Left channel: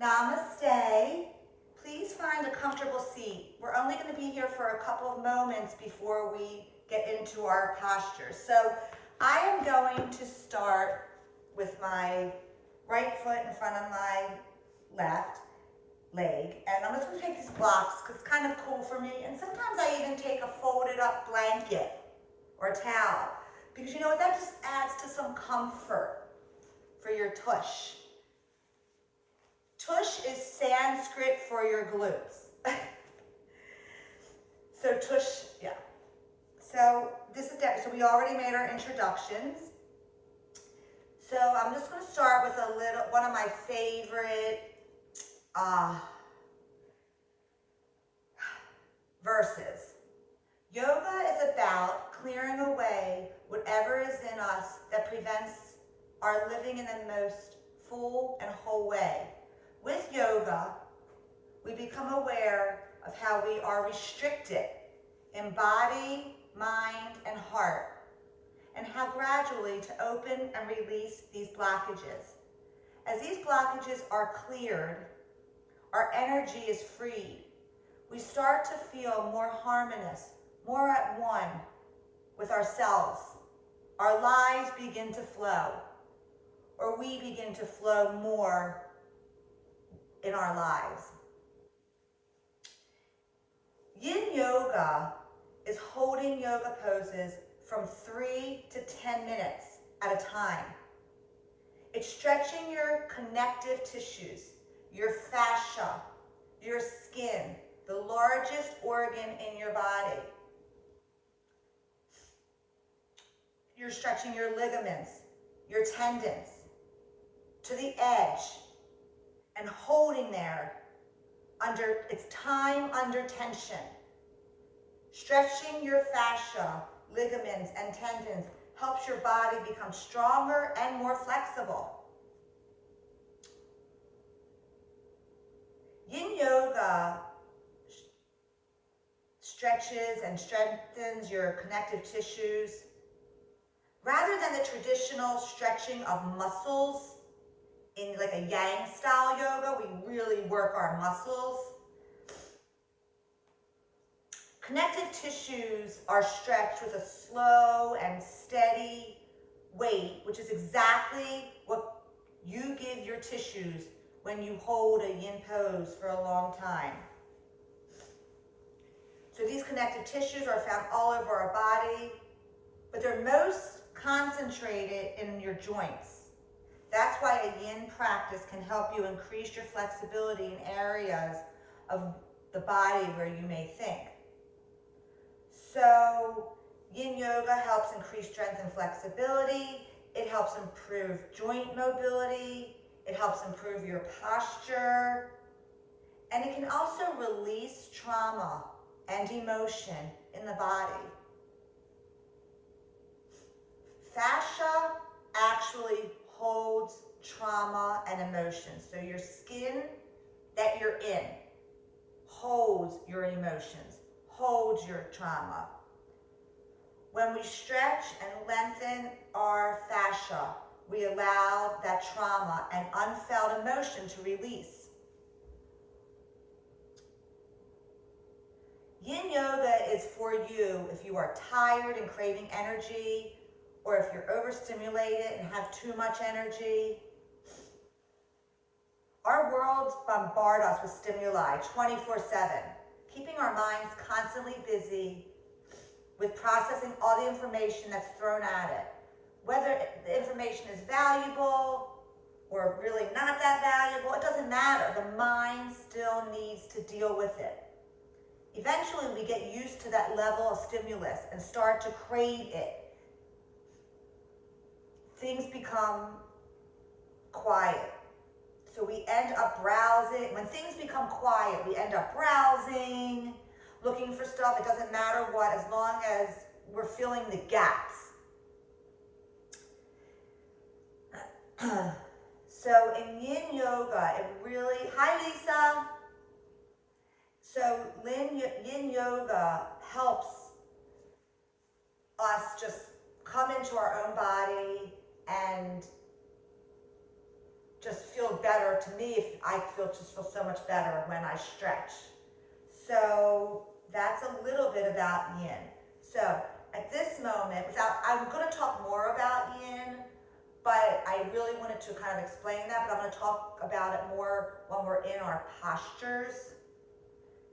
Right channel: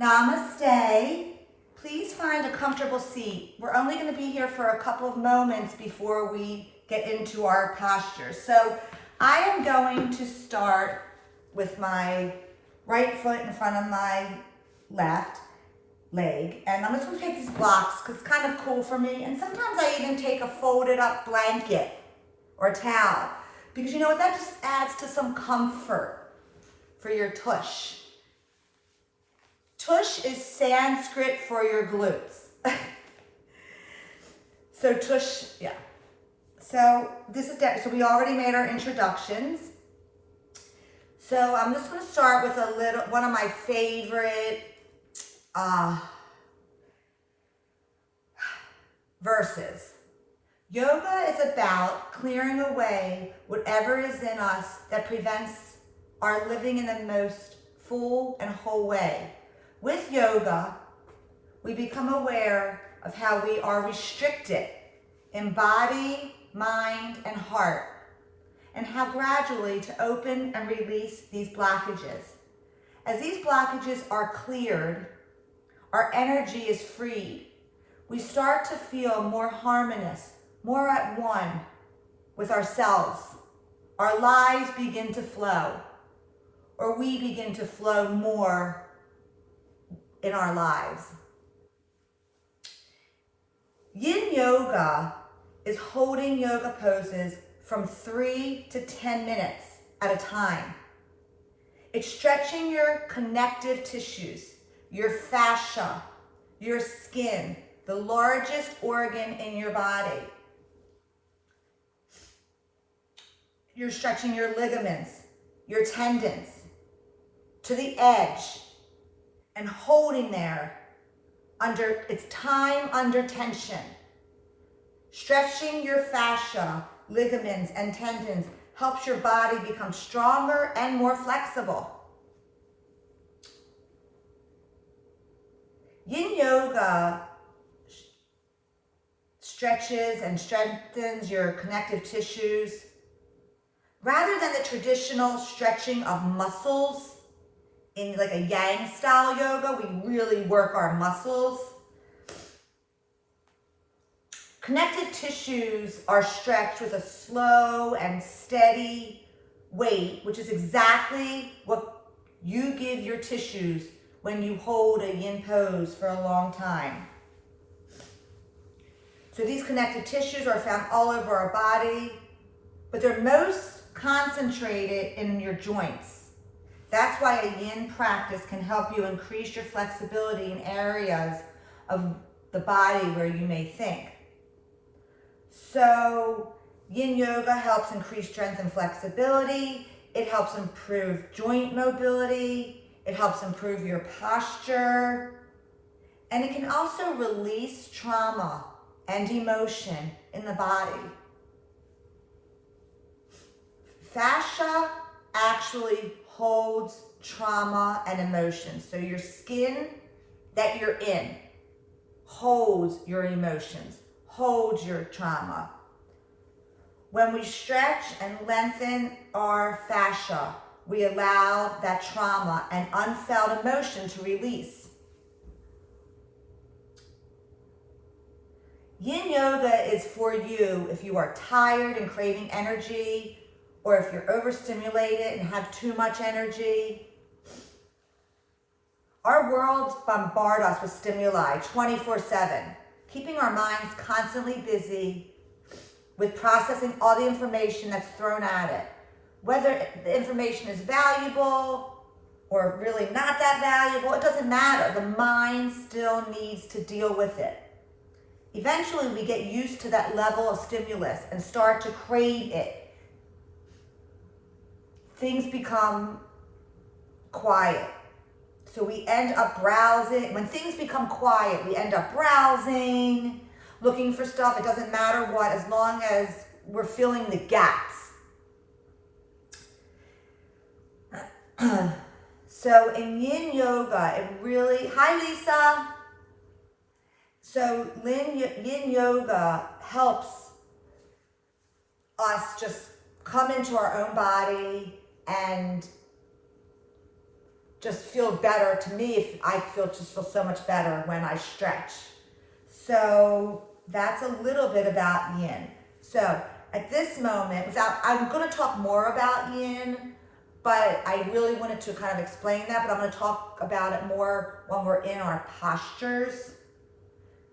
Namaste. Please find a comfortable seat. We're only going to be here for a couple of moments before we get into our postures. So I am going to start with my right foot in front of my left leg. And I'm just going to take these blocks because it's kind of cool for me. And sometimes I even take a folded up blanket or a towel because you know what, that just adds to some comfort for your tush. Tush is Sanskrit for your glutes. So tush, yeah. So this is so we already made our introductions. So I'm just going to start with one of my favorite verses. Yoga is about clearing away whatever is in us that prevents our living in the most full and whole way. With yoga, we become aware of how we are restricted in body, mind, and heart, and how gradually to open and release these blockages. As these blockages are cleared, our energy is freed. We start to feel more harmonious, more at one with ourselves. Our lives begin to flow, or we begin to flow more in our lives. Yin yoga is holding yoga poses from 3 to 10 minutes at a time. It's stretching your connective tissues, your fascia, your skin, the largest organ in your body. You're stretching your ligaments, your tendons to the edge and holding there under, it's time under tension. Stretching your fascia, ligaments, and tendons helps your body become stronger and more flexible. Yin yoga stretches and strengthens your connective tissues. Rather than the traditional stretching of muscles in like a yang style yoga, we really work our muscles. Connective tissues are stretched with a slow and steady weight, which is exactly what you give your tissues when you hold a yin pose for a long time. So these connective tissues are found all over our body, but they're most concentrated in your joints. That's why a yin practice can help you increase your flexibility in areas of the body where you may think. So yin yoga helps increase strength and flexibility. It helps improve joint mobility. It helps improve your posture. And it can also release trauma and emotion in the body. Fascia actually holds trauma and emotion. So your skin that you're in holds your emotions, holds your trauma. When we stretch and lengthen our fascia, we allow that trauma and unfelt emotion to release. Yin yoga is for you if you are tired and craving energy, or if you're overstimulated and have too much energy. Our worlds bombard us with stimuli 24/7, keeping our minds constantly busy with processing all the information that's thrown at it. Whether the information is valuable or really not that valuable, it doesn't matter. The mind still needs to deal with it. Eventually, we get used to that level of stimulus and start to crave it. Things become quiet. So we end up browsing. When things become quiet, we end up browsing, looking for stuff. It doesn't matter what, as long as we're filling the gaps. So in yin yoga, it really, hi Lisa. So yin yoga helps us just come into our own body and just feel better to me. If I just feel so much better when I stretch. So that's a little bit about yin. So at this moment, I'm going to talk more about yin, but I really wanted to kind of explain that, but I'm going to talk about it more when we're in our postures.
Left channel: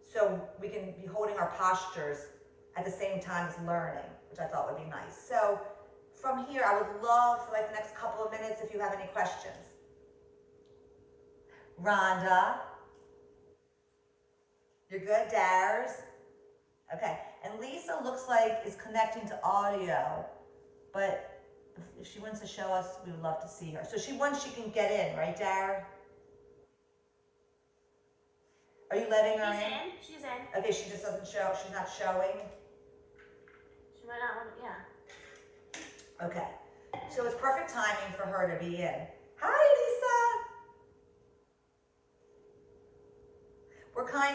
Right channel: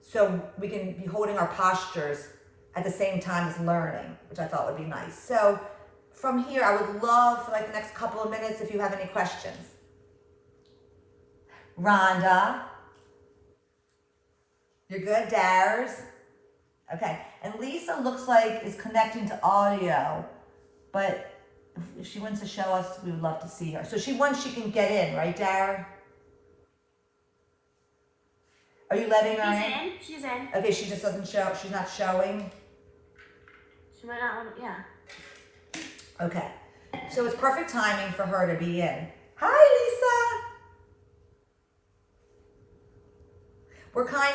So we can be holding our postures at the same time as learning, which I thought would be nice. So from here, I would love for like the next couple of minutes if you have any questions. Rhonda, you're good. Dars, okay. And Lisa looks like is connecting to audio, but if she wants to show us, we would love to see her. So once she can get in, right, Dar? Are you letting her in? She's in. Okay, she just doesn't show. She's not showing. She might not want to. Yeah. Okay, so it's perfect timing for her to be in. Hi, Lisa.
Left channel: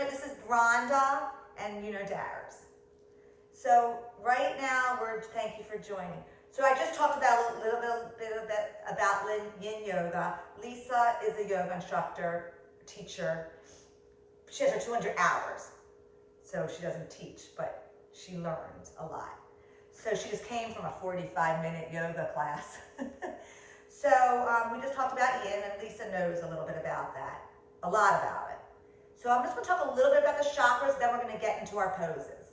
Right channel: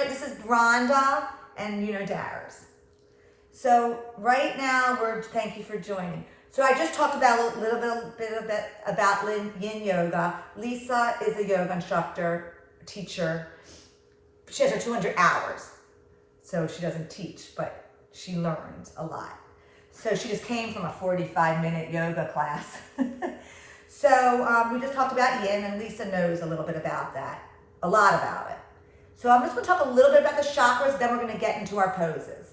This is Rhonda and Dars. So right now thank you for joining. So I just talked about a little bit about yin yoga. Lisa is a yoga instructor, teacher. She has her 200 hours. So she doesn't teach, but she learns a lot. So she just came from a 45-minute yoga class. So we just talked about yin, and Lisa knows a little bit about that, a lot about it. So I'm just going to talk a little bit about the chakras, then we're going to get into our poses.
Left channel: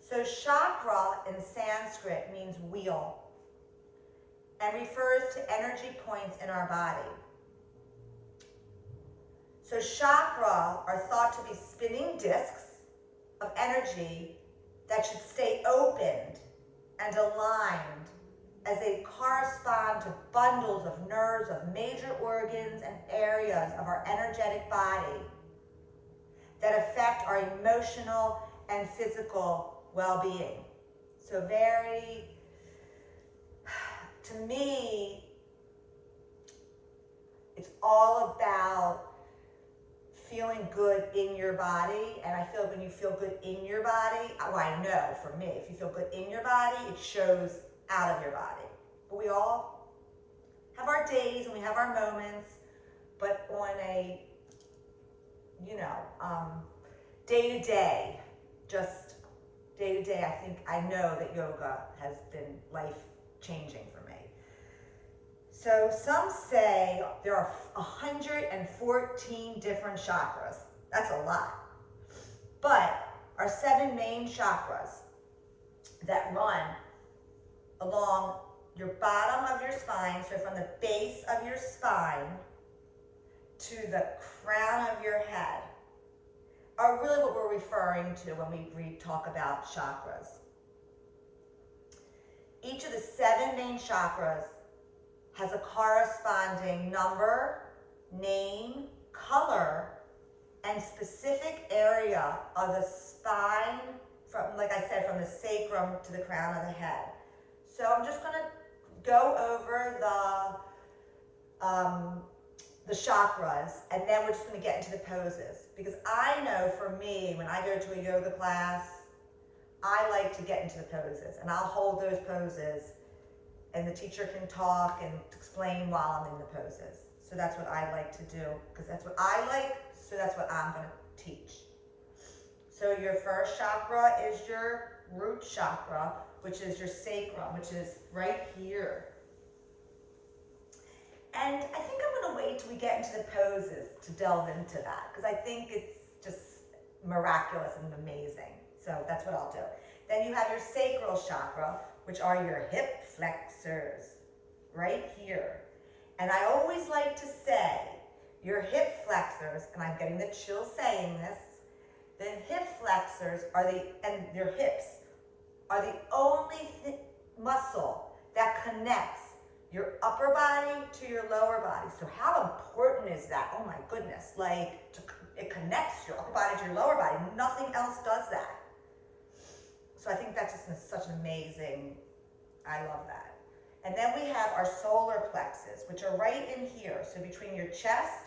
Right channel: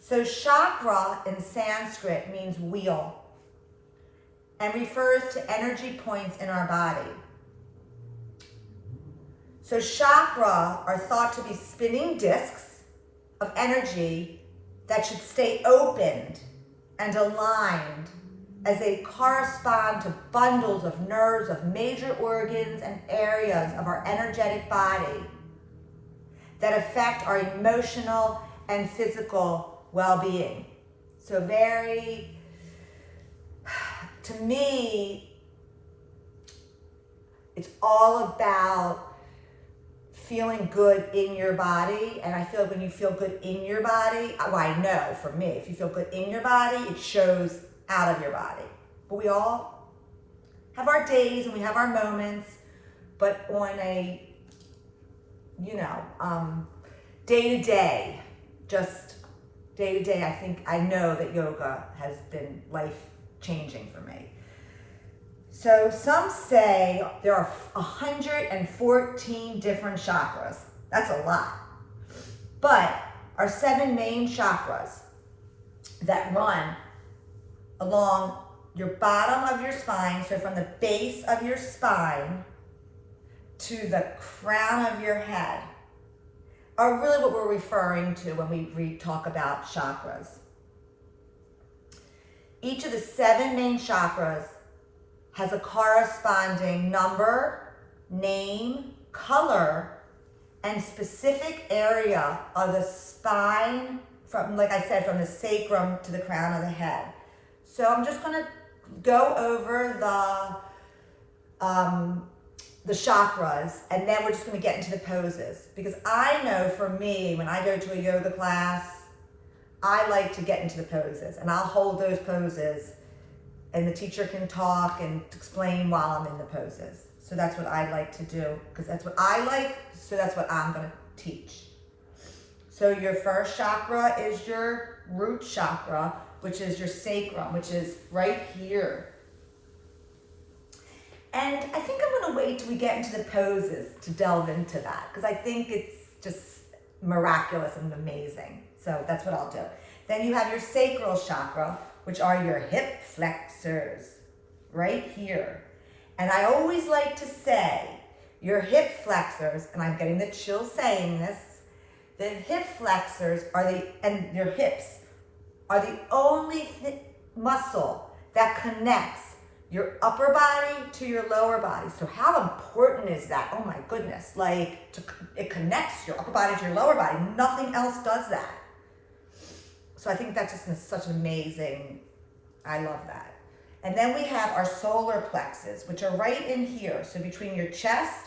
So chakra in Sanskrit means wheel and refers to energy points in our body. So chakra are thought to be spinning discs of energy that should stay opened and aligned as they correspond to bundles of nerves of major organs and areas of our energetic body that affect our emotional and physical well-being. So to me, it's all about feeling good in your body. And I feel like when you feel good in your body, well, I know for me, if you feel good in your body, it shows out of your body. But we all have our days and we have our moments, but on a day-to-day, just day-to-day, I know that yoga has been life-changing for me. So some say there are 114 different chakras. That's a lot. But our 7 main chakras that run along your bottom of your spine, so from the base of your spine to the crown of your head, are really what we're referring to when we talk about chakras. Each of the 7 main chakras has a corresponding number, name, color, and specific area of the spine, from, like I said, from the sacrum to the crown of the head. So I'm just going to go over the chakras, and then we're just going to get into the poses. Because I know for me, when I go to a yoga class, I like to get into the poses, and I'll hold those poses, and the teacher can talk and explain while I'm in the poses. So that's what I like to do, because that's what I like, so that's what I'm going to teach. So your first chakra is your root chakra, which is your sacrum, which is right here. And I think I'm going to wait till we get into the poses to delve into that, because I think it's just miraculous and amazing. So that's what I'll do. Then you have your sacral chakra, which are your hip flexors, right here. And I always like to say, your hip flexors, and I'm getting the chills saying this, the hip flexors and your hips are the only muscle that connects your upper body to your lower body. So how important is that? Oh my goodness, it connects your upper body to your lower body. Nothing else does that. So I think that's just such amazing, I love that. And then we have our solar plexus, which are right in here. So between your chest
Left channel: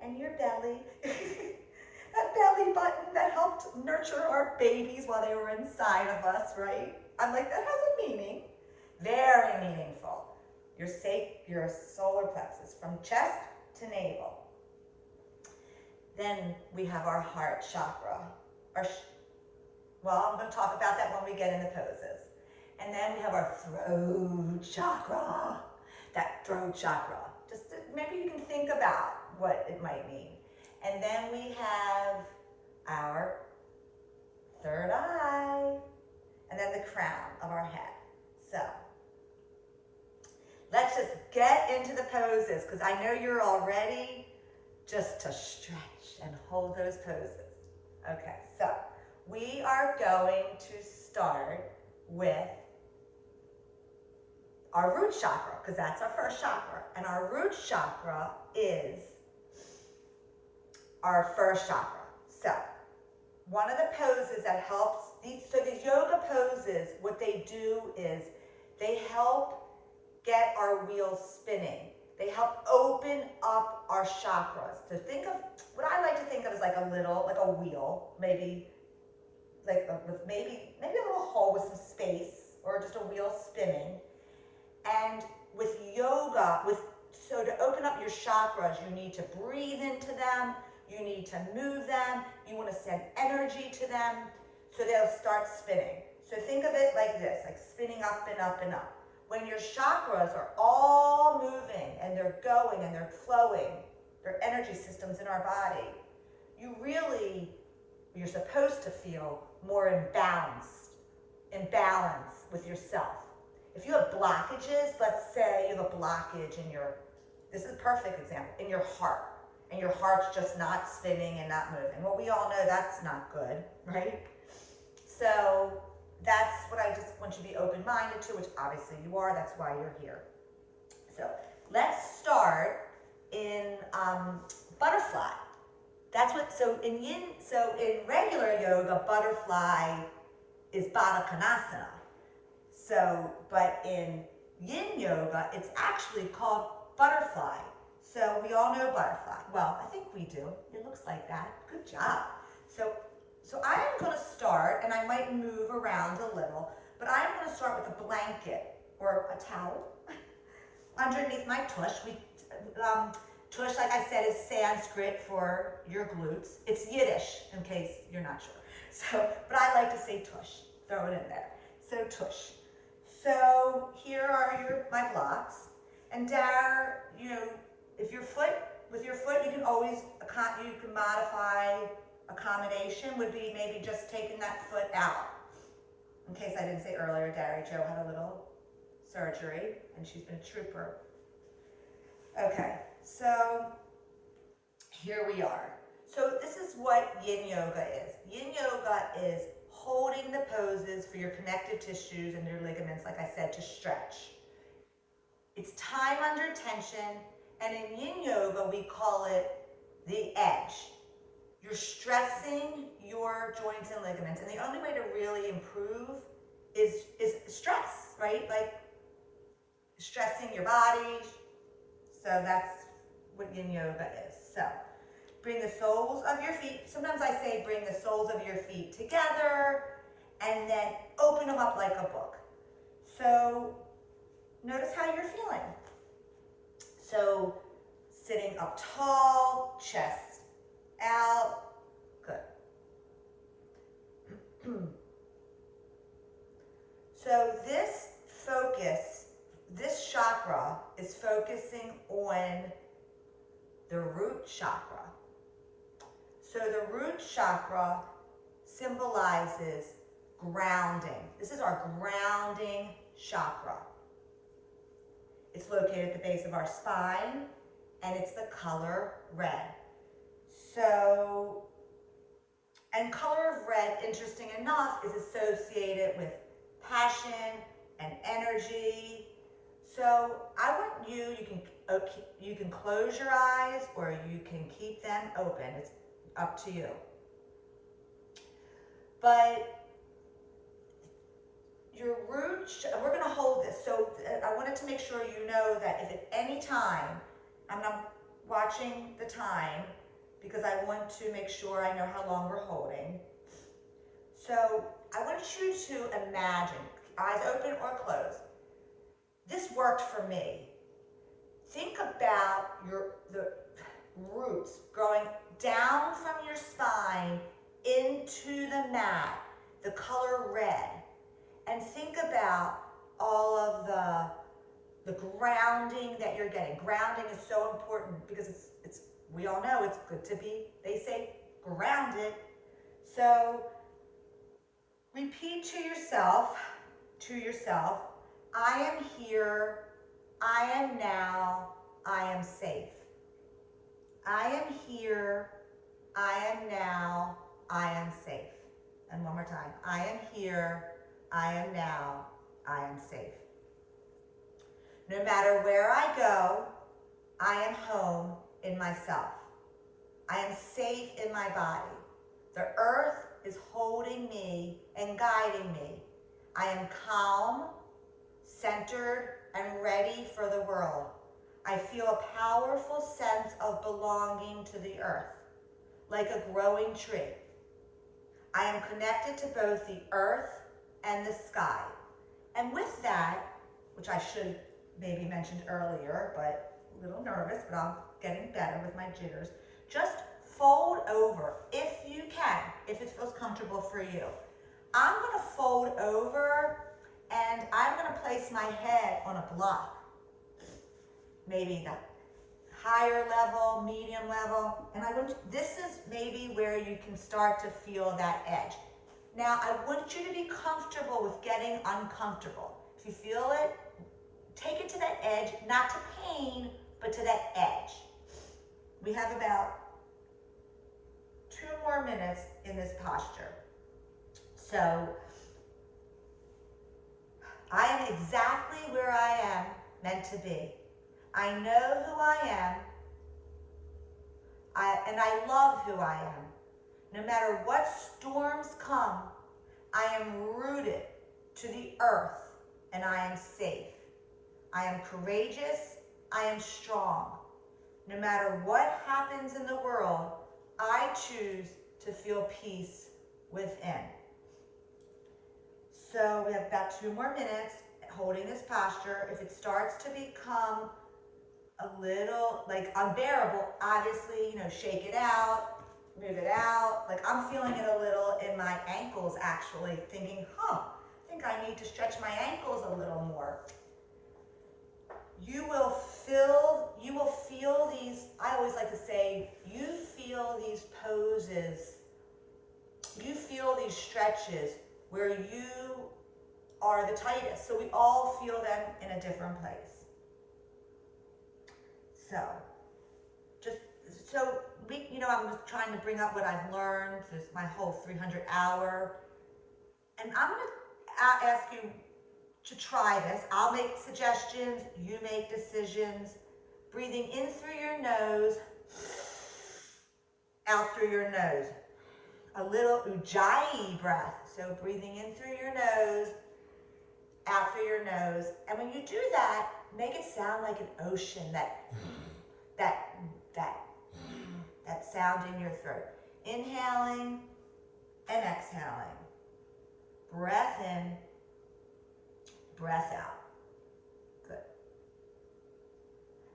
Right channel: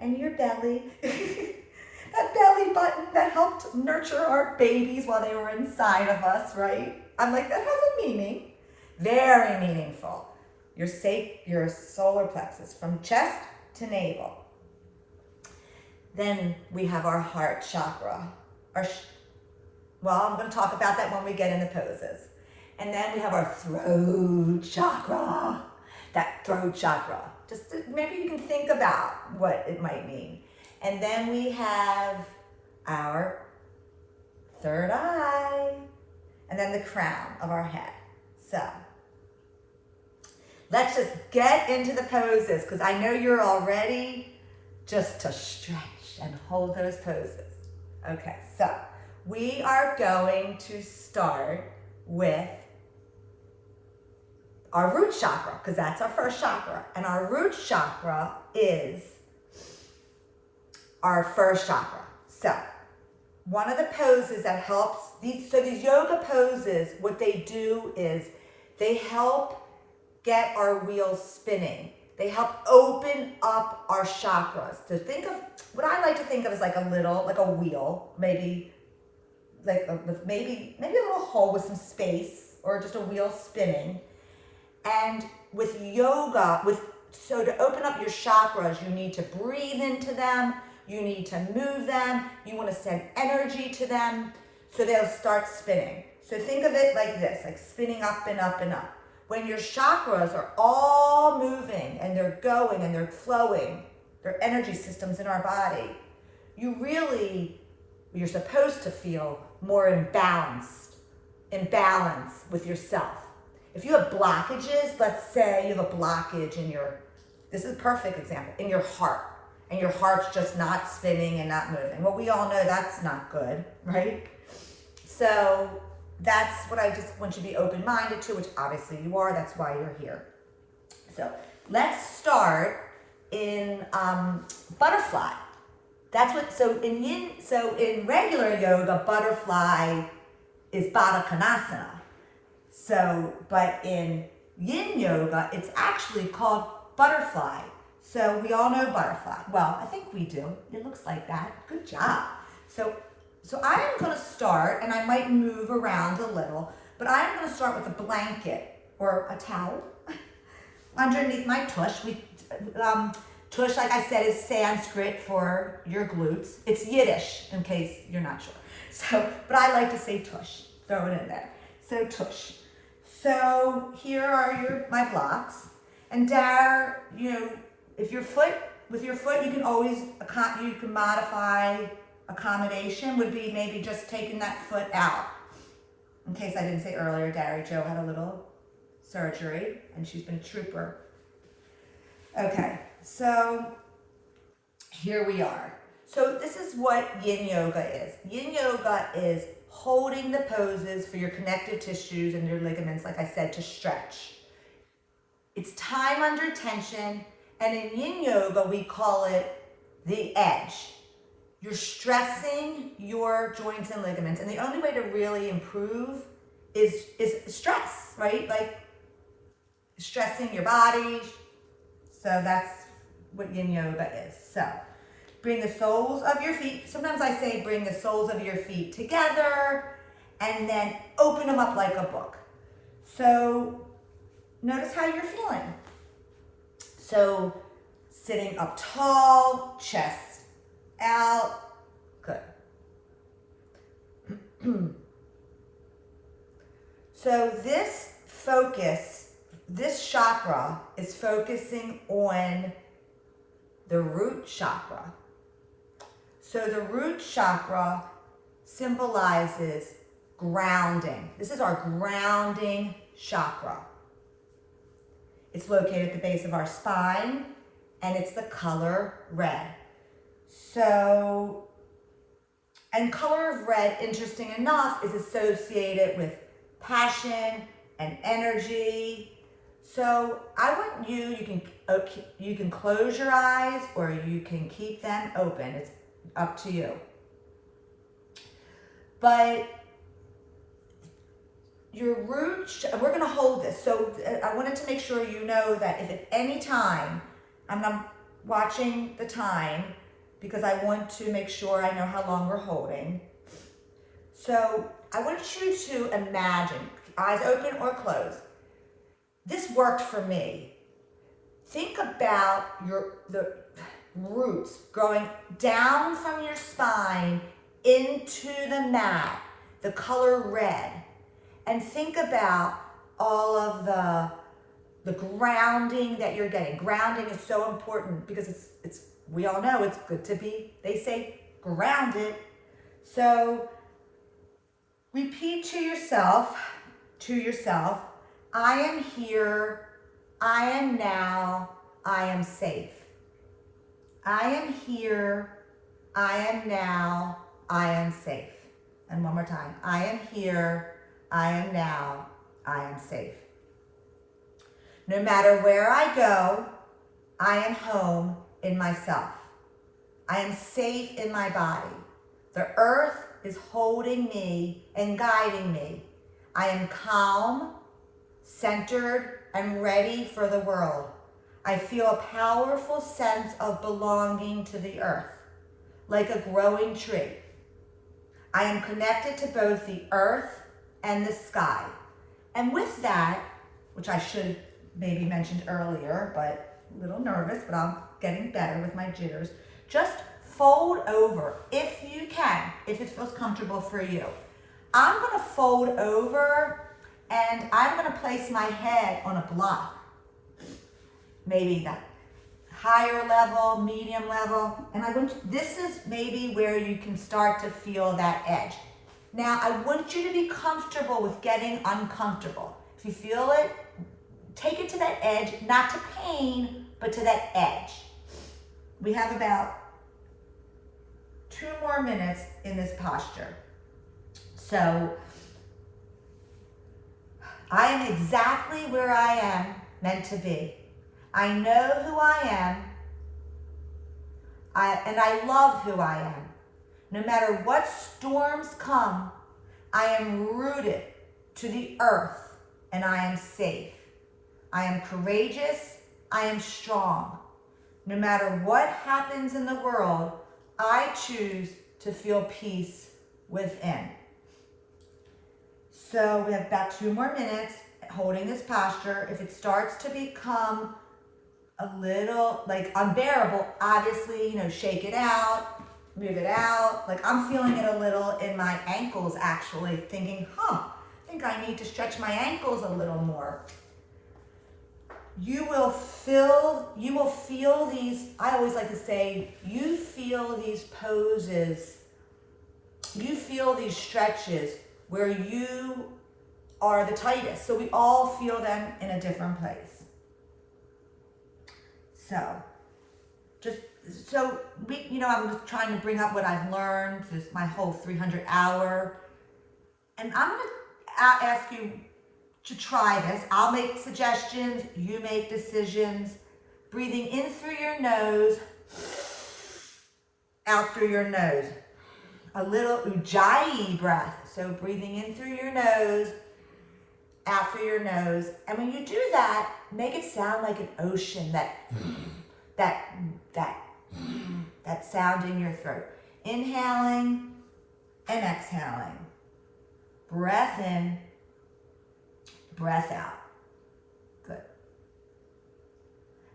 and your belly, that belly button that helped nurture our babies while they were inside of us, right? I'm like, that has a meaning, very meaningful. Your solar plexus, from chest to navel. Then we have our heart chakra. Well, I'm going to talk about that when we get in the poses. And then we have our throat chakra. That throat chakra. Just maybe you can think about what it might mean. And then we have our third eye. And then the crown of our head. So let's just get into the poses, because I know you're all ready just to stretch and hold those poses. Okay, so we are going to start with our root chakra, because that's our first chakra. And our root chakra is our first chakra. So one of the poses that helps, these yoga poses, what they do is they help get our wheels spinning. They help open up our chakras. So think of, what I like to think of as like a wheel, maybe maybe a little hole with some space, or just a wheel spinning. And with yoga, so to open up your chakras, you need to breathe into them, you need to move them, you want to send energy to them, so they'll start spinning. So think of it like this, like spinning up and up and up. When your chakras are all moving and they're going and they're flowing, they're energy systems in our body, you're supposed to feel more in balance with yourself. If you have blockages, let's say you have a blockage in this is a perfect example, in your heart, and your heart's just not spinning and not moving. Well, we all know that's not good, right? So that's what I just want you to be open-minded to, which obviously you are, that's why you're here. So let's start in butterfly. In regular yoga, butterfly is Baddha Konasana. But in yin yoga, it's actually called butterfly. So we all know butterfly. Well, I think we do. It looks like that. Good job. So I am going to start, and I might move around a little, but I am going to start with a blanket or a towel underneath my tush. Tush, like I said, is Sanskrit for your glutes. It's Yiddish, in case you're not sure. But I like to say tush. Throw it in there. So tush. So here are my blocks. And there, with your foot, you can always, you can modify. Accommodation would be maybe just taking that foot out. In case I didn't say earlier, Dari Jo had a little surgery and she's been a trooper. Okay, so here we are. So this is what yin yoga is. Yin yoga is holding the poses for your connective tissues and your ligaments, like I said, to stretch. It's time under tension, and in yin yoga we call it the edge. You're stressing your joints and ligaments, and the only way to really improve is stress, right? Like stressing your body. So that's what yin yoga is. So bring the soles of your feet. Sometimes I say bring the soles of your feet together and then open them up like a book. So notice how you're feeling. So sitting up tall, chest out. Good. So this chakra is focusing on the root chakra. So the root chakra symbolizes grounding. This is our grounding chakra. It's located at the base of our spine, and it's the color red. So, and color of red, interesting enough, is associated with passion and energy. So I want you can close your eyes or you can keep them open. It's up to you. But your root, we're going to hold this. So I wanted to make sure you know that if at any time, I'm not watching the time because I want to make sure I know how long we're holding. So I want you to imagine, eyes open or closed. This worked for me. think about the roots growing down from your spine into the mat, the color red. And think about all of the grounding that you're getting. Grounding is so important because it's we all know it's good to be, they say, grounded. So repeat to yourself, I am here, I am now, I am safe. I am here, I am now, I am safe. And one more time, I am here, I am now, I am safe. No matter where I go, I am home in myself. I am safe in my body. The earth is holding me and guiding me. I am calm, centered, and ready for the world. I feel a powerful sense of belonging to the earth, like a growing tree. I am connected to both the earth and the sky. And with that, which I should maybe mentioned earlier, but a little nervous, but I'm getting better with my jitters. Just fold over if you can, if it feels comfortable for you. I'm gonna fold over and I'm gonna place my head on a block. Maybe that higher level, medium level, and this is maybe where you can start to feel that edge. Now, I want you to be comfortable with getting uncomfortable. If you feel it, take it to that edge, not to pain, but to that edge. We have about 2 more minutes in this posture. So, I am exactly where I am meant to be. I know who I am, and I love who I am. No matter what storms come, I am rooted to the earth, and I am safe. I am courageous, I am strong. No matter what happens in the world, I choose to feel peace within. So we have about 2 more minutes holding this posture. If it starts to become a little like unbearable, obviously, shake it out, move it out. Like I'm feeling it a little in my ankles actually, thinking, I think I need to stretch my ankles a little more. You will feel these, I always like to say, you feel these poses, you feel these stretches where you are the tightest. So we all feel them in a different place. I'm just trying to bring up what I've learned, this my whole 300-hour, and I'm gonna ask you to try this. I'll make suggestions, you make decisions. Breathing in through your nose, out through your nose. A little ujjayi breath. So breathing in through your nose, out through your nose. And when you do that, make it sound like an ocean, that sound in your throat. Inhaling and exhaling. Breath in, breath out. Good.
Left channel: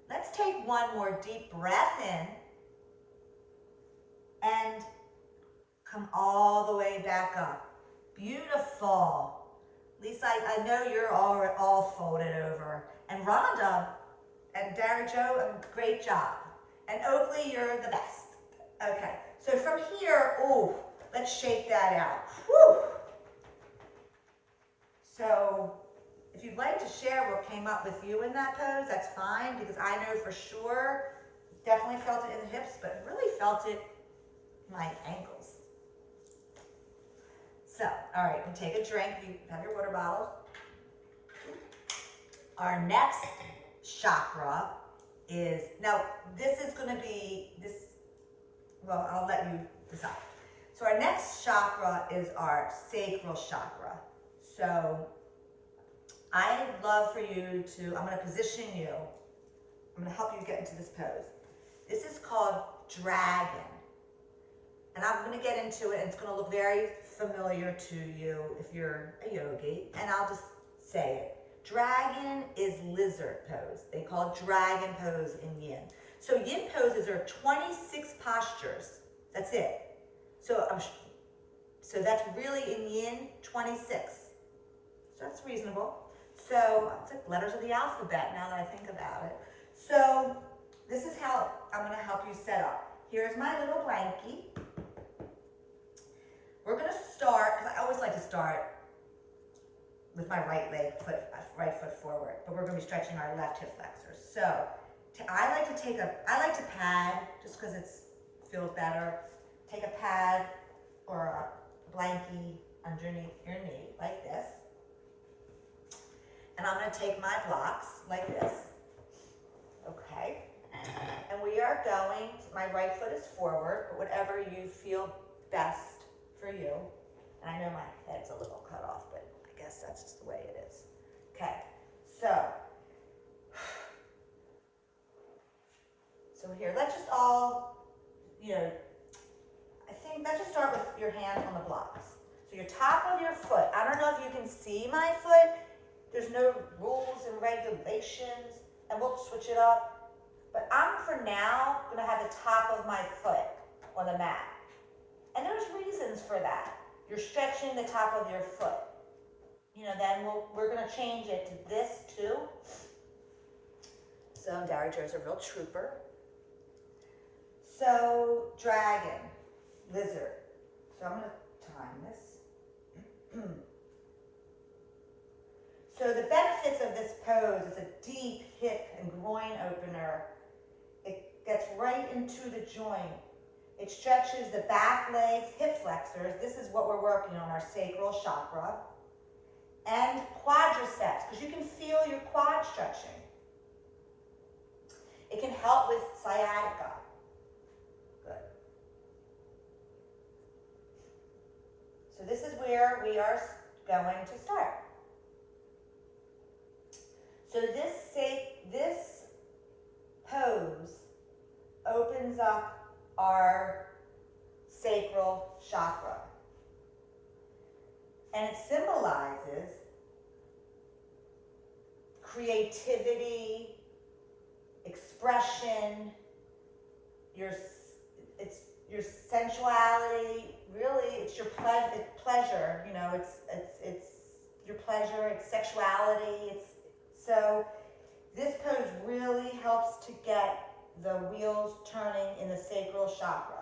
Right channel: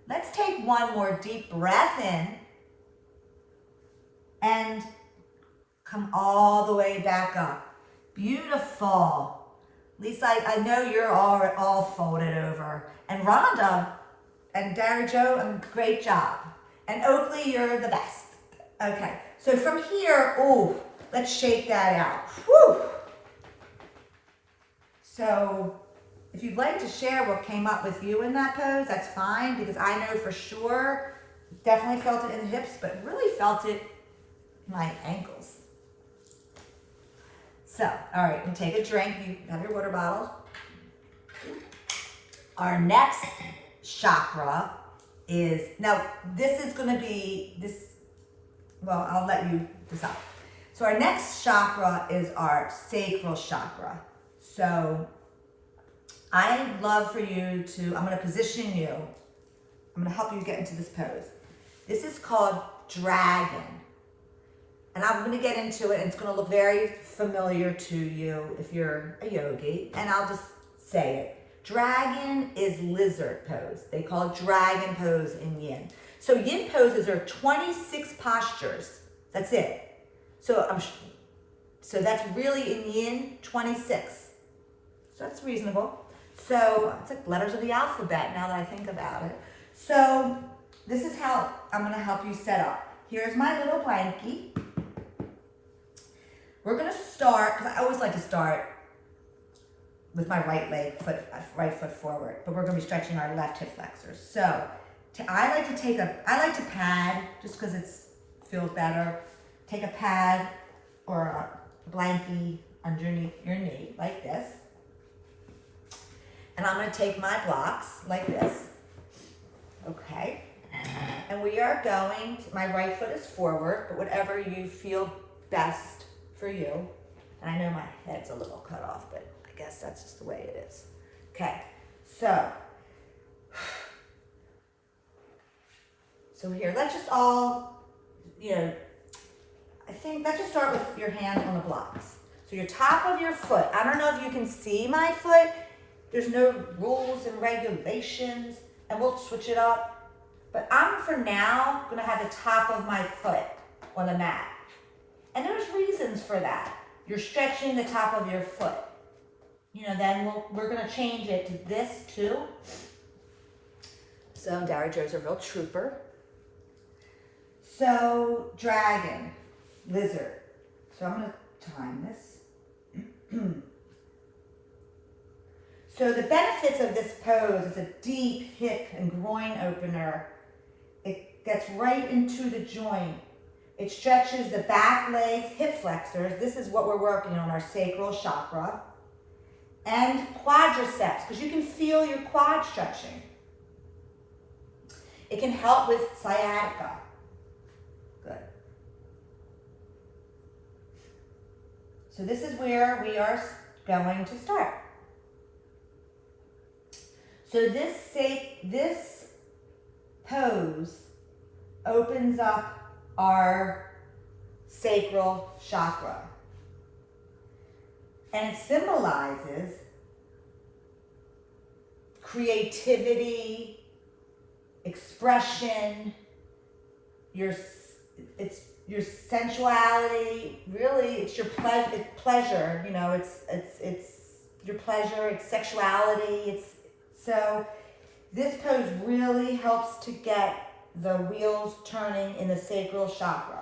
Let's take one more deep breath in and come all the way back up. Beautiful. Lisa, I know you're all folded over. And Rhonda and Derry Joe, great job. And Oakley, you're the best. Okay, so from here, let's shake that out. Whew. So if you'd like to share what came up with you in that pose, that's fine, because I know for sure, definitely felt it in the hips, but really felt it in my ankles. So, all right, we'll take a drink. You have your water bottle. Our next chakra is, now this is going to be, I'll let you decide. So our next chakra is our sacral chakra. So I'd love for you to, I'm going to position you. I'm going to help you get into this pose. This is called dragon. And I'm going to get into it, and it's going to look very familiar to you if you're a yogi. And I'll just say it. Dragon is lizard pose. They call it dragon pose in yin. So yin poses are 26 postures. That's it. So so that's really in yin 26. So that's reasonable. So it's like letters of the alphabet now that I think about it. So this is how I'm going to help you set up. Here's my little blankie. We're going to start, because I always like to start with my right foot forward, but we're going to be stretching our left hip flexors. So I like to pad just because it feels better. Take a pad or a blankie underneath your knee like this. And I'm going to take my blocks like this. Okay. And we are going, my right foot is forward, but whatever you feel best for you. And I know my head's a little cut off, but I guess that's just the way it is. Okay. So here, let's just all, I think let's just start with your hands on the blocks. So your top of your foot, I don't know if you can see my foot. There's no rules and regulations, and we'll switch it up. But I'm, for now, going to have the top of my foot on the mat. And there's reasons for that. You're stretching the top of your foot. Then we're going to change it to this too. So Dari Joe's a real trooper. So dragon, lizard. So I'm going to time this. So the benefits of this pose is a deep hip and groin opener. It gets right into the joint. It stretches the back legs, hip flexors. This is what we're working on, our sacral chakra. And quadriceps, because you can feel your quad stretching. It can help with sciatica. Good. So this is where we are going to start. So this pose opens up our sacral chakra. And it symbolizes creativity, expression, your sensuality. Really, it's your pleasure. It's your pleasure. It's sexuality. So this pose really helps to get the wheels turning in the sacral chakra.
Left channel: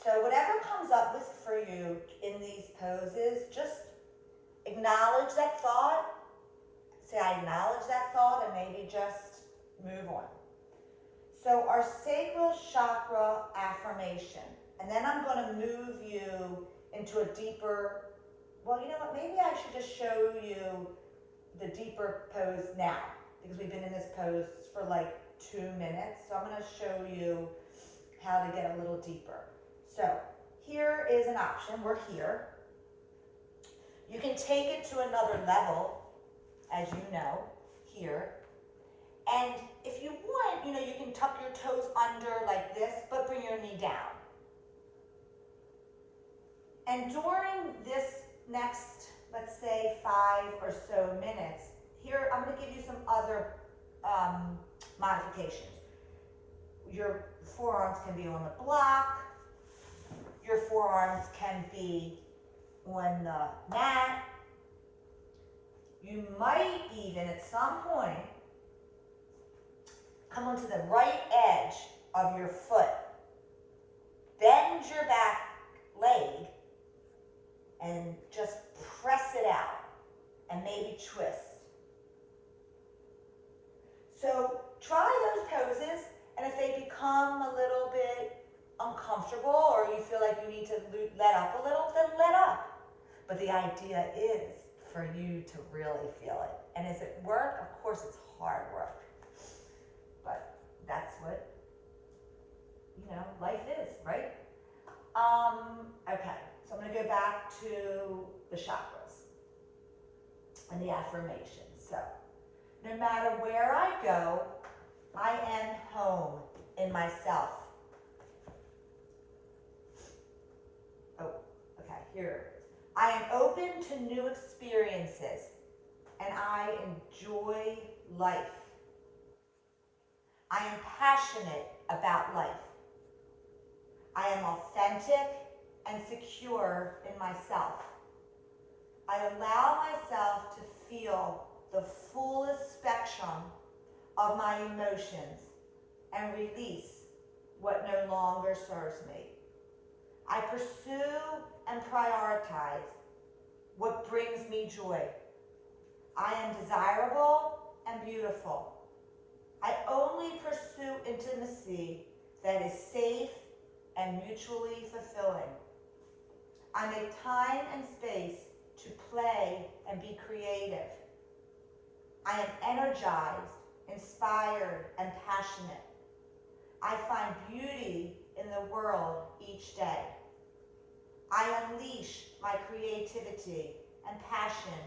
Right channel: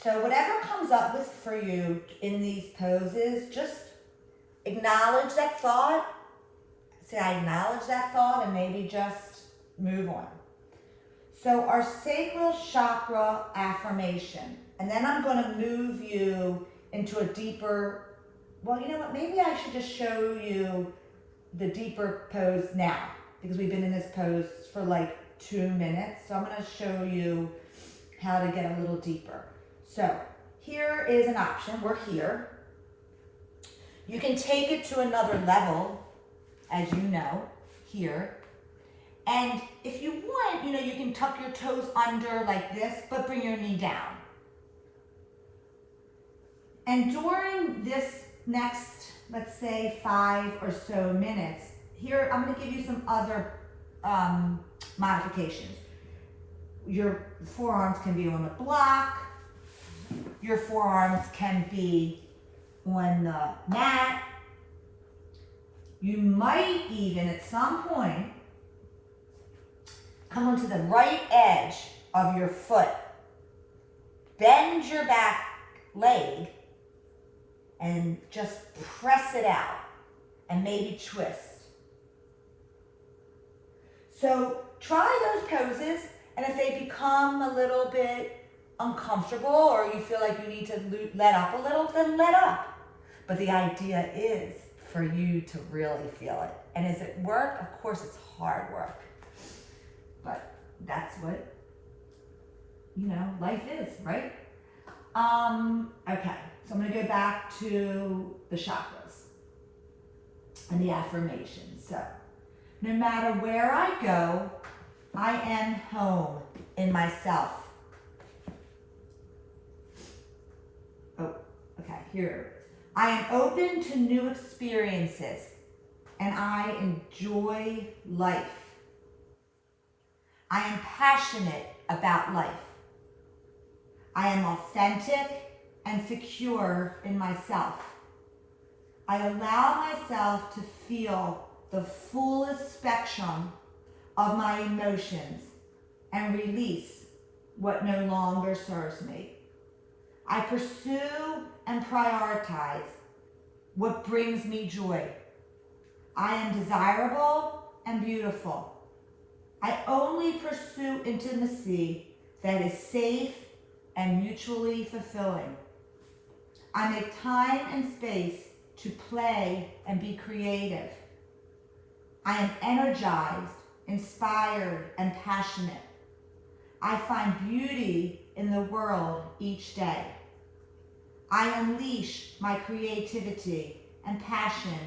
So whatever comes up with for you in these poses, just acknowledge that thought. Say, I acknowledge that thought, and maybe just move on. So our sacral chakra affirmation, and then I'm going to move you into a deeper, well, you know what, maybe I should just show you the deeper pose now, because we've been in this pose for like 2 minutes. So I'm going to show you how to get a little deeper. So here is an option. We're here. You can take it to another level, as you know, here. And if you want, you can tuck your toes under like this, but bring your knee down. And during this next, let's say 5 or so minutes, here I'm going to give you some other modifications. Your forearms can be on the block. Your forearms can be on the mat. You might even at some point come onto the right edge of your foot. Bend your back leg and just press it out and maybe twist. So try those poses, and if they become a little bit uncomfortable or you feel like you need to let up a little, then let up. But the idea is for you to really feel it. And is it work? Of course it's hard work. But that's what, life is, right? Okay, so I'm going to go back to the chakras and the affirmations. So, no matter where I go, I am home in myself. Oh, okay, here. I am open to new experiences and I enjoy life. I am passionate about life. I am authentic and secure in myself. I allow myself to feel the fullest spectrum of my emotions and release what no longer serves me. I pursue and prioritize what brings me joy. I am desirable and beautiful. I only pursue intimacy that is safe and mutually fulfilling. I make time and space to play and be creative. I am energized, inspired, and passionate. I find beauty in the world each day. I unleash my creativity and passion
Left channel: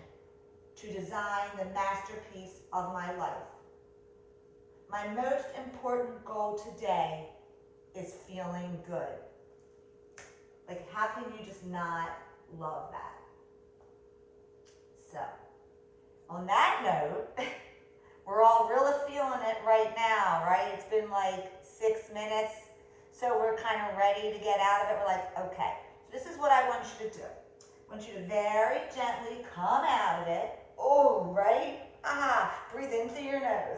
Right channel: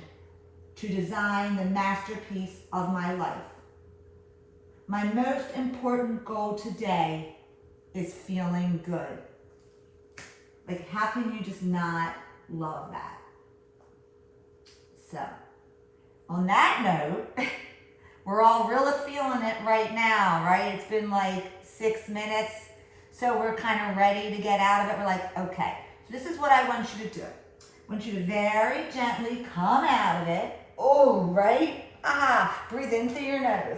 to design the masterpiece of my life. My most important goal today is feeling good. Like, how can you just not love that? So, on that note, we're all really feeling it right now, right? It's been like 6 minutes, so we're kind of ready to get out of it. We're like, okay, so this is what I want you to do. I want you to very gently come out of it. Oh, right? Breathe in through your nose.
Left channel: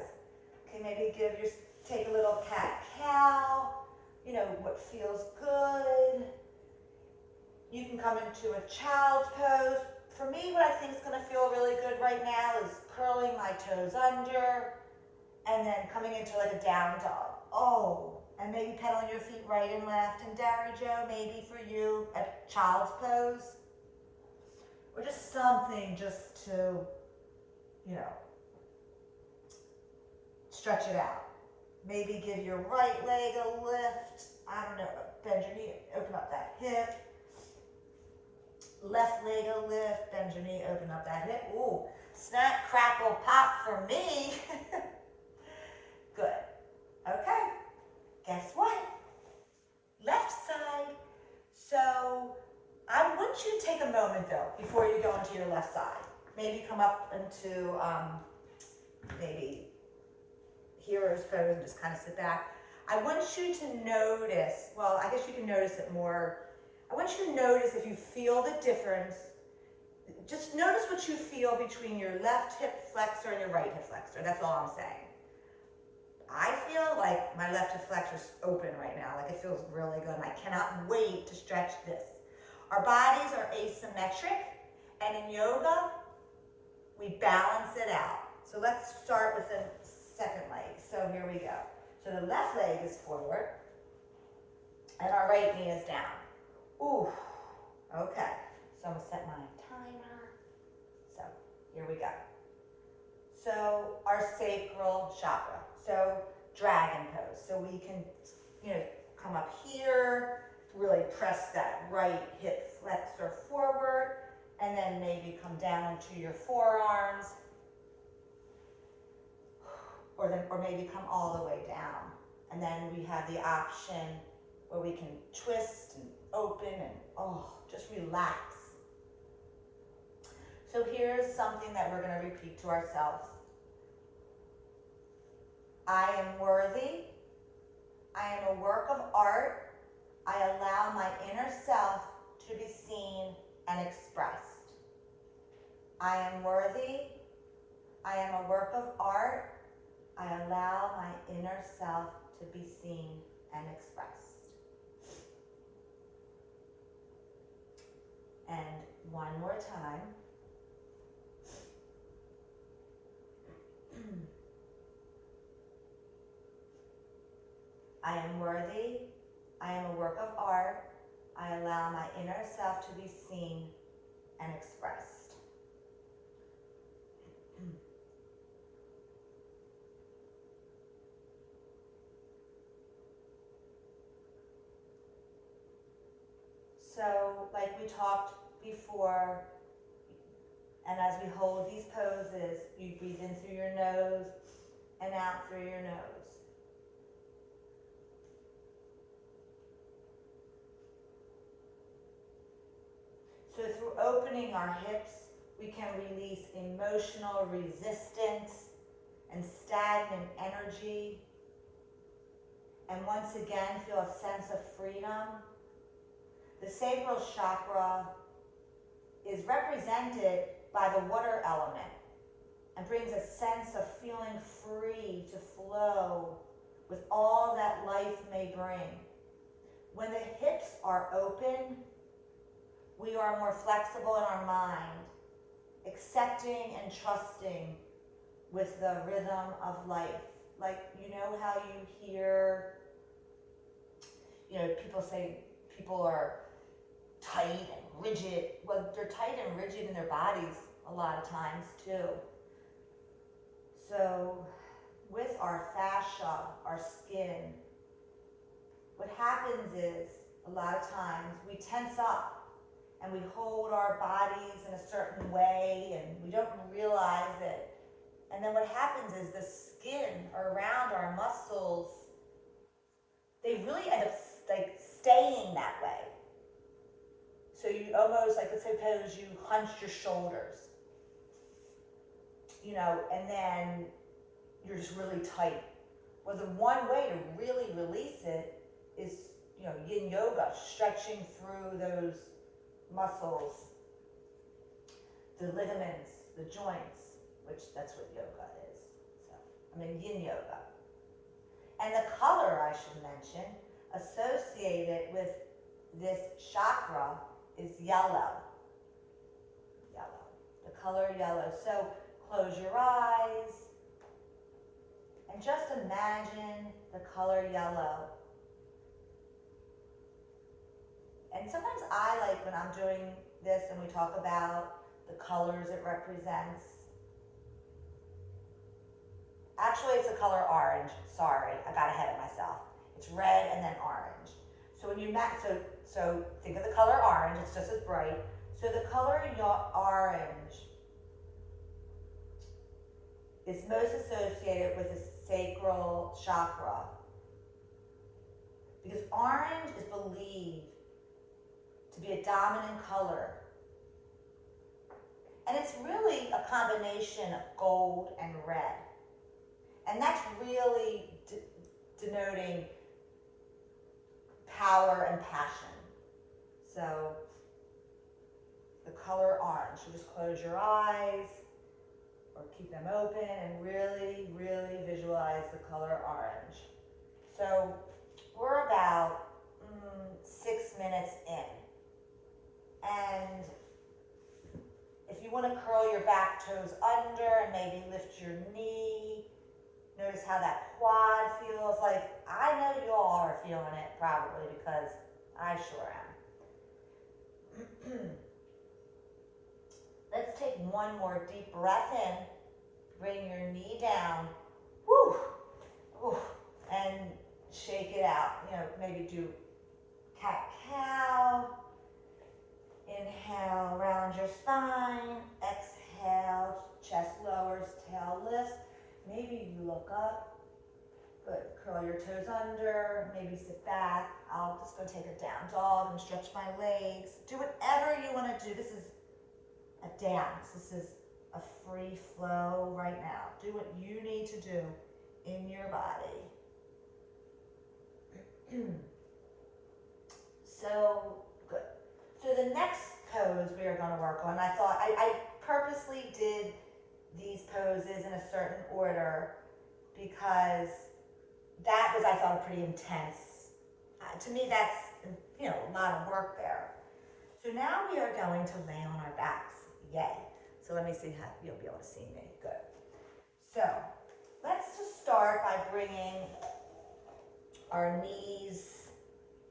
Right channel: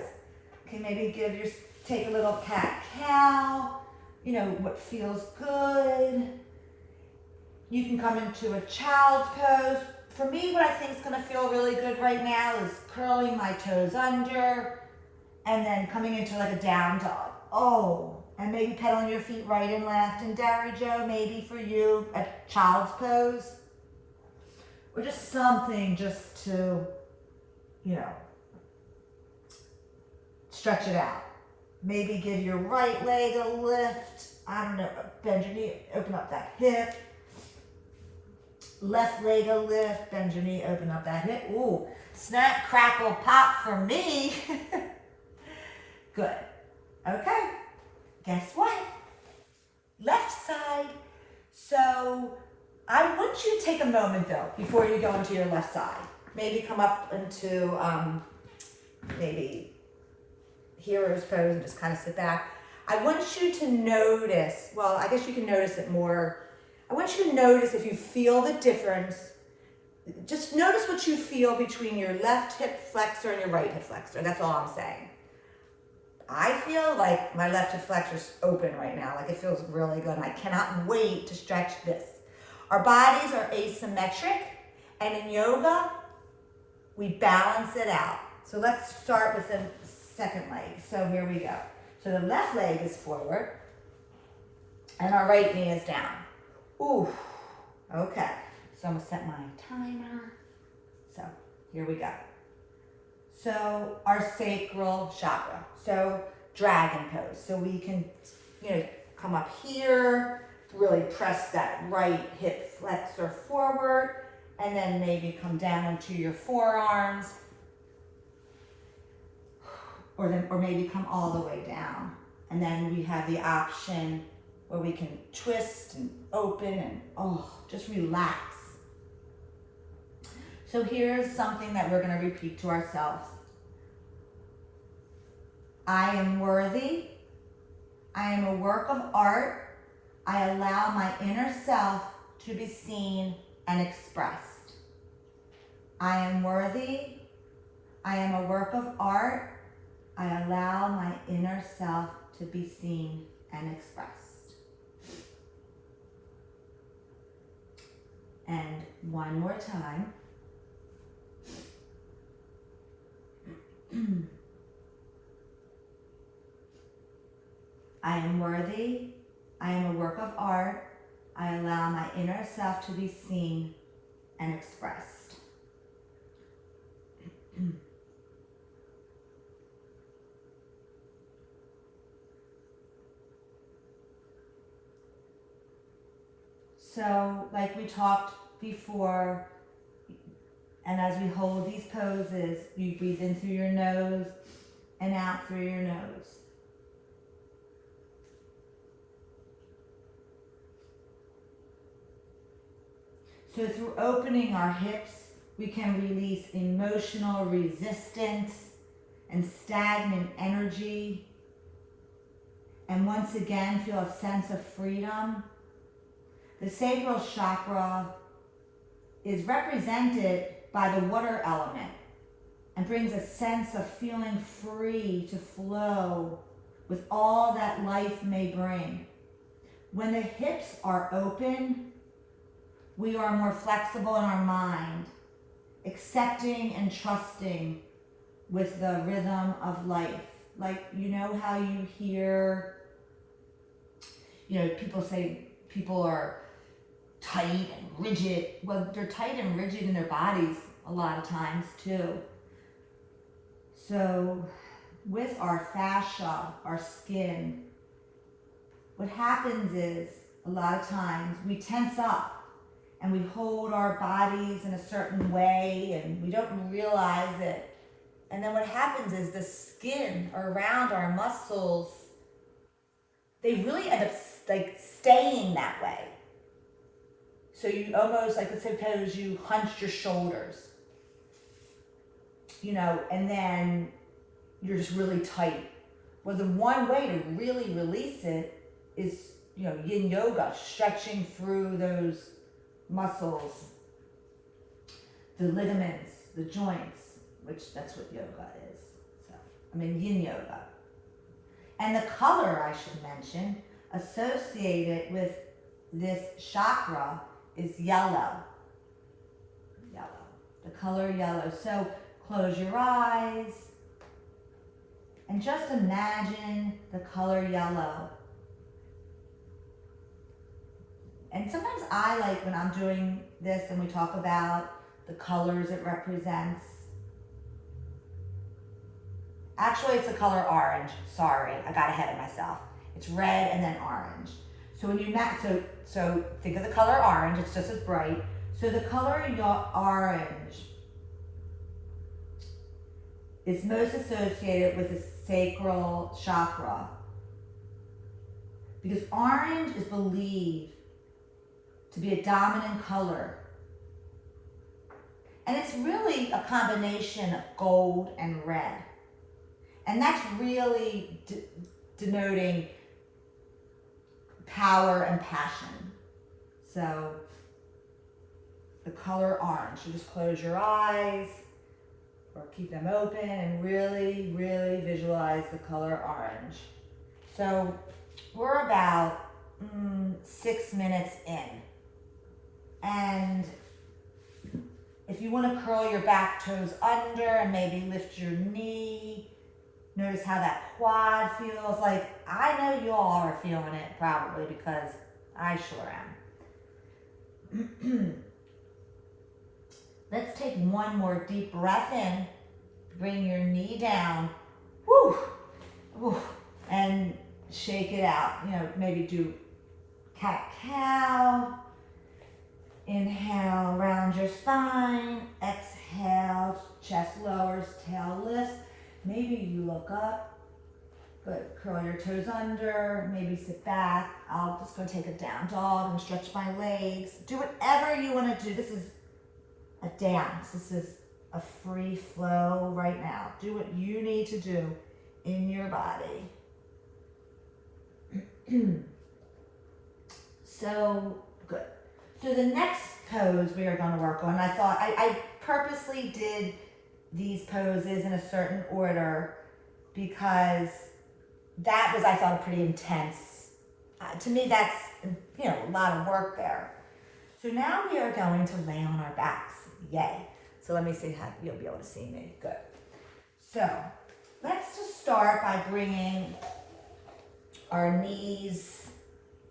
Okay, maybe take a little cat-cow, what feels good. You can come into a child's pose. For me, what I think is going to feel really good right now is curling my toes under and then coming into like a down dog. Oh, and maybe pedaling your feet right and left. And Derry Joe, maybe for you, a child's pose. Or just something just to, stretch it out. Maybe give your right leg a lift. I don't know, bend your knee, open up that hip. Left leg a lift, bend your knee, open up that hip. Ooh, snap, crackle, pop for me. Good. Okay, guess what? Left side. So I want you to take a moment though, before you go into your left side. Maybe come up into maybe hero's pose and just kind of sit back. I want you to notice, well, I guess you can notice it more. I want you to notice if you feel the difference. Just notice what you feel between your left hip flexor and your right hip flexor. That's all I'm saying. I feel like my left hip flexor is open right now. Like it feels really good. And I cannot wait to stretch this. Our bodies are asymmetric. And in yoga, we balance it out. So let's start with the second leg. So here we go. So the left leg is forward. And our right knee is down. Ooh, okay. So I'm gonna set my timer. So here we go. So our sacral chakra. So dragon pose. So we can, come up here, really press that right hip flexor forward, and then maybe come down into your forearms, or maybe come all the way down. And then we have the option where we can twist and open and just relax. So here's something that we're going to repeat to ourselves. I am worthy. I am a work of art. I allow my inner self to be seen and expressed. I am worthy. I am a work of art. I allow my inner self to be seen and expressed. And one more time. I am worthy. I am a work of art. I allow my inner self to be seen and expressed. So, like we talked before, and as we hold these poses, you breathe in through your nose and out through your nose. So through opening our hips, we can release emotional resistance and stagnant energy. And once again, feel a sense of freedom. The sacral chakra is represented by the water element and brings a sense of feeling free to flow with all that life may bring. When the hips are open, we are more flexible in our mind, accepting and trusting with the rhythm of life. Like, you know how you hear, people say people are tight and rigid. Well, they're tight and rigid in their bodies a lot of times too. So with our fascia, our skin, what happens is a lot of times we tense up and we hold our bodies in a certain way and we don't realize it. And then what happens is the skin around our muscles, they really end up like staying that way. So you almost, like, let's suppose you hunched your shoulders, and then you're just really tight. Well, the one way to really release it is, yin yoga, stretching through those muscles, the ligaments, the joints, which that's what yoga is. So, yin yoga. And the color, I should mention, associated with this chakra is yellow. Yellow. The color yellow. So close your eyes and just imagine the color yellow. And sometimes I like when I'm doing this and we talk about the colors it represents. Actually, it's the color orange. Sorry, I got ahead of myself. It's red and then orange. So when you so think of the color orange. It's just as bright. So the color orange is most associated with the sacral chakra because orange is believed to be a dominant color. And it's really a combination of gold and red. And that's really denoting power and passion. So the color orange, you just close your eyes or keep them open and really, really visualize the color orange. So we're about 6 minutes in. And if you want to curl your back toes under and maybe lift your knee, notice how that quad feels. Like, I know you all are feeling it probably because I sure am. Let's take one more deep breath in. Bring your knee down. Woo! Woo! And shake it out. Maybe do cat-cow. Inhale, round your spine. Exhale, chest lowers, tail lifts. Maybe you look up. Good. Curl your toes under. Maybe sit back. I'll just go take a down dog and stretch my legs. Do whatever you want to do. This is a dance. This is a free flow right now. Do what you need to do in your body. So, good. So the next pose we are going to work on, I thought, I purposely did these poses in a certain order because that was, I thought, pretty intense. To me, that's, a lot of work there. So now we are going to lay on our backs. Yay. So let me see how you'll be able to see me. Good. So let's just start by bringing our knees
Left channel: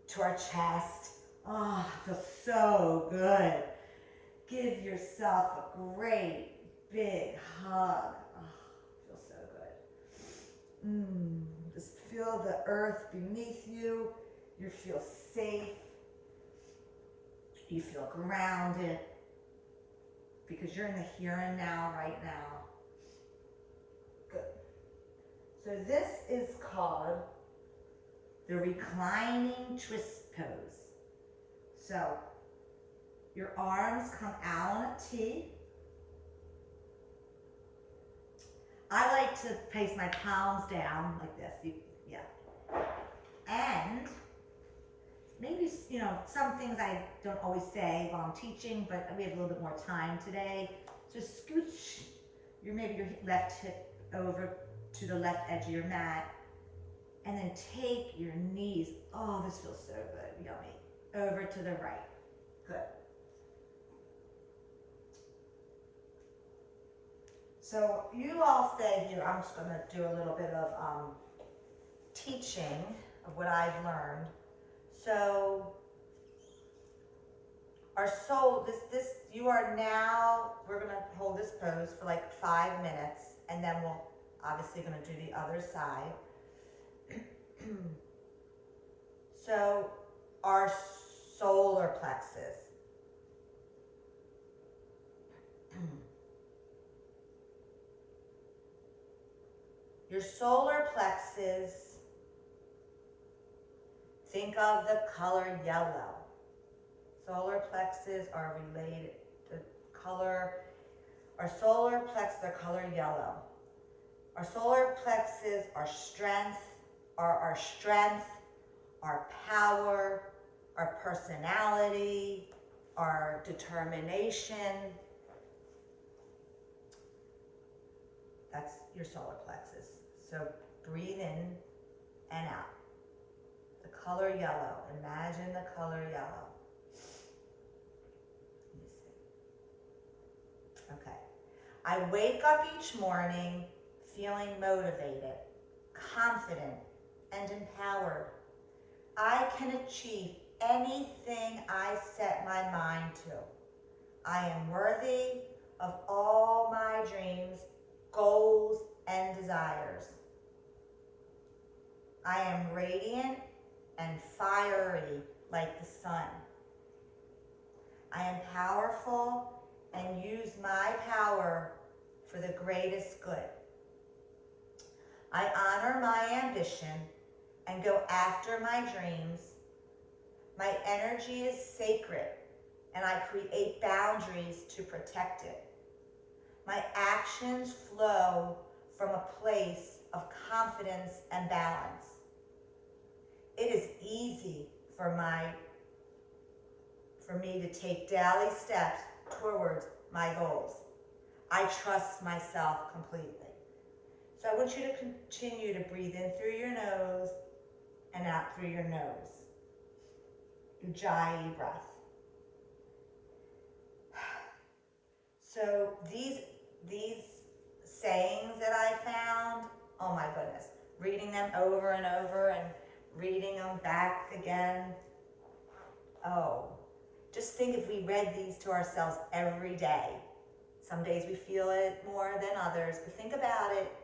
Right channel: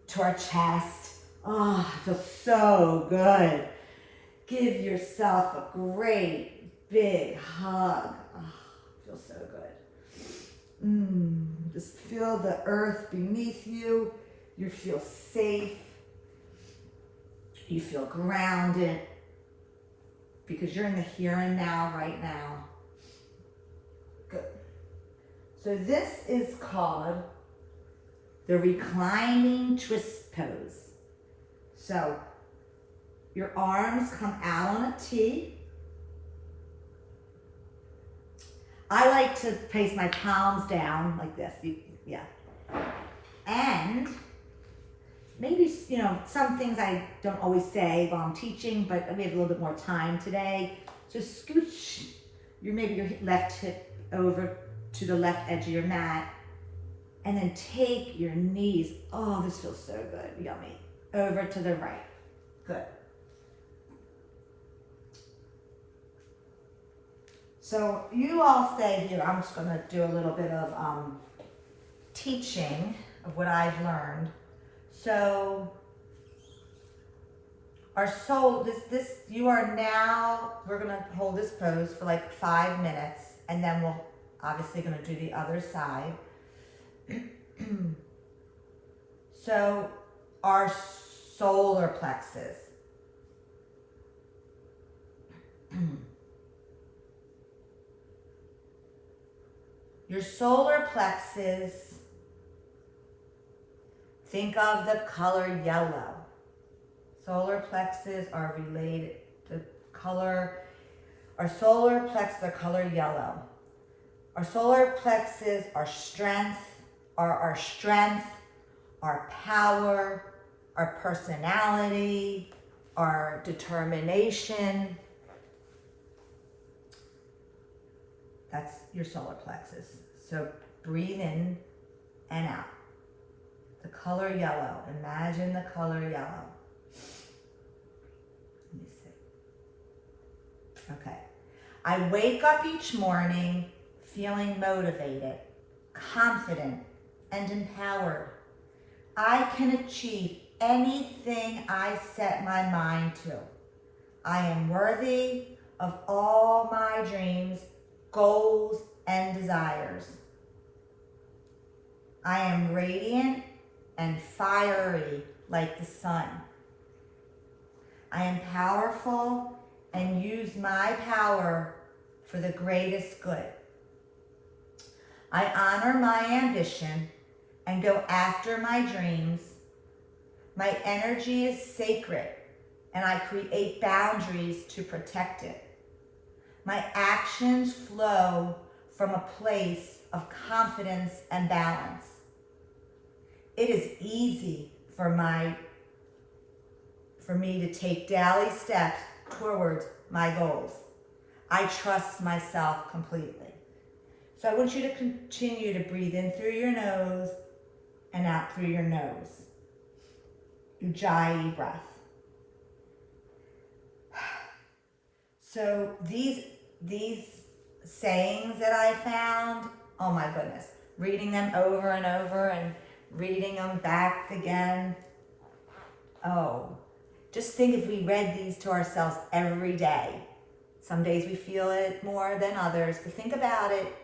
to our chest. Oh, it feels so good. Give yourself a great big hug. Oh, it feels so good. Just feel the earth beneath you. You feel safe. You feel grounded because you're in the here and now right now. Good. So this is called the reclining twist pose. So Your arms come out on a T. I like to place my palms down like this. Yeah. And maybe, you know, some things I don't always say while I'm teaching, but we have a little bit more time today. So scooch maybe your left hip over to the left edge of your mat, and then take your knees, oh, this feels so good, yummy, over to the right. Good. So you all stay here. I'm just gonna do a little bit of teaching of what I've learned. So our soul, you are now, we're gonna hold this pose for like 5 minutes, and then we'll obviously gonna do the other side. So our solar plexus. Your solar plexus, think of the color yellow. Solar plexus are related to color. Our solar plexus are color yellow. Our solar plexus are our strength, our power, our personality, our determination. That's your solar plexus. So breathe in and out. The color yellow. Imagine the color yellow. Let me see. Okay. I wake up each morning feeling motivated, confident, and empowered. I can achieve anything I set my mind to. I am worthy of all my dreams, goals, and desires. I am radiant and fiery like the sun. I am powerful and use my power for the greatest good. I honor my ambition and go after my dreams. My energy is sacred, and I create boundaries to protect it. My actions flow from a place of confidence and balance. It is easy for me to take daily steps towards my goals. I trust myself completely. So I want you to continue to breathe in through your nose and out through your nose. Ujjayi breath. So these sayings that I found, oh my goodness, reading them over and over and reading them back again. Oh, just think if we read these to ourselves every day. Some days we feel it more than others, but think about it.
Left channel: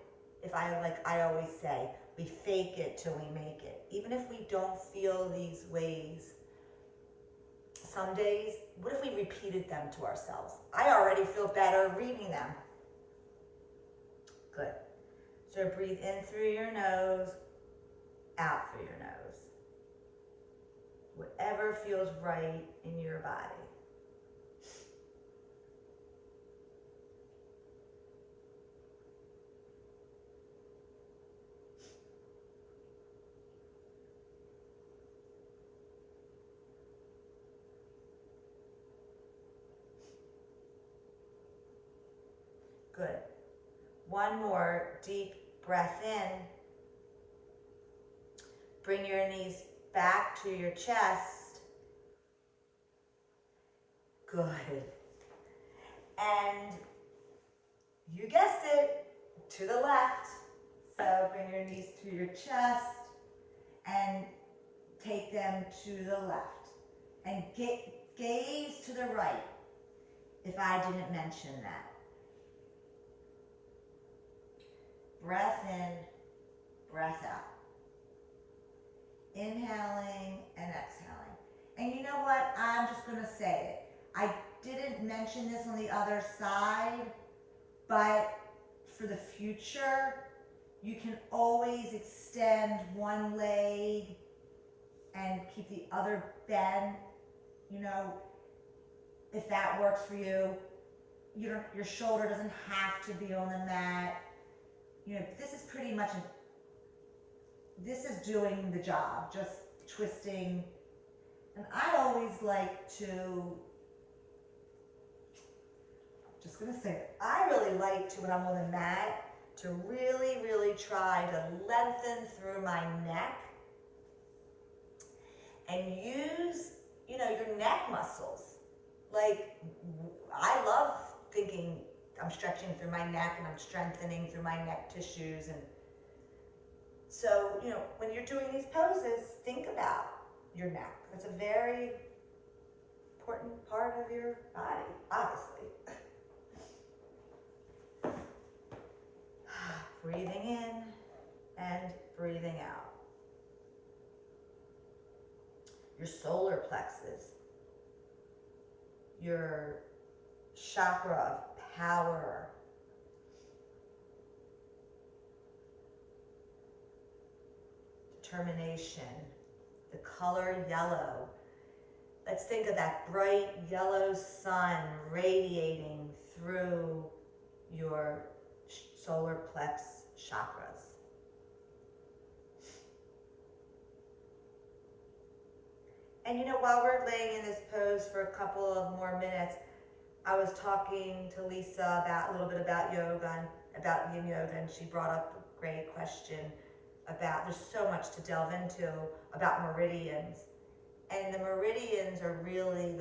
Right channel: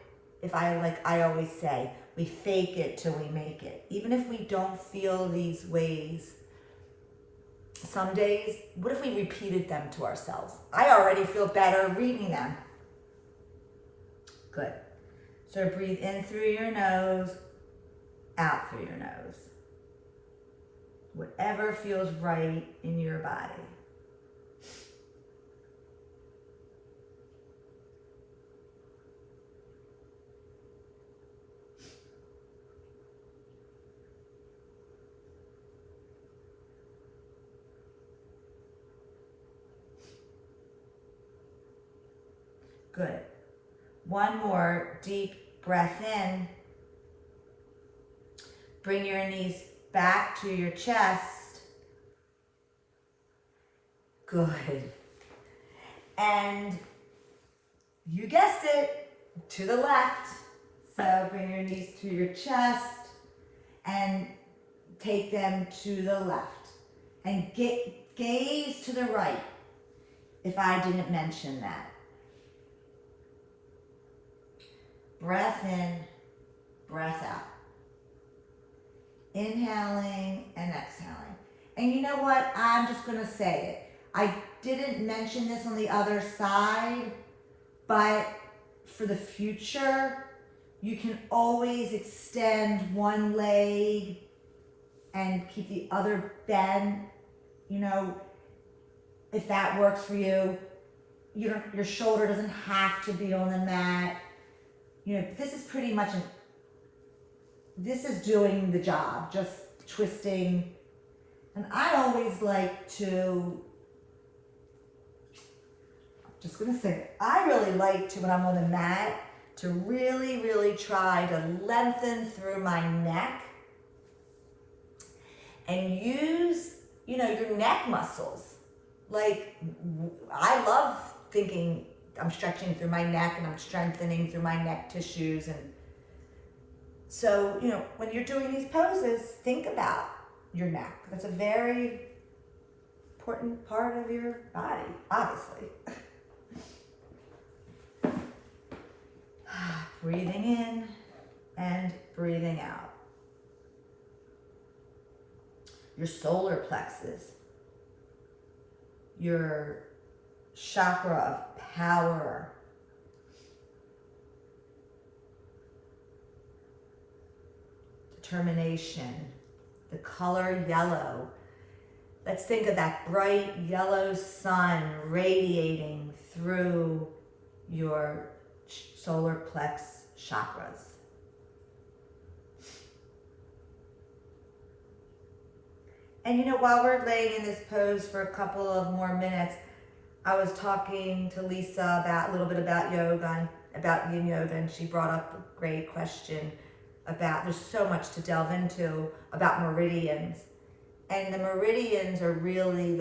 If I always say, we fake it till we make it. Even if we don't feel these ways, some days, what if we repeated them to ourselves? I already feel better reading them. Good. So breathe in through your nose, out through your nose. Whatever feels right in your body. Good. One more deep breath in. Bring your knees back to your chest. Good. And you guessed it, to the left. So bring your knees to your chest and take them to the left. And gaze to the right, if I didn't mention that. Breath in, breath out. Inhaling and exhaling. And you know what? I'm just going to say it. I didn't mention this on the other side, but for the future, you can always extend one leg and keep the other bent. You know, if that works for you. Your shoulder doesn't have to be on the mat. This is pretty much this is doing the job, just twisting. And I always like to, just gonna say, I really like to, when I'm on the mat, to really, really try to lengthen through my neck and use, your neck muscles. Like, I love thinking I'm stretching through my neck and I'm strengthening through my neck tissues. And so, when you're doing these poses, think about your neck. That's a very important part of your body, obviously. Breathing in and breathing out. Your solar plexus, your chakra of power, determination, the color yellow. Let's think of that bright yellow sun radiating through your solar plex chakras. And while we're laying in this pose for a couple of more minutes, I was talking to Lisa a little bit about yoga, about yin yoga, and she brought up a great question about, there's so much to delve into about meridians. And the meridians are really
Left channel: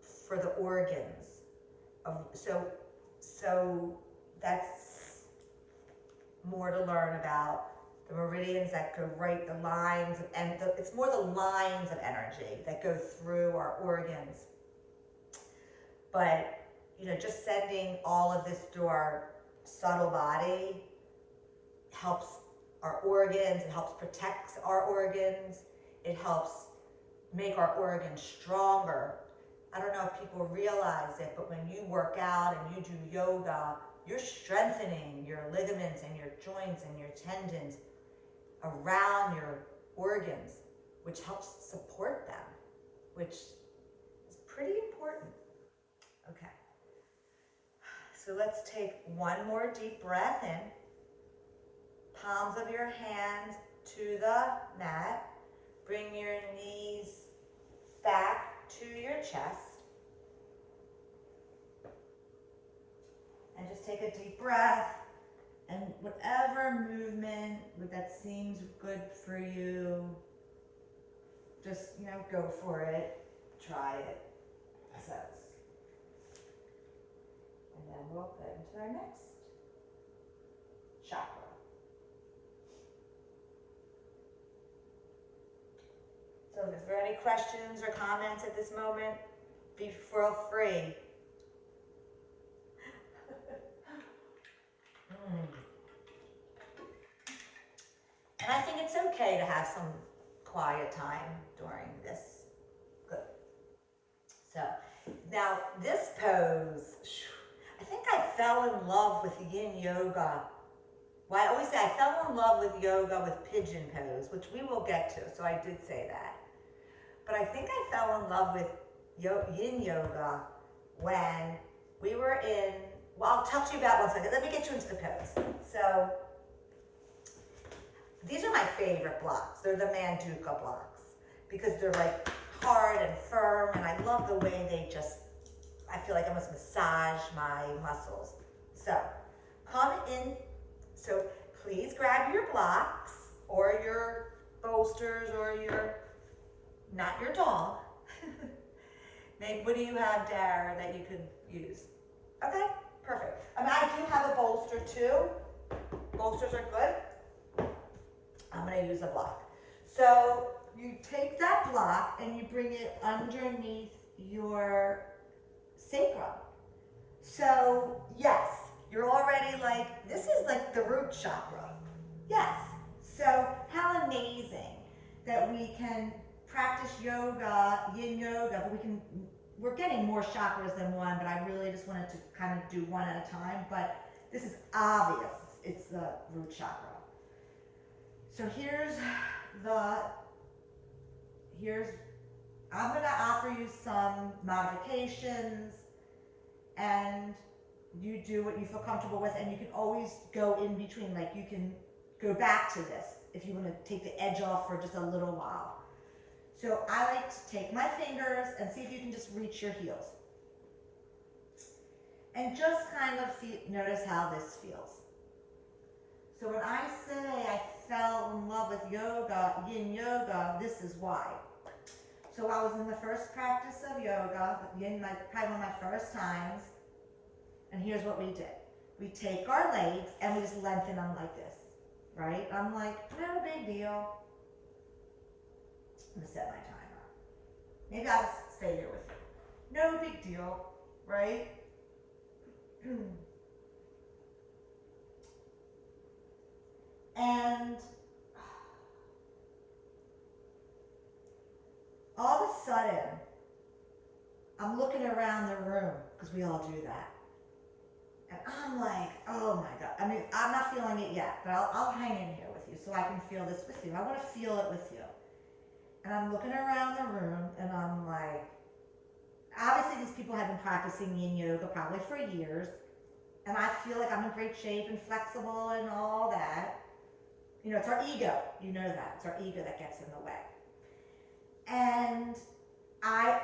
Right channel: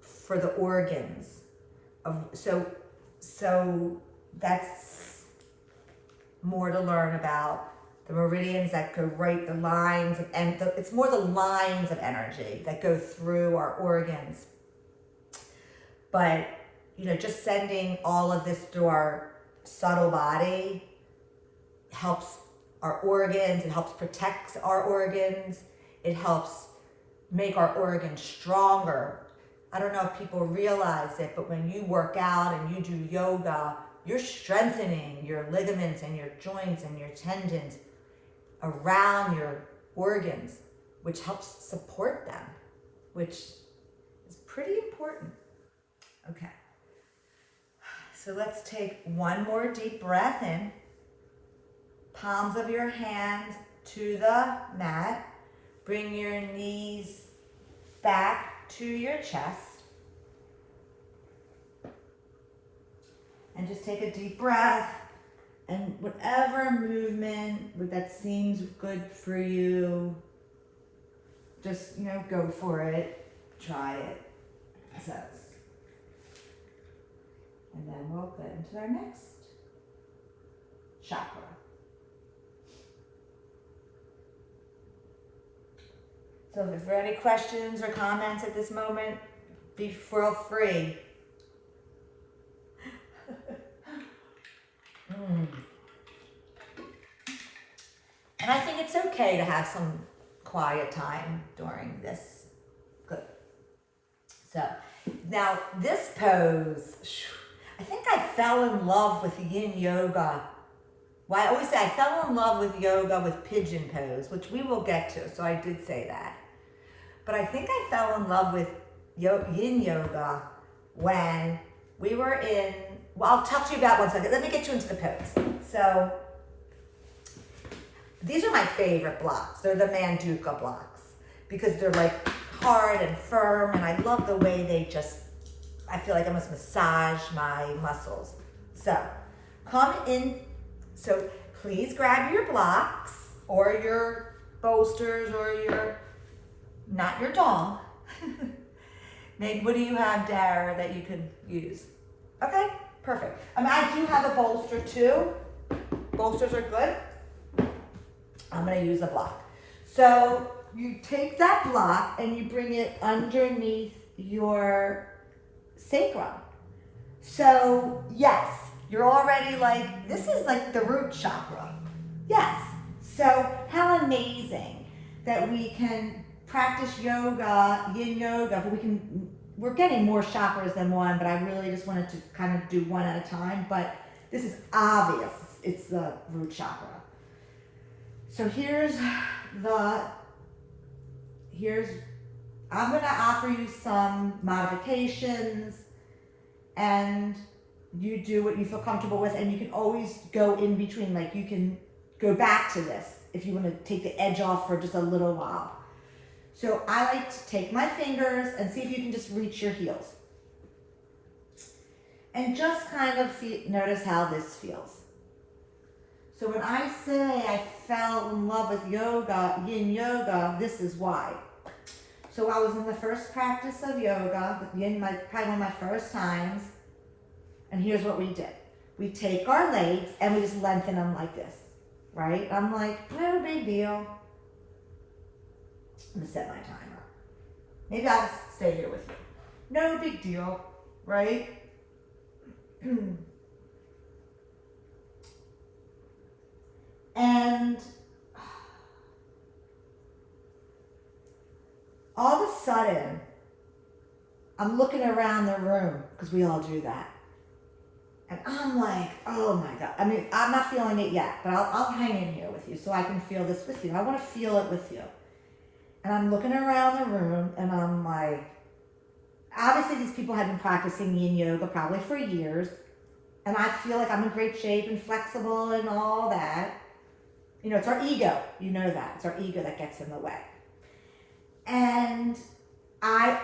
for the organs. So that's more to learn about. The meridians that go right, the lines, it's more the lines of energy that go through our organs. But, just sending all of this through our subtle body helps our organs, it helps protect our organs, it helps make our organs stronger. I don't know if people realize it, but when you work out and you do yoga, you're strengthening your ligaments and your joints and your tendons around your organs, which helps support them, which is pretty important. Okay, so let's take one more deep breath in. Palms of your hands to the mat. Bring your knees back to your chest. And just take a deep breath. And whatever movement that seems good for you, just, go for it. Try it. So, and then we'll get into our next chakra. So if there are any questions or comments at this moment, feel free. And I think it's okay to have some quiet time during this. Good. So now this pose, I think I fell in love with yin yoga. Well, I always say I fell in love with yoga with pigeon pose, which we will get to, so I did say that. But I think I fell in love with yin yoga when we were in, well, I'll talk to you about one second. Let me get you into the pose. So these are my favorite blocks. They're the Manduka blocks because they're like hard and firm, and I love the way they just, I feel like I must massage my muscles. So come in. So please grab your blocks or your bolsters or not your dog. Maybe, what do you have, Dara, that you could use? Okay, perfect. I do have a bolster too. Bolsters are good. I'm gonna use a block. So you take that block and you bring it underneath your sacrum. So yes, you're already like, this is like the root chakra. Yes. So how amazing that we can practice yoga, yin yoga, but we're getting more chakras than one, but I really just wanted to kind of do one at a time, but this is obvious. It's the root chakra. So I'm going to offer you some modifications, and you do what you feel comfortable with, and you can always go in between. Like, you can go back to this if you want to take the edge off for just a little while. So I like to take my fingers and see if you can just reach your heels. And just kind of notice how this feels. So when I say I fell in love with yoga, yin yoga, this is why. So I was in the first practice of yoga, with yin, probably one of my first times. And here's what we did. We take our legs and we just lengthen them like this, right? I'm like, no big deal. I'm gonna set my timer. Maybe I'll stay here with you. No big deal, right? And all of a sudden, I'm looking around the room, because we all do that. And I'm like, oh my God. I mean, I'm not feeling it yet, but I'll hang in here with you so I can feel this with you. I want to feel it with you. And I'm looking around the room and I'm like, obviously these people have been practicing yin yoga probably for years. And I feel like I'm in great shape and flexible and all that. You know, it's our ego. You know that. It's our ego that gets in the way. And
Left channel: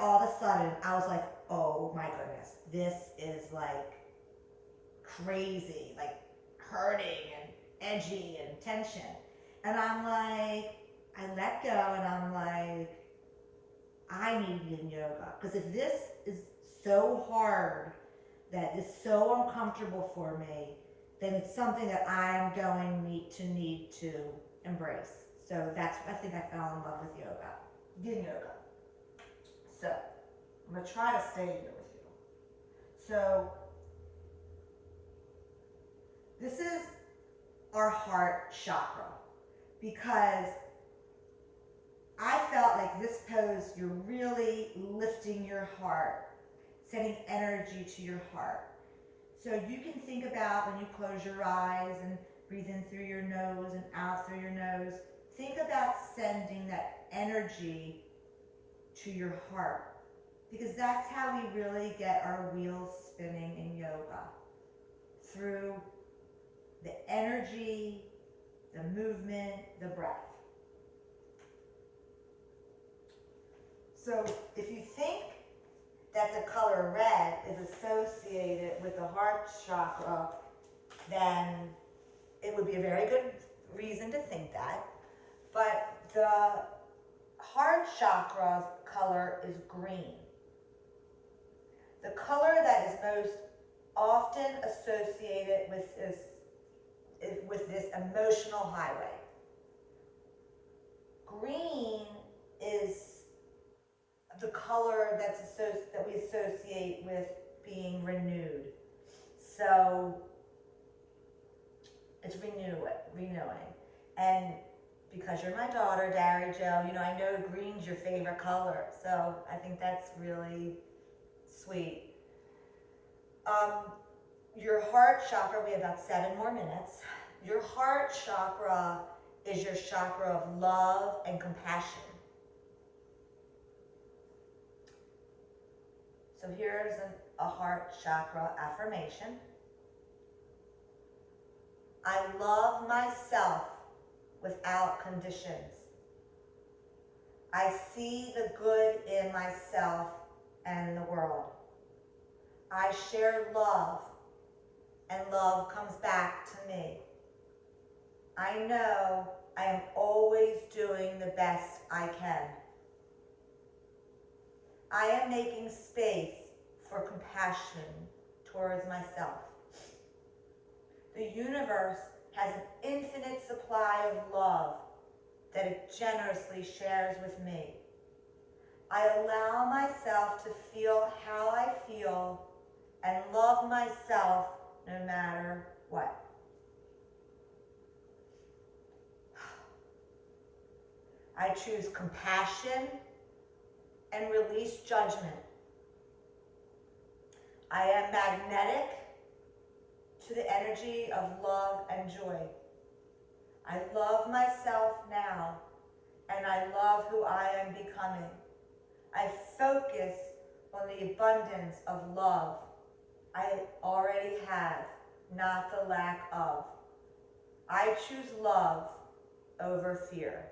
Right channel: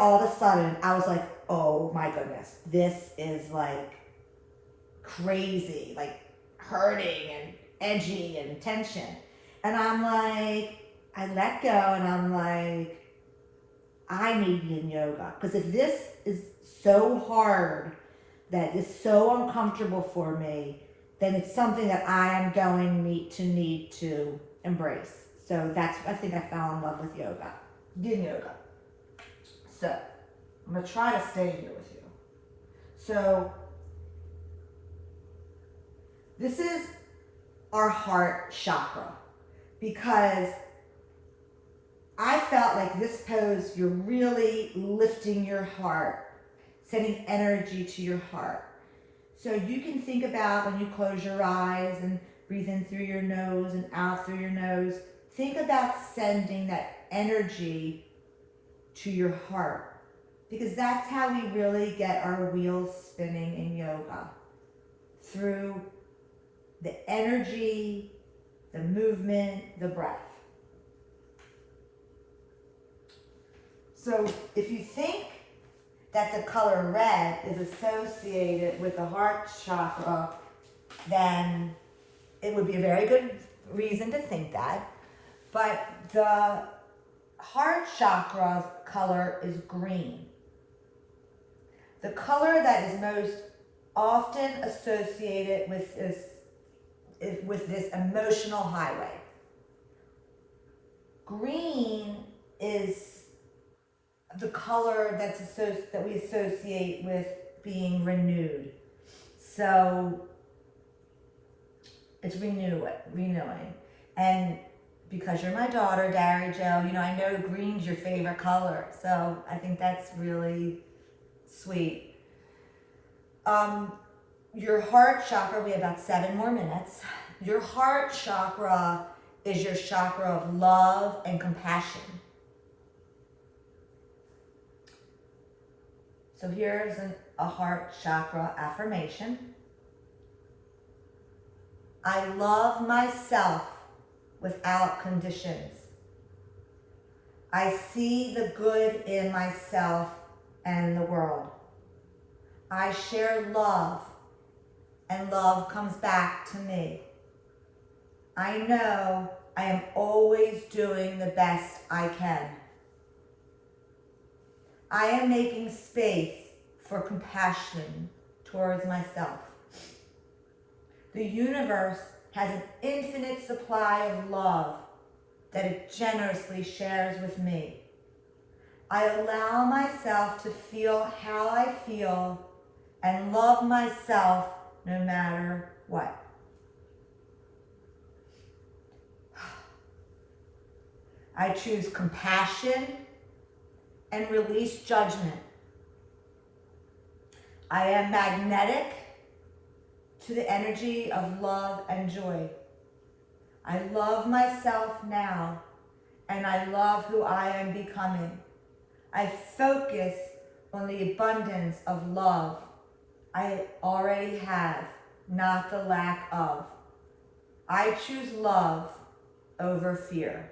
all of a sudden, I was like, oh my goodness, this is like crazy, like hurting and edgy and tension. And I'm like, I let go and I'm like, I need yin yoga. Because if this is so hard, that is so uncomfortable for me, then it's something that I am going to need to embrace. So that's, I think I fell in love with yoga, yin yoga. So I'm going to try to stay here with you. So this is our heart chakra, because I felt like this pose, you're really lifting your heart, sending energy to your heart. So you can think about when you close your eyes and breathe in through your nose and out through your nose, think about sending that energy to your heart, because that's how we really get our wheels spinning in yoga, through the energy, the movement, the breath. So if you think that the color red is associated with the heart chakra, then it would be a very good reason to think that. But the heart chakra's color is green. The color that is most often associated with this emotional highway. Green is the color that we associate with being renewed. So it's renewing. And because you're my daughter, Dari Jo, you know, I know green's your favorite color. So I think that's really sweet. Your heart chakra, we have about 7 more minutes. Your heart chakra is your chakra of love and compassion. So here's a heart chakra affirmation. I love myself without conditions. I see the good in myself and the world. I share love, and love comes back to me. I know I am always doing the best I can. I am making space for compassion towards myself. The universe has an infinite supply of love that it generously shares with me. I allow myself to feel how I feel and love myself no matter what. I choose compassion and release judgment. I am magnetic to the energy of love and joy. I love myself now, and I love who I am becoming. I focus on the abundance of love I already have, not the lack of. I choose love over fear.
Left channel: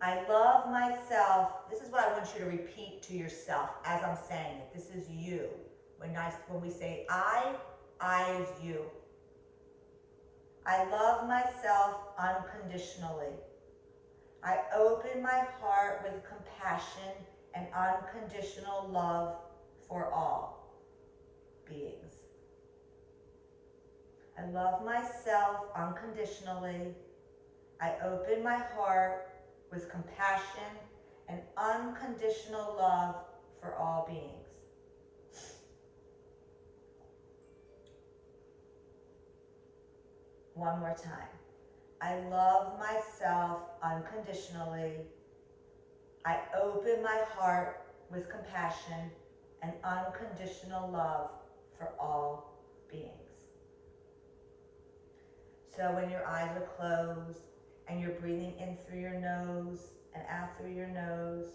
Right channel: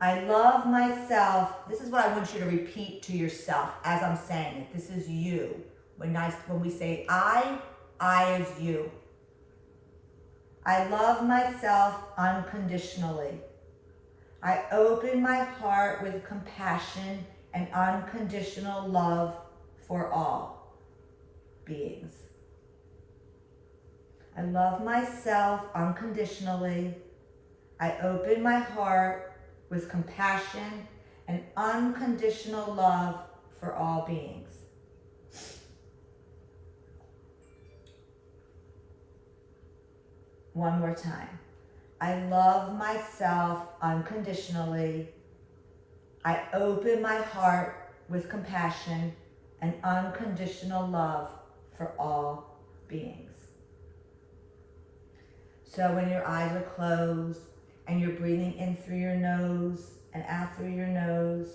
I love myself. This is what I want you to repeat to yourself as I'm saying it. This is you. When we say I is you. I love myself unconditionally. I open my heart with compassion and unconditional love for all beings. I love myself unconditionally. I open my heart with compassion and unconditional love for all beings. One more time. I love myself unconditionally. I open my heart with compassion and unconditional love for all beings. So when your eyes are closed and you're breathing in through your nose and out through your nose,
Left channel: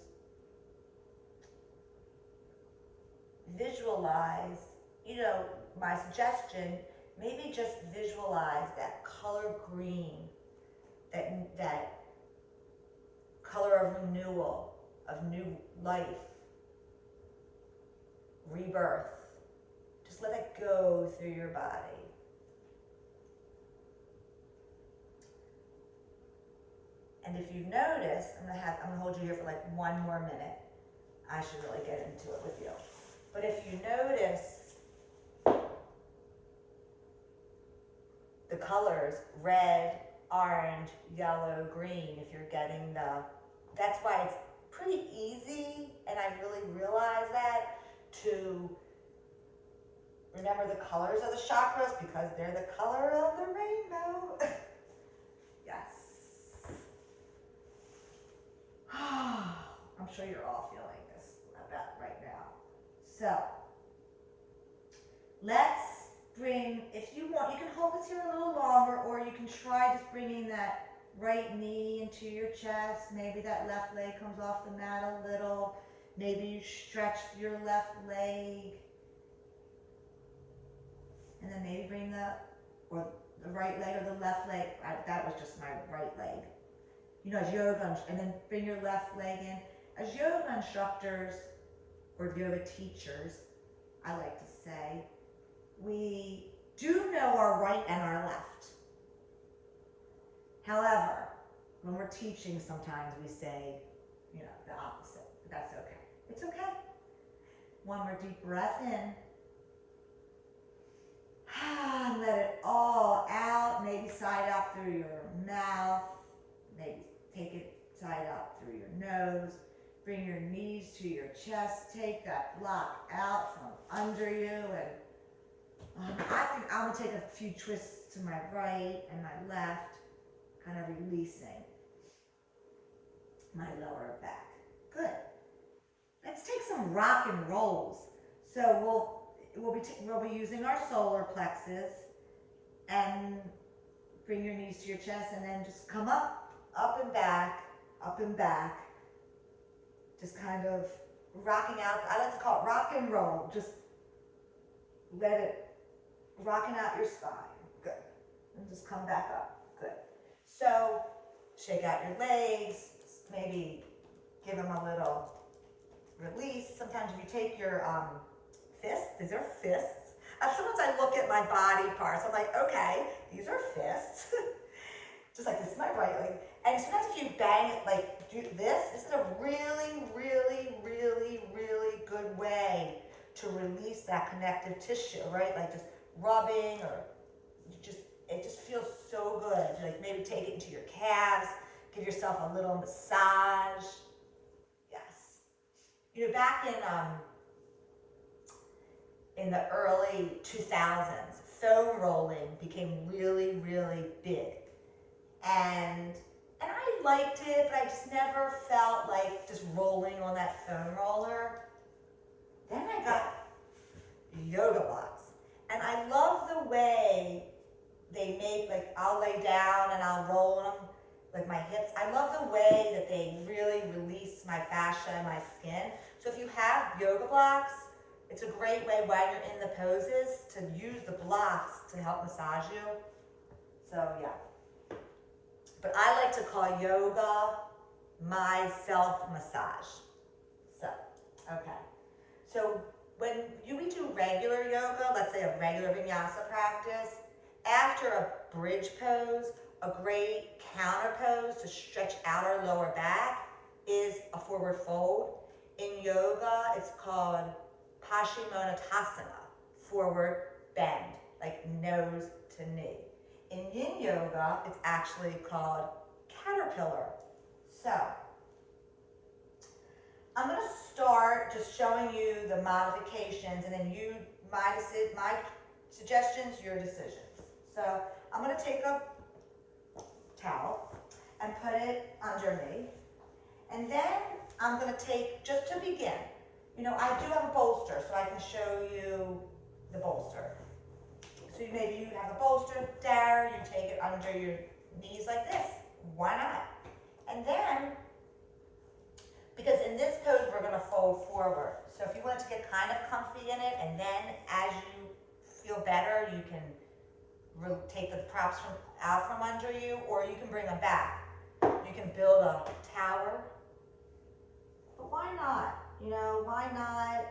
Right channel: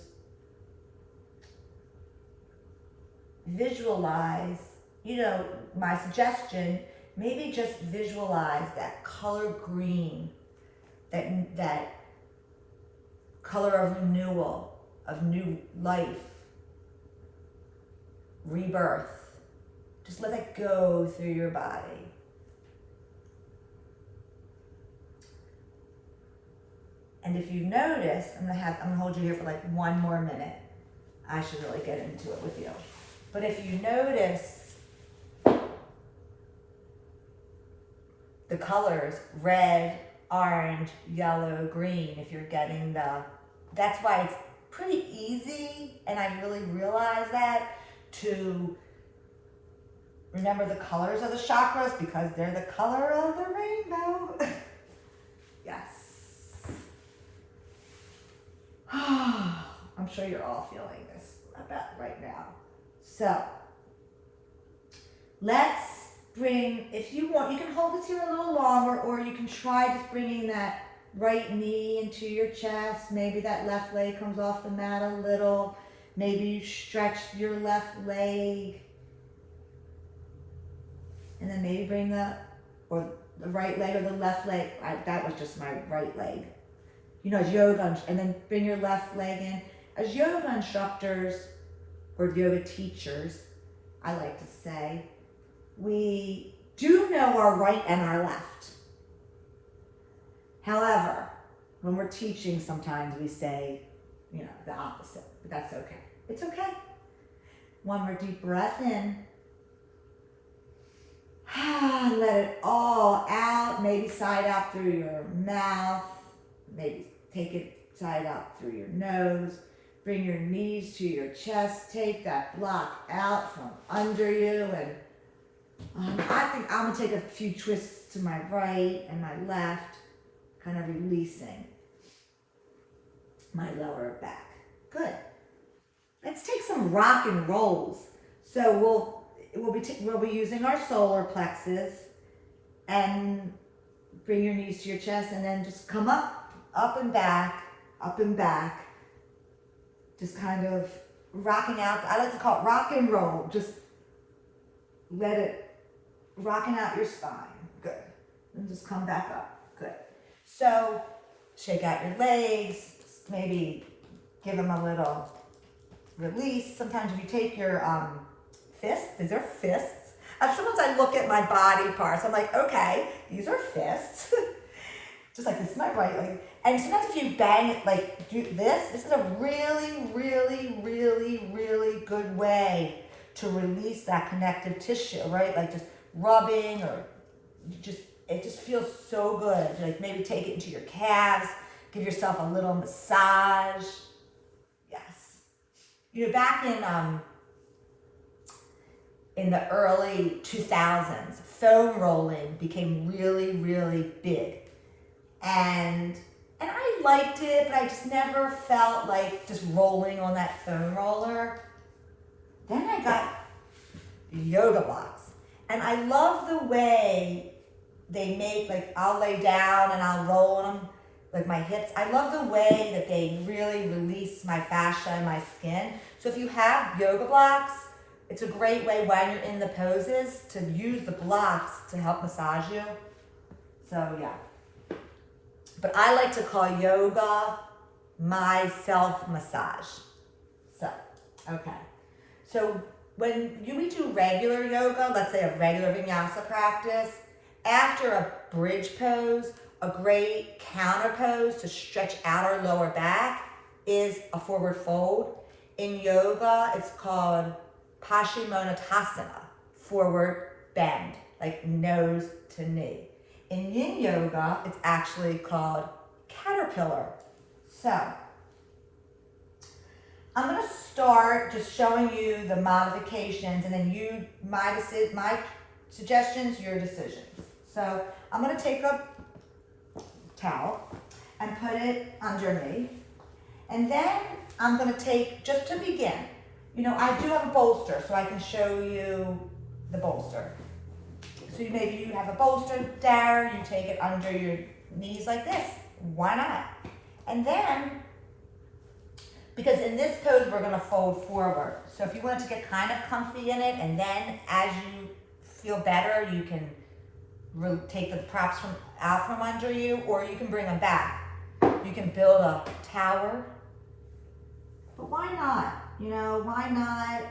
visualize, my suggestion, maybe just visualize that color green, that color of renewal, of new life, rebirth. Just let it go through your body. And if you notice, I'm gonna hold you here for like one more minute. I should really get into it with you. But if you notice the colors, red, orange, yellow, green, if you're getting that's why it's pretty easy, and I really realize that, to remember the colors of the chakras because they're the color of the rainbow. Yes. I'm sure you're all feeling this about right now. So, let's bring, if you want, you can hold this here a little longer, or you can try just bringing that right knee into your chest. Maybe that left leg comes off the mat a little. Maybe you stretch your left leg. And then maybe bring the right leg or the left leg. That was just my right leg. As yoga, and then bring your left leg in. As yoga instructors or yoga teachers, I like to say, we do know our right and our left. However, when we're teaching, sometimes we say, the opposite, but that's okay. It's okay. One more deep breath in. Let it all out, maybe side out through your mouth, maybe take it side out through your nose. Bring your knees to your chest, take that block out from under you, and I think I'm gonna take a few twists to my right and my left, kind of releasing my lower back. Good. Let's take some rock and rolls. So we'll be using our solar plexus, and bring your knees to your chest, and then just come up and back, just kind of rocking out. I like to call it rock and roll. Just let it rocking out your spine. Good. And just come back up. Good. So shake out your legs, maybe give them a little release. Sometimes if you take your fists, these are fists. Sometimes I look at my body parts. I'm like, okay, these are fists. Just like this is my right leg. And sometimes if you bang it, like do this is a really, really, really, really good way to release that connective tissue, right? Like just rubbing, or it just feels so good. Like maybe take it into your calves, give yourself a little massage. Yes. Back in the early 2000s, foam rolling became really, really big. And I liked it, but I just never felt like just rolling on that foam roller. Then I got yoga blocks. And I love the way they make, like, I'll lay down and I'll roll them, like my hips. I love the way that they really release my fascia and my skin. So if you have yoga blocks, it's a great way when you're in the poses to use the blocks to help massage you. So yeah. But I like to call yoga my self-massage. So, okay. So when we do regular yoga, let's say a regular vinyasa practice, after a bridge pose, a great counter pose to stretch out our lower back is a forward fold. In yoga, it's called Paschimottanasana, forward bend, like nose to knee. In yin yoga, it's actually called caterpillar. So, I'm gonna start just showing you the modifications, and then my suggestions, your decisions. So, I'm gonna take a towel and put it under me, and then I'm gonna take, just to begin, I do have a bolster, so I can show you the bolster. So maybe you have a bolster there, you take it under your knees like this. Why not? And then, because in this pose we're gonna fold forward. So if you wanted to get kind of comfy in it, and then as you feel better, you can take the props out from under you, or you can bring them back. You can build a tower, but why not? Why not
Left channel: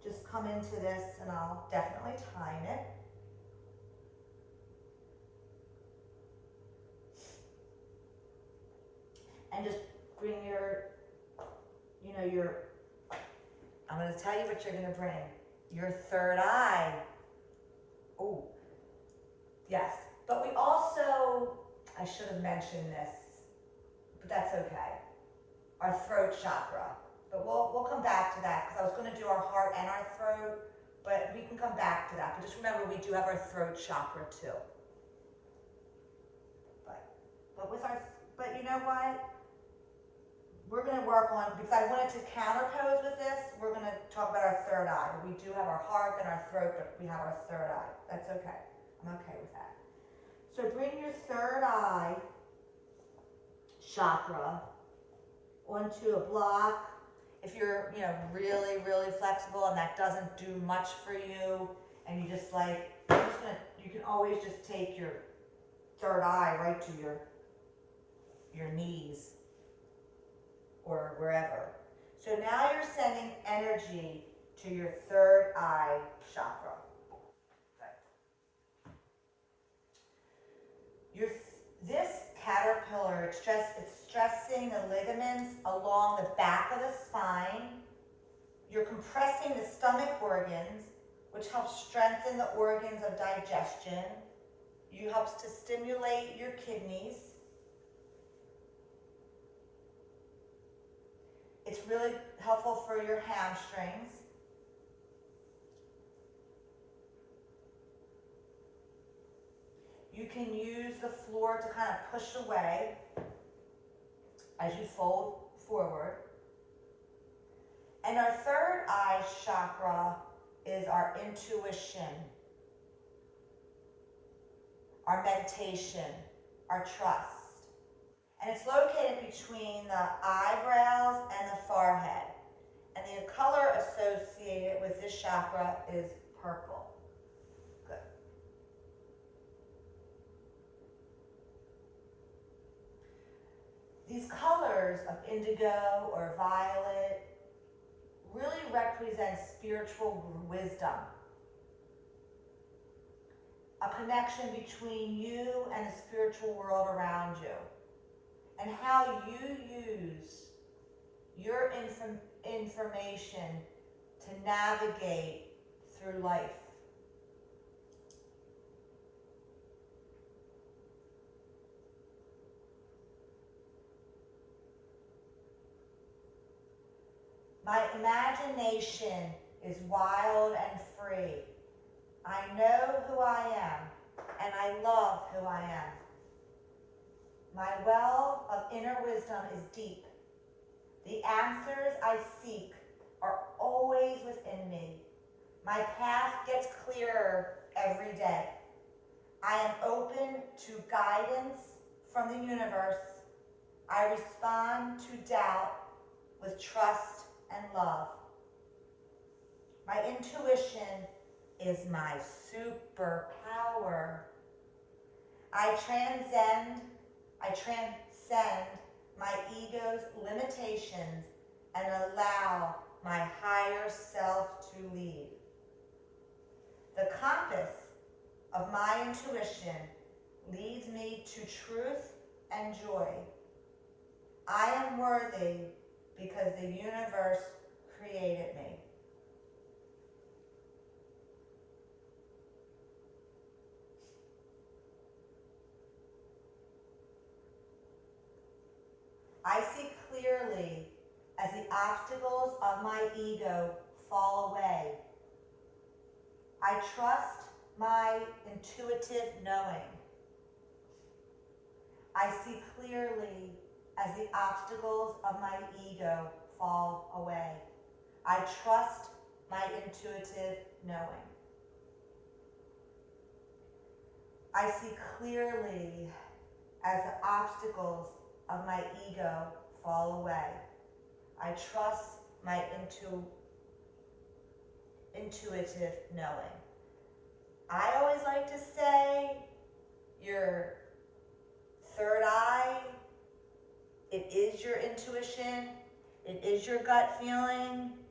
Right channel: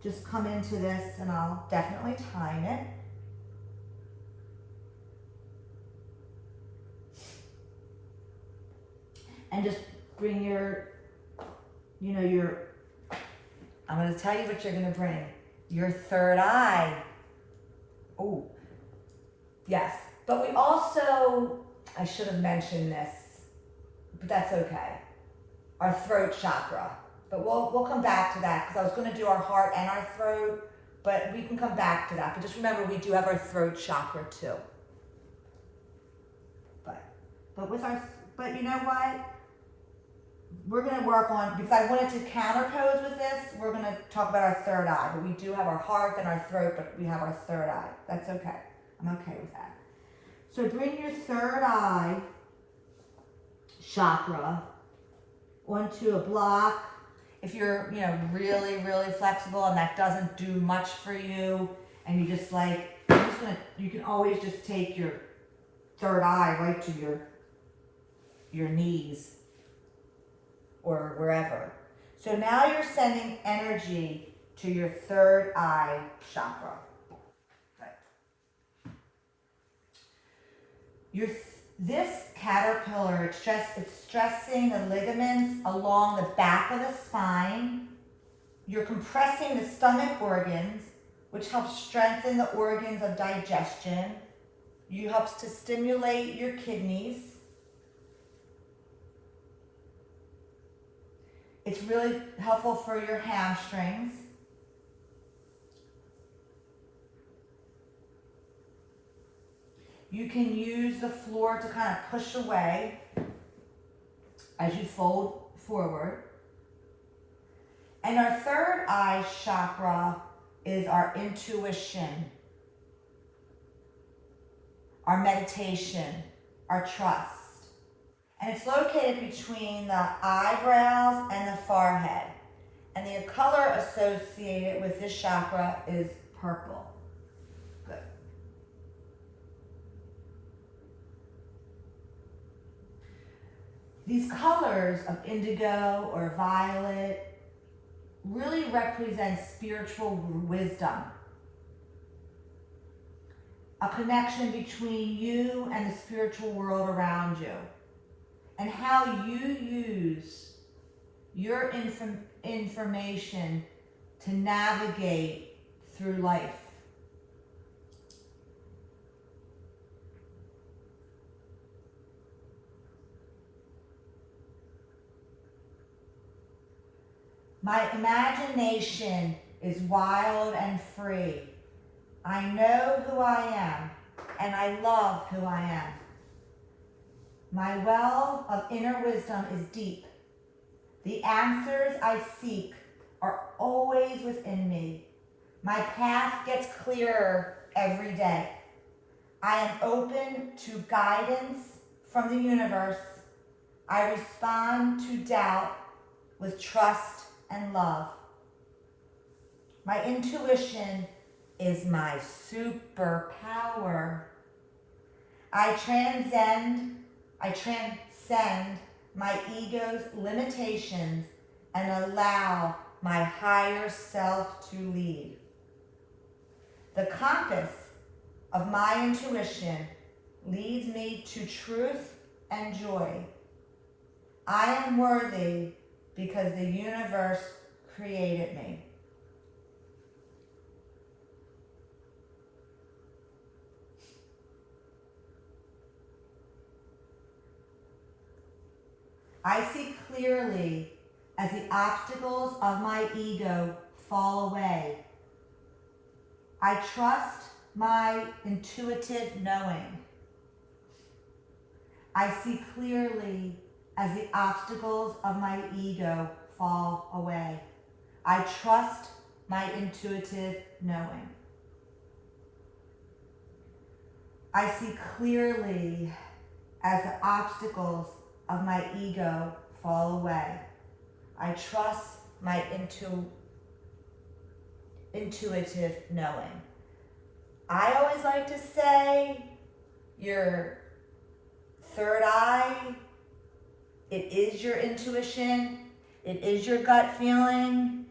just come into this, and I'll definitely time it. And just bring I'm going to tell you what you're going to bring. Your third eye. Oh, yes. But we also, I should have mentioned this, but that's okay. Our throat chakra. But we'll come back to that, because I was going to do our heart and our throat, but we can come back to that. But just remember, we do have our throat chakra too. But you know what? We're going to work on, because I wanted to counterpose with this, we're going to talk about our third eye. But we do have our heart and our throat, but we have our third eye. That's okay. I'm okay with that. So bring your third eye chakra onto a block. If you're, really, really flexible and that doesn't do much for you, and you just you can always just take your third eye right to your knees or wherever. So now you're sending energy to your third eye chakra. Okay. This caterpillar, it's stressing the ligaments along the back of the spine. You're compressing the stomach organs, which helps strengthen the organs of digestion. You helps to stimulate your kidneys. It's really helpful for your hamstrings. You can use the floor to kind of push away as you fold forward. And our third eye chakra is our intuition, our meditation, our trust. And it's located between the eyebrows and the forehead. And the color associated with this chakra is purple. Good. These colors of indigo or violet really represent spiritual wisdom, a connection between you and the spiritual world around you, and how you use your information to navigate through life. My imagination is wild and free. I know who I am, and I love who I am. My well of inner wisdom is deep. The answers I seek are always within me. My path gets clearer every day. I am open to guidance from the universe. I respond to doubt with trust and love. My intuition is my superpower. I transcend my ego's limitations and allow my higher self to lead. The compass of my intuition leads me to truth and joy. I am worthy because the universe created me. I see clearly as the obstacles of my ego fall away. I trust my intuitive knowing. I see clearly as the obstacles of my ego fall away. I trust my intuitive knowing. I see clearly as the obstacles of my ego fall away. I trust my intuitive knowing. I always like to say, your third eye, it is your intuition, it is your gut feeling,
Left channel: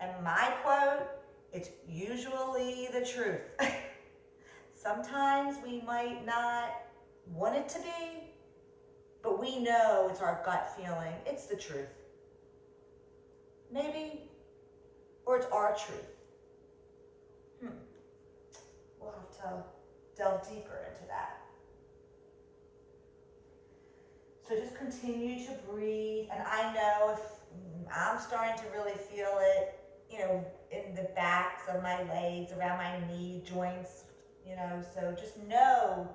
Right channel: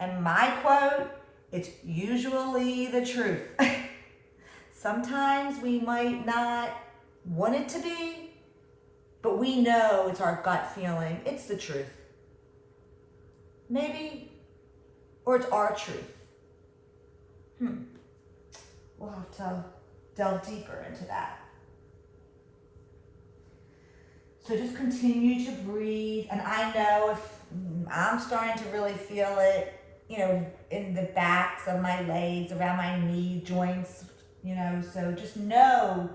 and my quote, it's usually the truth. Sometimes we might not want it to be, but we know it's our gut feeling, it's the truth. Maybe, or it's our truth. We'll have to delve deeper into that. So just continue to breathe. And I know if I'm starting to really feel it, in the backs of my legs, around my knee joints, so just know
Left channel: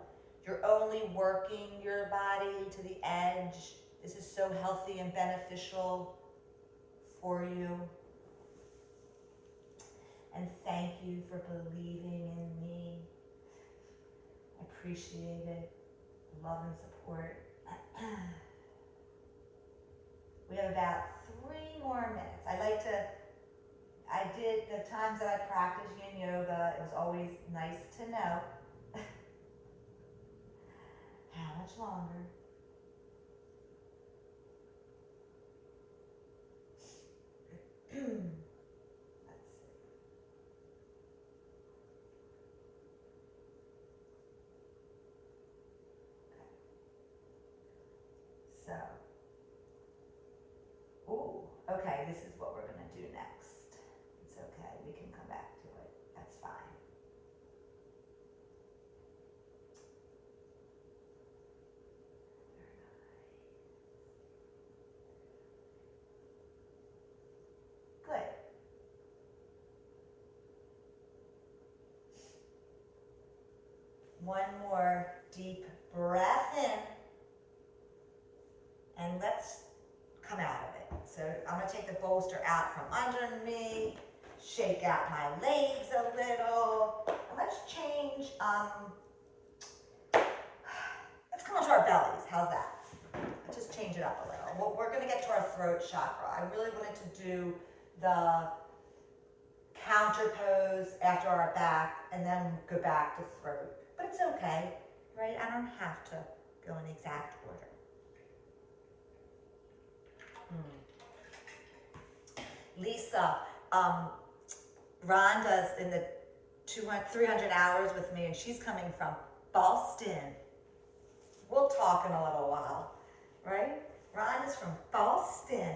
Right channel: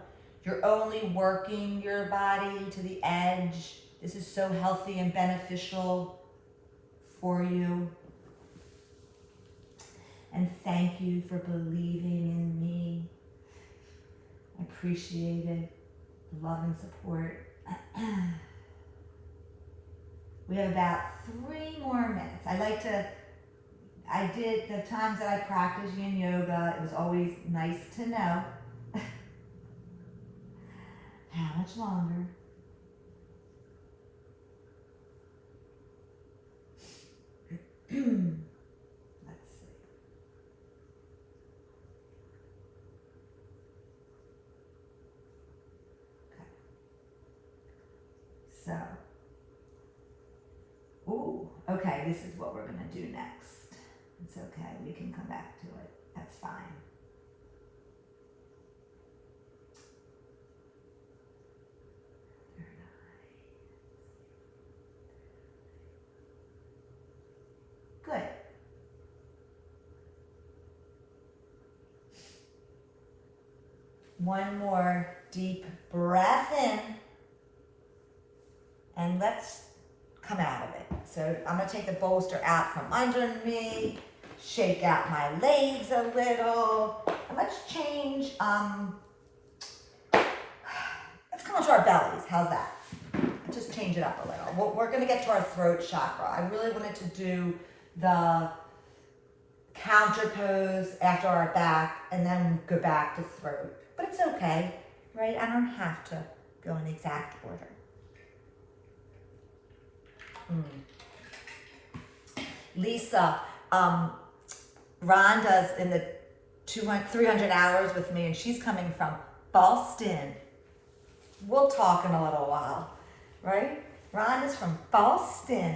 you're only working your body to the edge. This is so healthy and beneficial for you. And thank you for believing in me. I appreciate it. Love and support. We have about 3 more minutes. I did the times that I practiced yin yoga, it was always nice to know how much longer. Let's see. Okay. So, okay, this is what we're gonna do next. It's okay, we can come back to it, that's fine. Good. One more deep breath in, and let's come out of it. So I'm gonna take the bolster out from under me, shake out my legs a little, and let's change, let's come onto our bellies, how's that? Just change it up a little. We're gonna get to our throat chakra. I really wanted to do the counter pose after our back and then go back to throat. But it's okay, right? I don't have to go in exact order. Lisa, Rhonda's in the 300 hours with me, and she's coming from Boston. We'll talk in a little while, right? Rhonda's from Boston.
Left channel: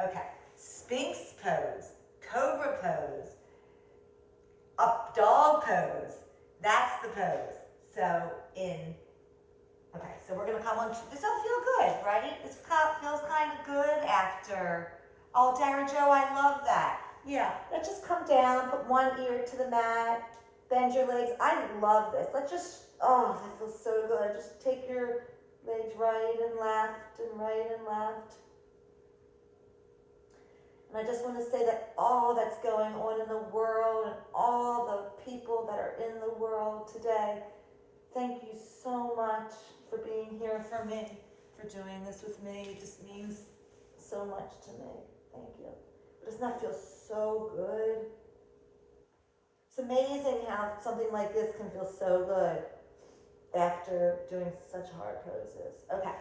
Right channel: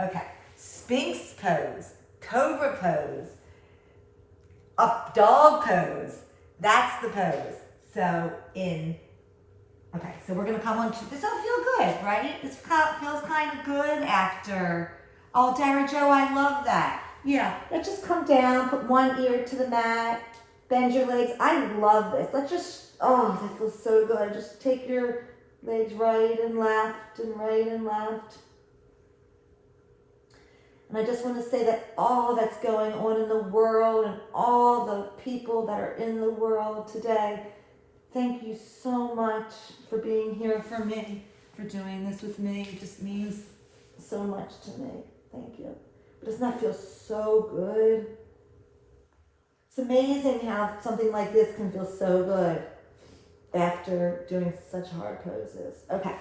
Okay, Sphinx pose, Cobra pose, up dog pose. That's the pose. So so we're gonna come on to, this will feel good, right? This feels kind of good after, oh, Dara Joe, I love that. Let's just come down, put one ear to the mat, bend your legs. I love this. Let's just, oh, that feels so good. Just take your legs right and left and right and left. And I just want to say that all that's going on in the world and all the people that are in the world today, thank you so much for being here for me, for doing this with me. It just means so much to me. Thank you. But doesn't that feel so good? It's amazing how something like this can feel so good after doing such hard poses. Okay,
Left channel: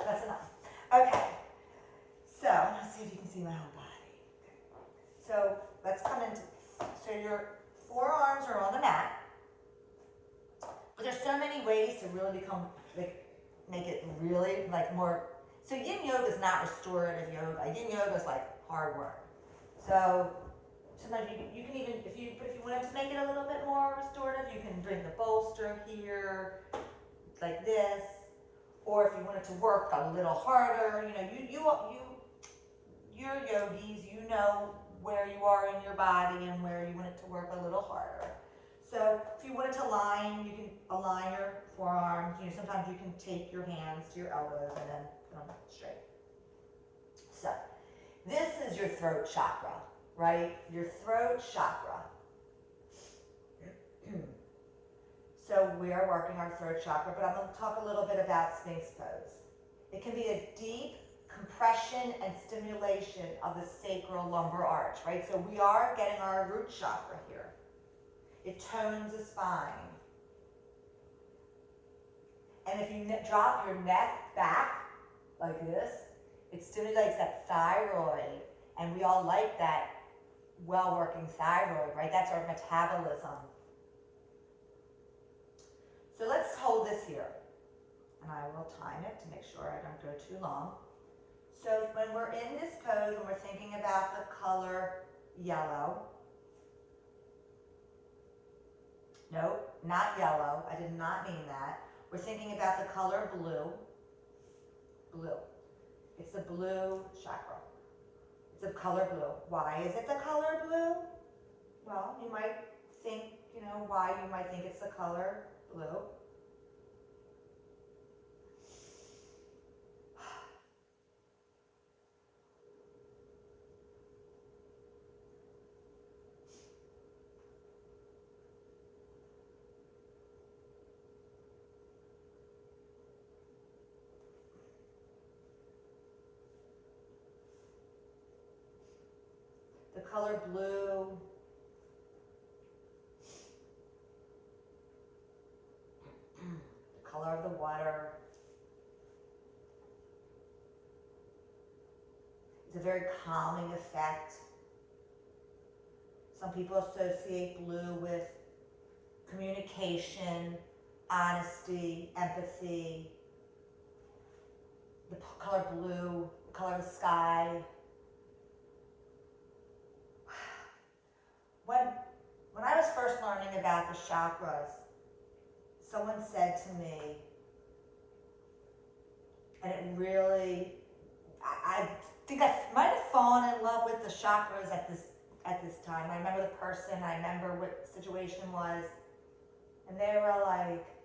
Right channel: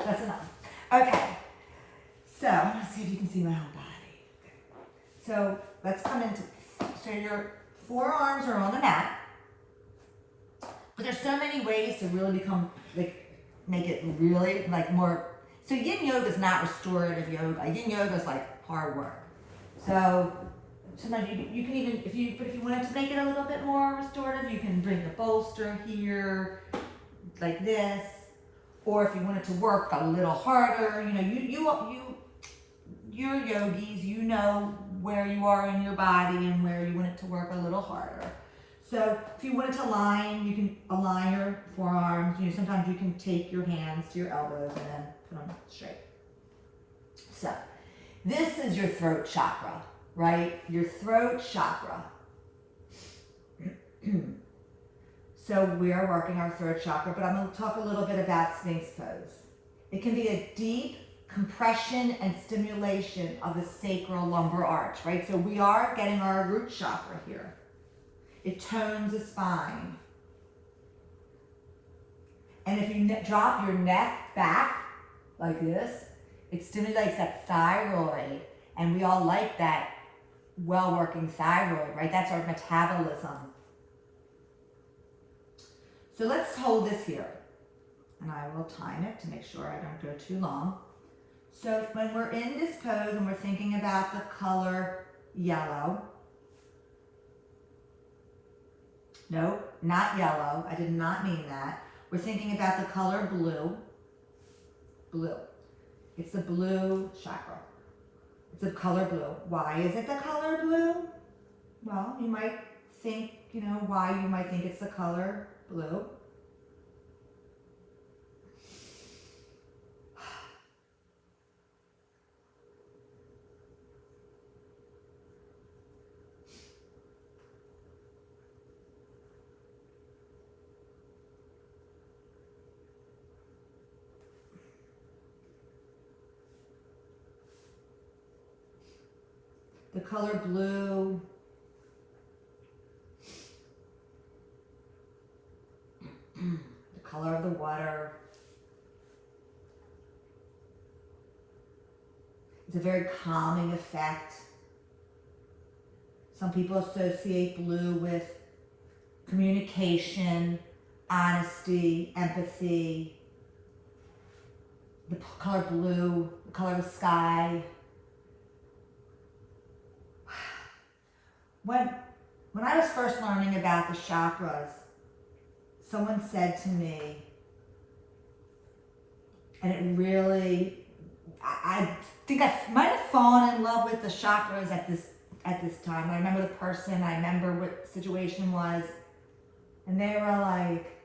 that's enough. Okay, so let's see if you can see my whole body. So let's come into, so your forearms are on the mat, but there's so many ways to really become, like, make it really, like, more, so yin yoga is not restorative yoga. Yin yoga is like hard work. So sometimes you can even, if you wanted to make it a little bit more restorative, you can bring the bolster here, like this, or if you wanted to work a little harder, you know, you're yogis, you know where you are in your body and where you want it to work a little harder. So if you wanted to align, you can align your forearms. You know, sometimes you can take your hands to your elbows and then put them straight. So this is your throat chakra, right? Your throat chakra. So we are working our throat chakra, but I'm going to talk a little bit about Sphinx pose. It can be a deep compression and stimulation of the sacral lumbar arch, right? So we are getting our root chakra here. It tones the spine. And if you drop your neck back like this, it stimulates that thyroid, and we all like that well-working thyroid, right? That's our metabolism. So let's hold this here, and I will time it to make sure I don't go too long. So when we're in this pose and we're thinking about the color yellow, no, not yellow, I did not mean that. We're thinking about the color blue, blue. It's the blue chakra. It's the color blue. Why is it the color blue? Well, you might think, you know, why you might think it's the color blue. The color blue the color of the water. It's a very calming effect. Some people associate blue with communication, honesty, empathy. The color blue, the color of the sky. When I was first learning about the chakras, someone said to me, and it really, I think I might have fallen in love with the chakras at this time. I remember the person, I remember what the situation was, and they were like,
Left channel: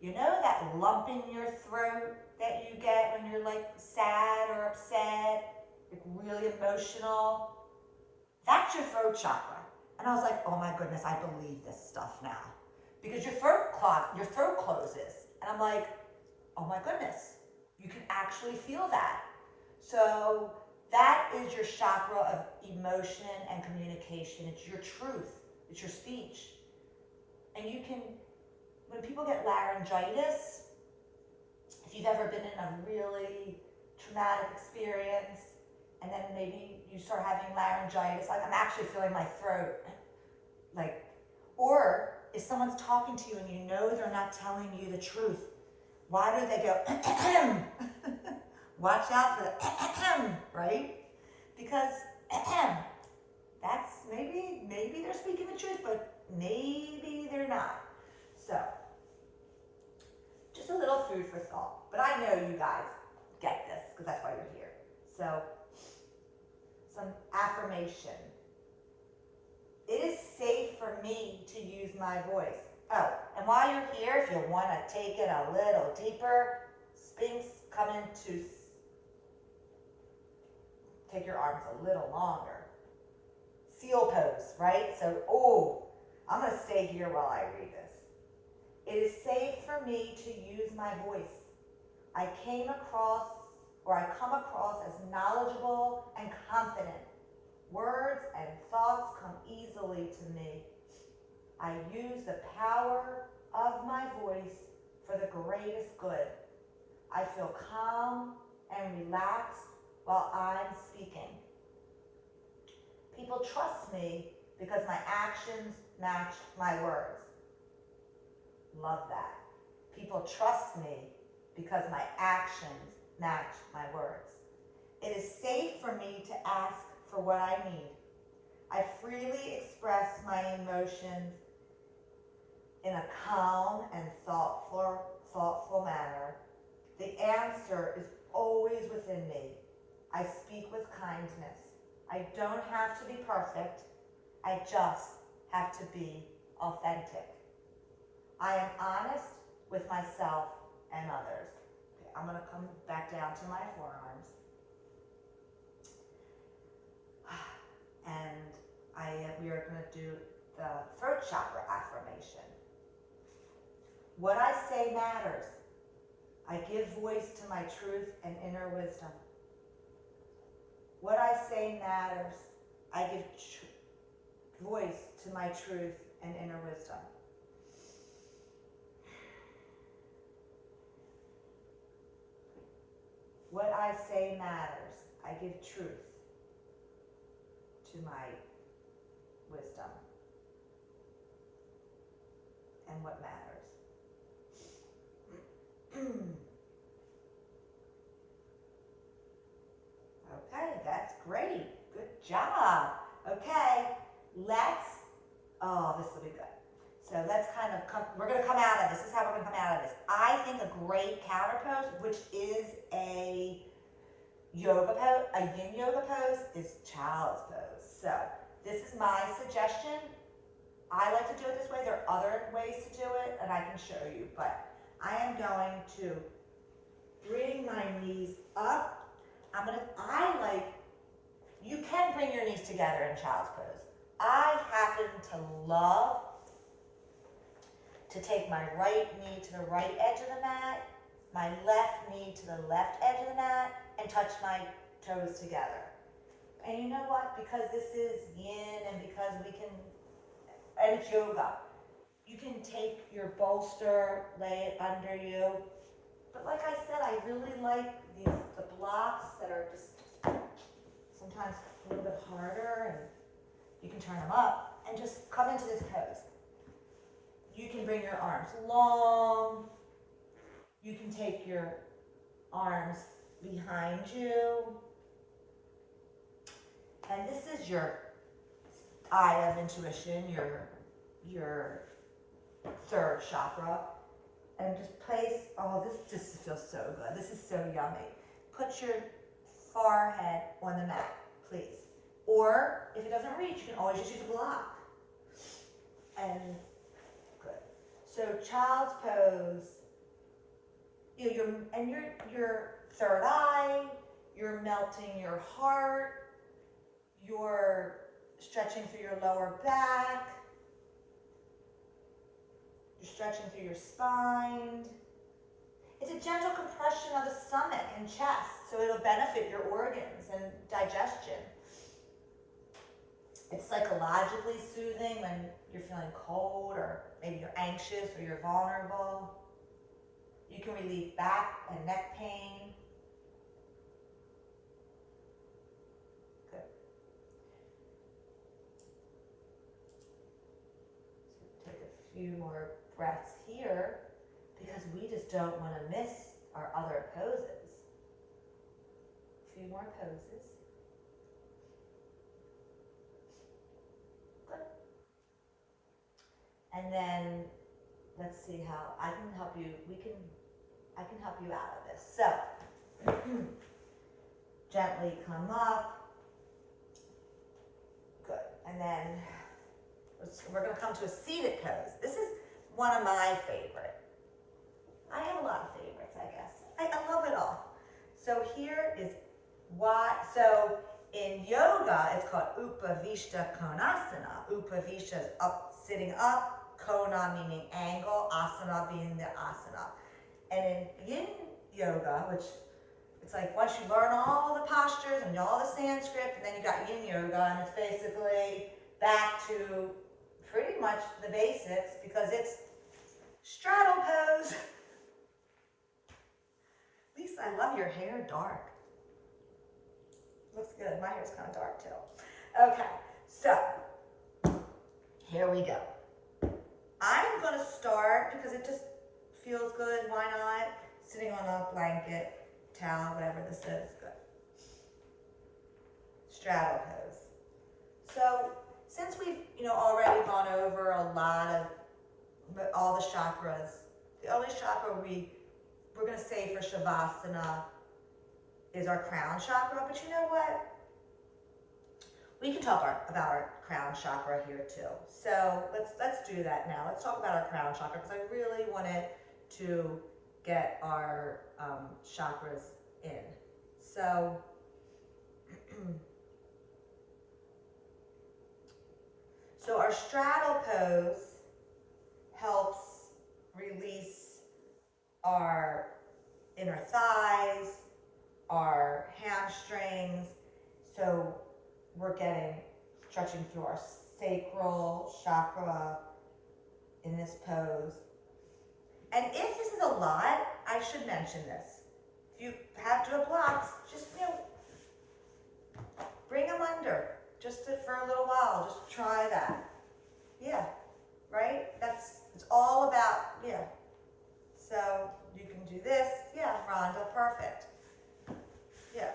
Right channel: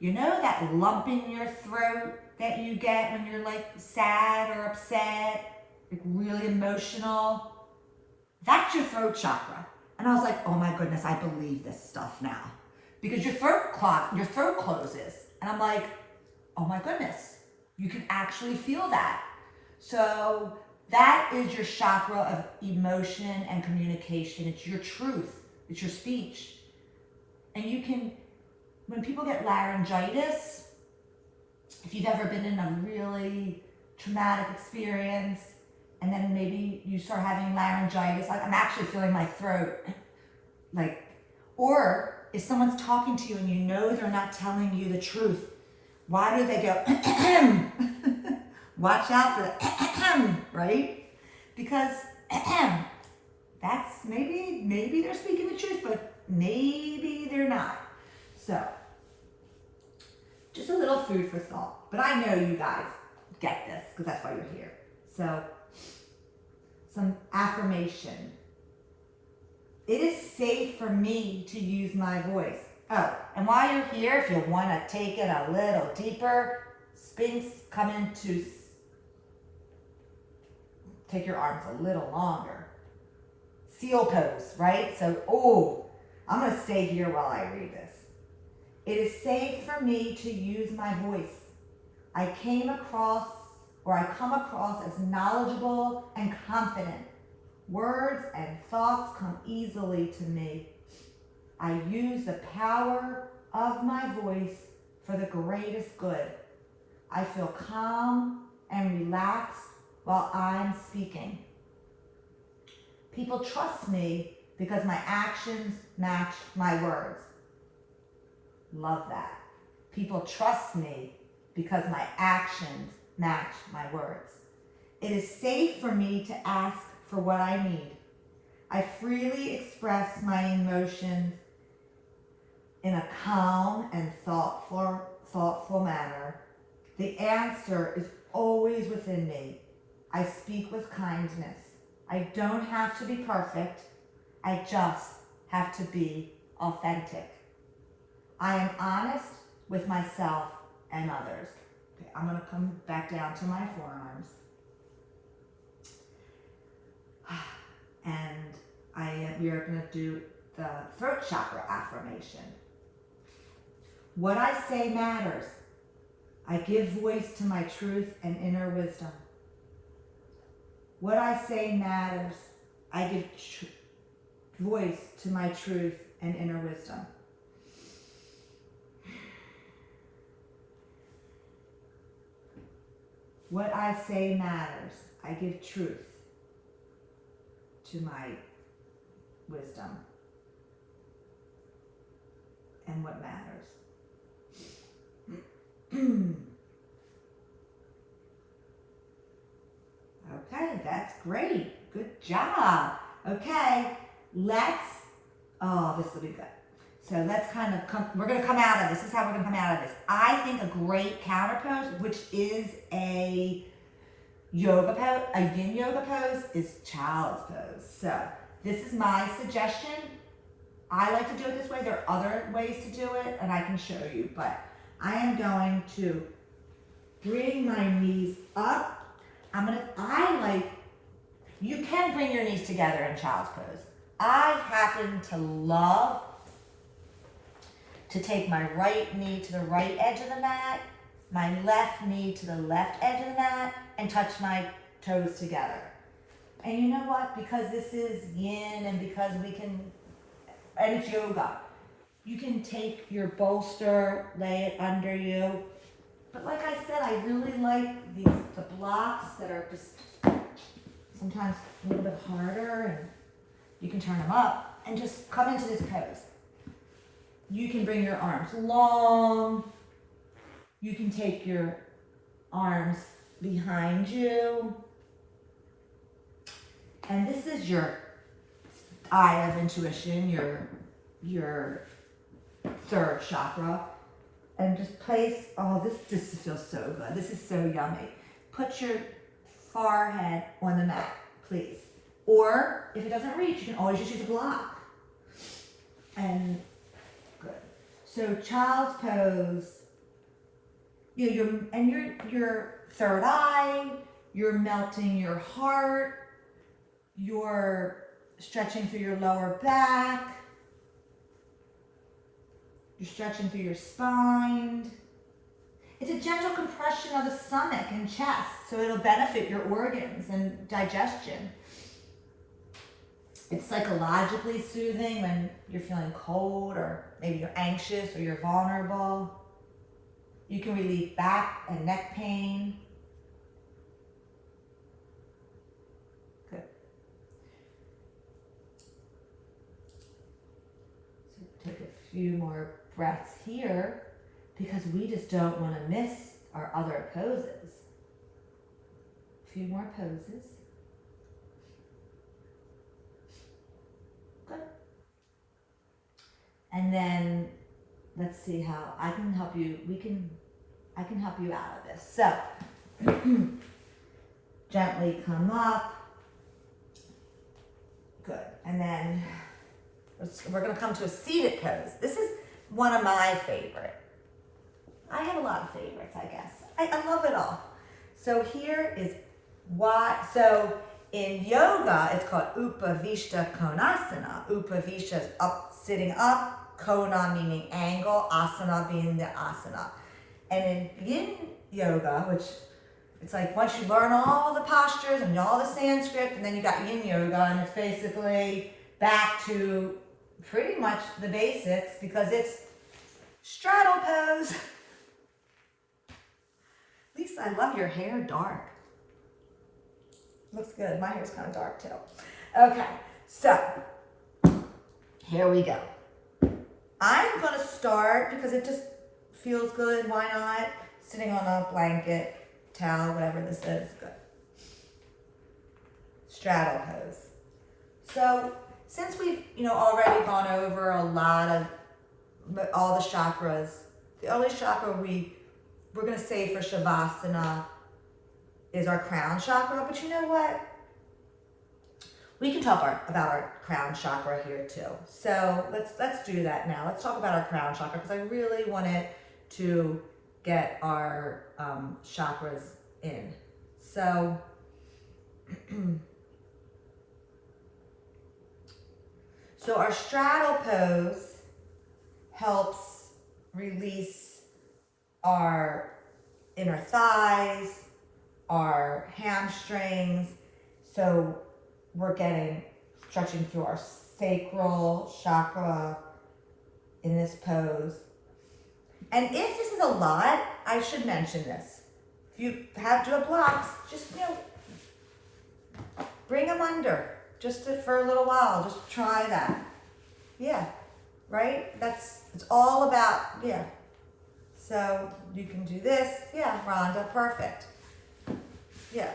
you know that lump in your throat that you get when you're like sad or upset, like really emotional? That's your throat chakra. And I was like, oh my goodness, I believe this stuff now. Because your throat closes. And I'm like, oh my goodness, you can actually feel that. So that is your chakra of emotion and communication. It's your truth. It's your speech. And you can, when people get laryngitis, if you've ever been in a really traumatic experience, and then maybe you start having laryngitis, like I'm actually feeling my throat, like, or if someone's talking to you and you know they're not telling you the truth, why do they go, watch out for the, right? Because that's, maybe they're speaking the truth, but maybe they're not. So, just a little food for thought. But I know you guys get this, because that's why you're here. So, some affirmation. It is safe for me to use my voice. Oh, and while you're here, if you want to take it a little deeper, Sphinx come into take your arms a little longer. Seal pose, right? So, I'm going to stay here while I read this. It is safe for me to use my voice. I come across as knowledgeable and confident. Words and thoughts come easily to me. I use the power of my voice for the greatest good. I feel calm and relaxed while I'm speaking. People trust me because my actions match my words. Love that. People trust me because my actions match my words. It is safe for me to ask for what I need. I freely express my emotions in a calm and thoughtful manner. The answer is always within me. I speak with kindness. I don't have to be perfect. I just have to be authentic. I am honest with myself and others. Okay, I'm going to come back down to my forearms. And we are going to do the throat chakra affirmation. What I say matters. I give voice to my truth and inner wisdom. What I say matters. I give voice to my truth and inner wisdom. What I say matters. I give truth to my wisdom and what matters. Okay, that's great. Good job. Okay, this will be good. So let's we're going to come out of this. This is how we're going to come out of this. I think a great counter pose, which is a yoga pose, a yin yoga pose, is child's pose. So this is my suggestion. I like to do it this way. There are other ways to do it, and I can show you, but I am going to bring my knees up. You can bring your knees together in child's pose. I happen to love to take my right knee to the right edge of the mat, my left knee to the left edge of the mat, and touch my toes together. And you know what? Because this is yin and because and it's yoga, you can take your bolster, lay it under you. But like I said, I really like the blocks that are just sometimes a little bit harder, and you can turn them up and just come into this pose. You can bring your arms long. You can take your arms behind you. And this is your eye of intuition, your third chakra. And just place, this feels so good. This is so yummy. Put your forehead on the mat, please. Or if it doesn't reach, you can always just use a block. And good. So child's pose, your third eye, you're melting your heart, you're stretching through your lower back, you're stretching through your spine. It's a gentle compression of the stomach and chest, so it'll benefit your organs and digestion. It's psychologically soothing when you're feeling cold or maybe you're anxious or you're vulnerable. You can relieve back and neck pain. Good. So take a few more breaths here because we just don't want to miss our other poses. A few more poses. Good. And then let's see how I can help you. I can help you out of this. So gently come up. Good. And then we're going to come to a seated pose. This is one of my favorite. I have a lot of favorites, I guess. I love it all. So here is why. So In yoga, it's called Upavishta Konasana. Upavishta is up, sitting up, Kona meaning angle, asana being the asana. And in yin yoga, which it's like once you learn all the postures and all the Sanskrit, and then you got yin yoga, and it's basically back to pretty much the basics because it's straddle pose. Lisa, I love your hair dark. Looks good. My hair's kind of dark too. Okay, so here we go. I'm going to start because it just feels good. Why not? Sitting on a blanket, towel, whatever this is. Good. Straddle pose. So since we've already gone over a lot of all the chakras, the only chakra we're going to say for Shavasana is our crown chakra, but you know what? We can talk about our crown chakra here too. So let's do that now. Let's talk about our crown chakra because I really wanted to get our chakras in. So so our straddle pose helps release our inner thighs, our hamstrings. So we're stretching through our sacral chakra in this pose. And if this is a lot, I should mention this. If you have to have blocks, just, bring them under just for a little while. Just try that. Yeah, right? It's all about, yeah. So you can do this. Yeah, Rhonda, perfect. Yeah,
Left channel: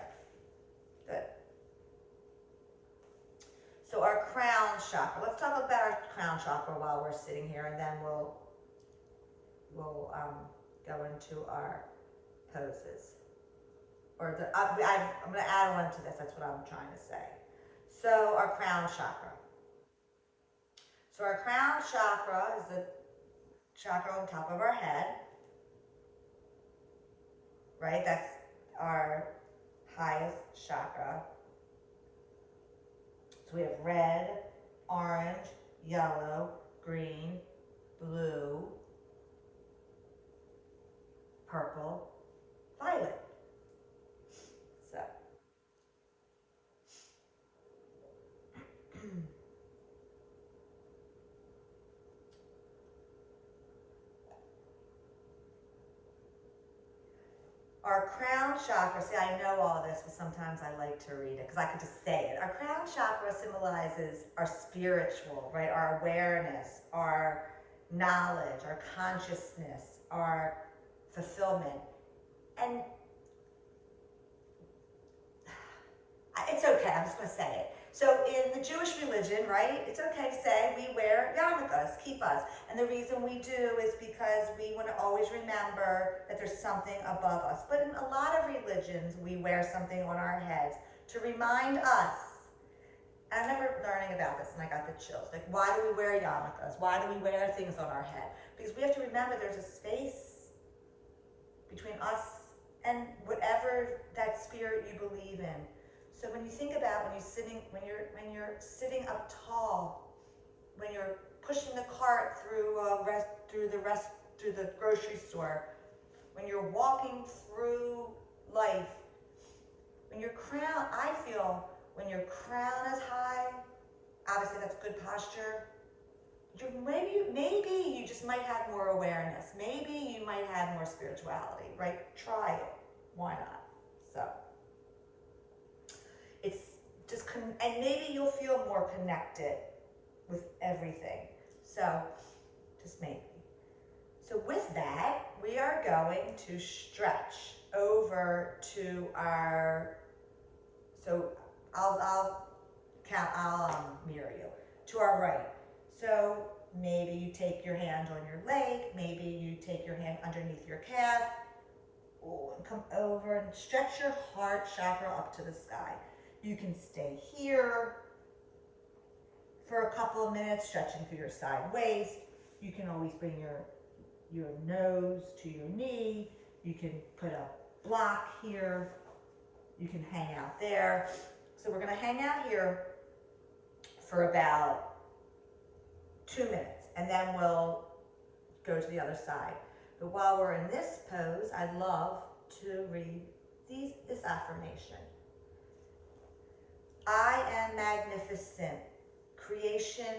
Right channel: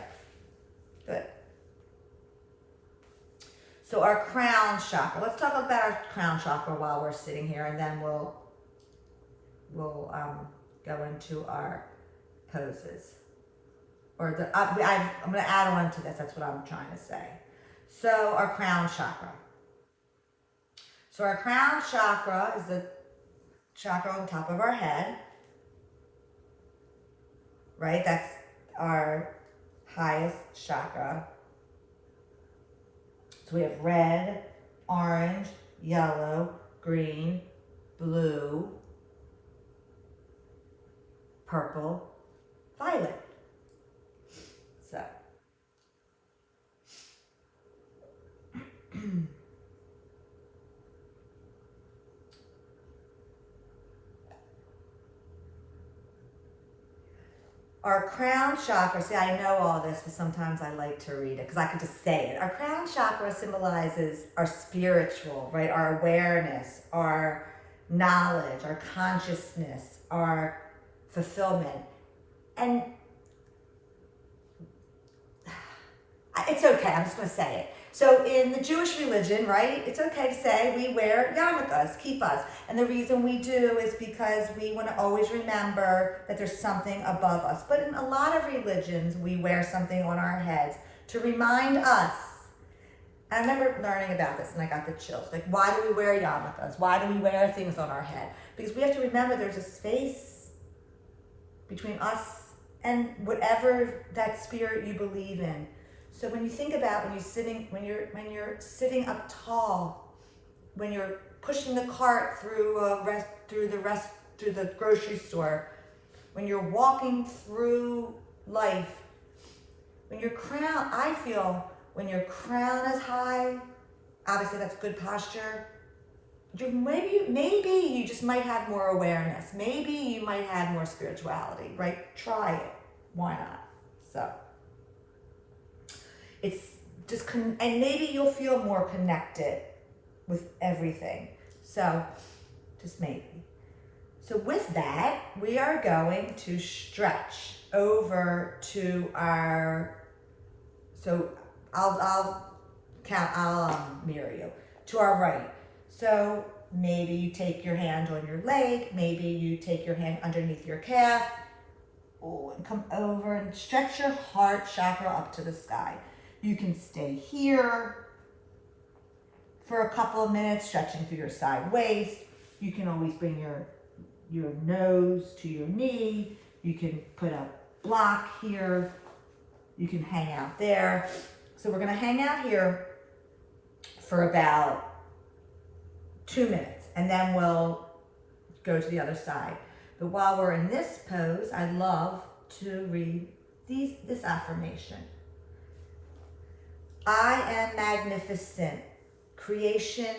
good. So our crown chakra. Let's talk about our crown chakra while we're sitting here, and then we'll go into our poses. I'm going to add on to this. That's what I'm trying to say. So our crown chakra. So our crown chakra is the chakra on top of our head, right? That's our highest chakra. So we have red, orange, yellow, green, blue, purple, violet. So our crown chakra, see, I know all this, but sometimes I like to read it because I can just say it. Our crown chakra symbolizes our spiritual, right? Our awareness, our knowledge, our consciousness, our fulfillment. And it's okay, I'm just going to say it. So in the Jewish religion, right, it's okay to say we wear yarmulkes, kippas. And the reason we do is because we want to always remember that there's something above us. But in a lot of religions, we wear something on our heads to remind us. I remember learning about this and I got the chills. Like, why do we wear yarmulkes? Why do we wear things on our head? Because we have to remember there's a space between us and whatever that spirit you believe in. So when you think about when you're sitting up tall, when you're pushing the cart through the grocery store, when you're walking through life, when your crown, I feel when your crown is high, obviously that's good posture. Maybe you just might have more awareness. Maybe you might have more spirituality, right? Try it. Why not? So. It's just, and maybe you'll feel more connected with everything. So, just maybe. So with that, we are going to stretch over to so I'll mirror you, to our right. So maybe you take your hand on your leg, maybe you take your hand underneath your calf, and come over and stretch your heart chakra up to the sky. You can stay here for a couple of minutes, stretching through your side waist. You can always bring your nose to your knee. You can put a block here. You can hang out there. So we're gonna hang out here for about 2 minutes, and then we'll go to the other side. But while we're in this pose, I love to read this affirmation. I am magnificent creation.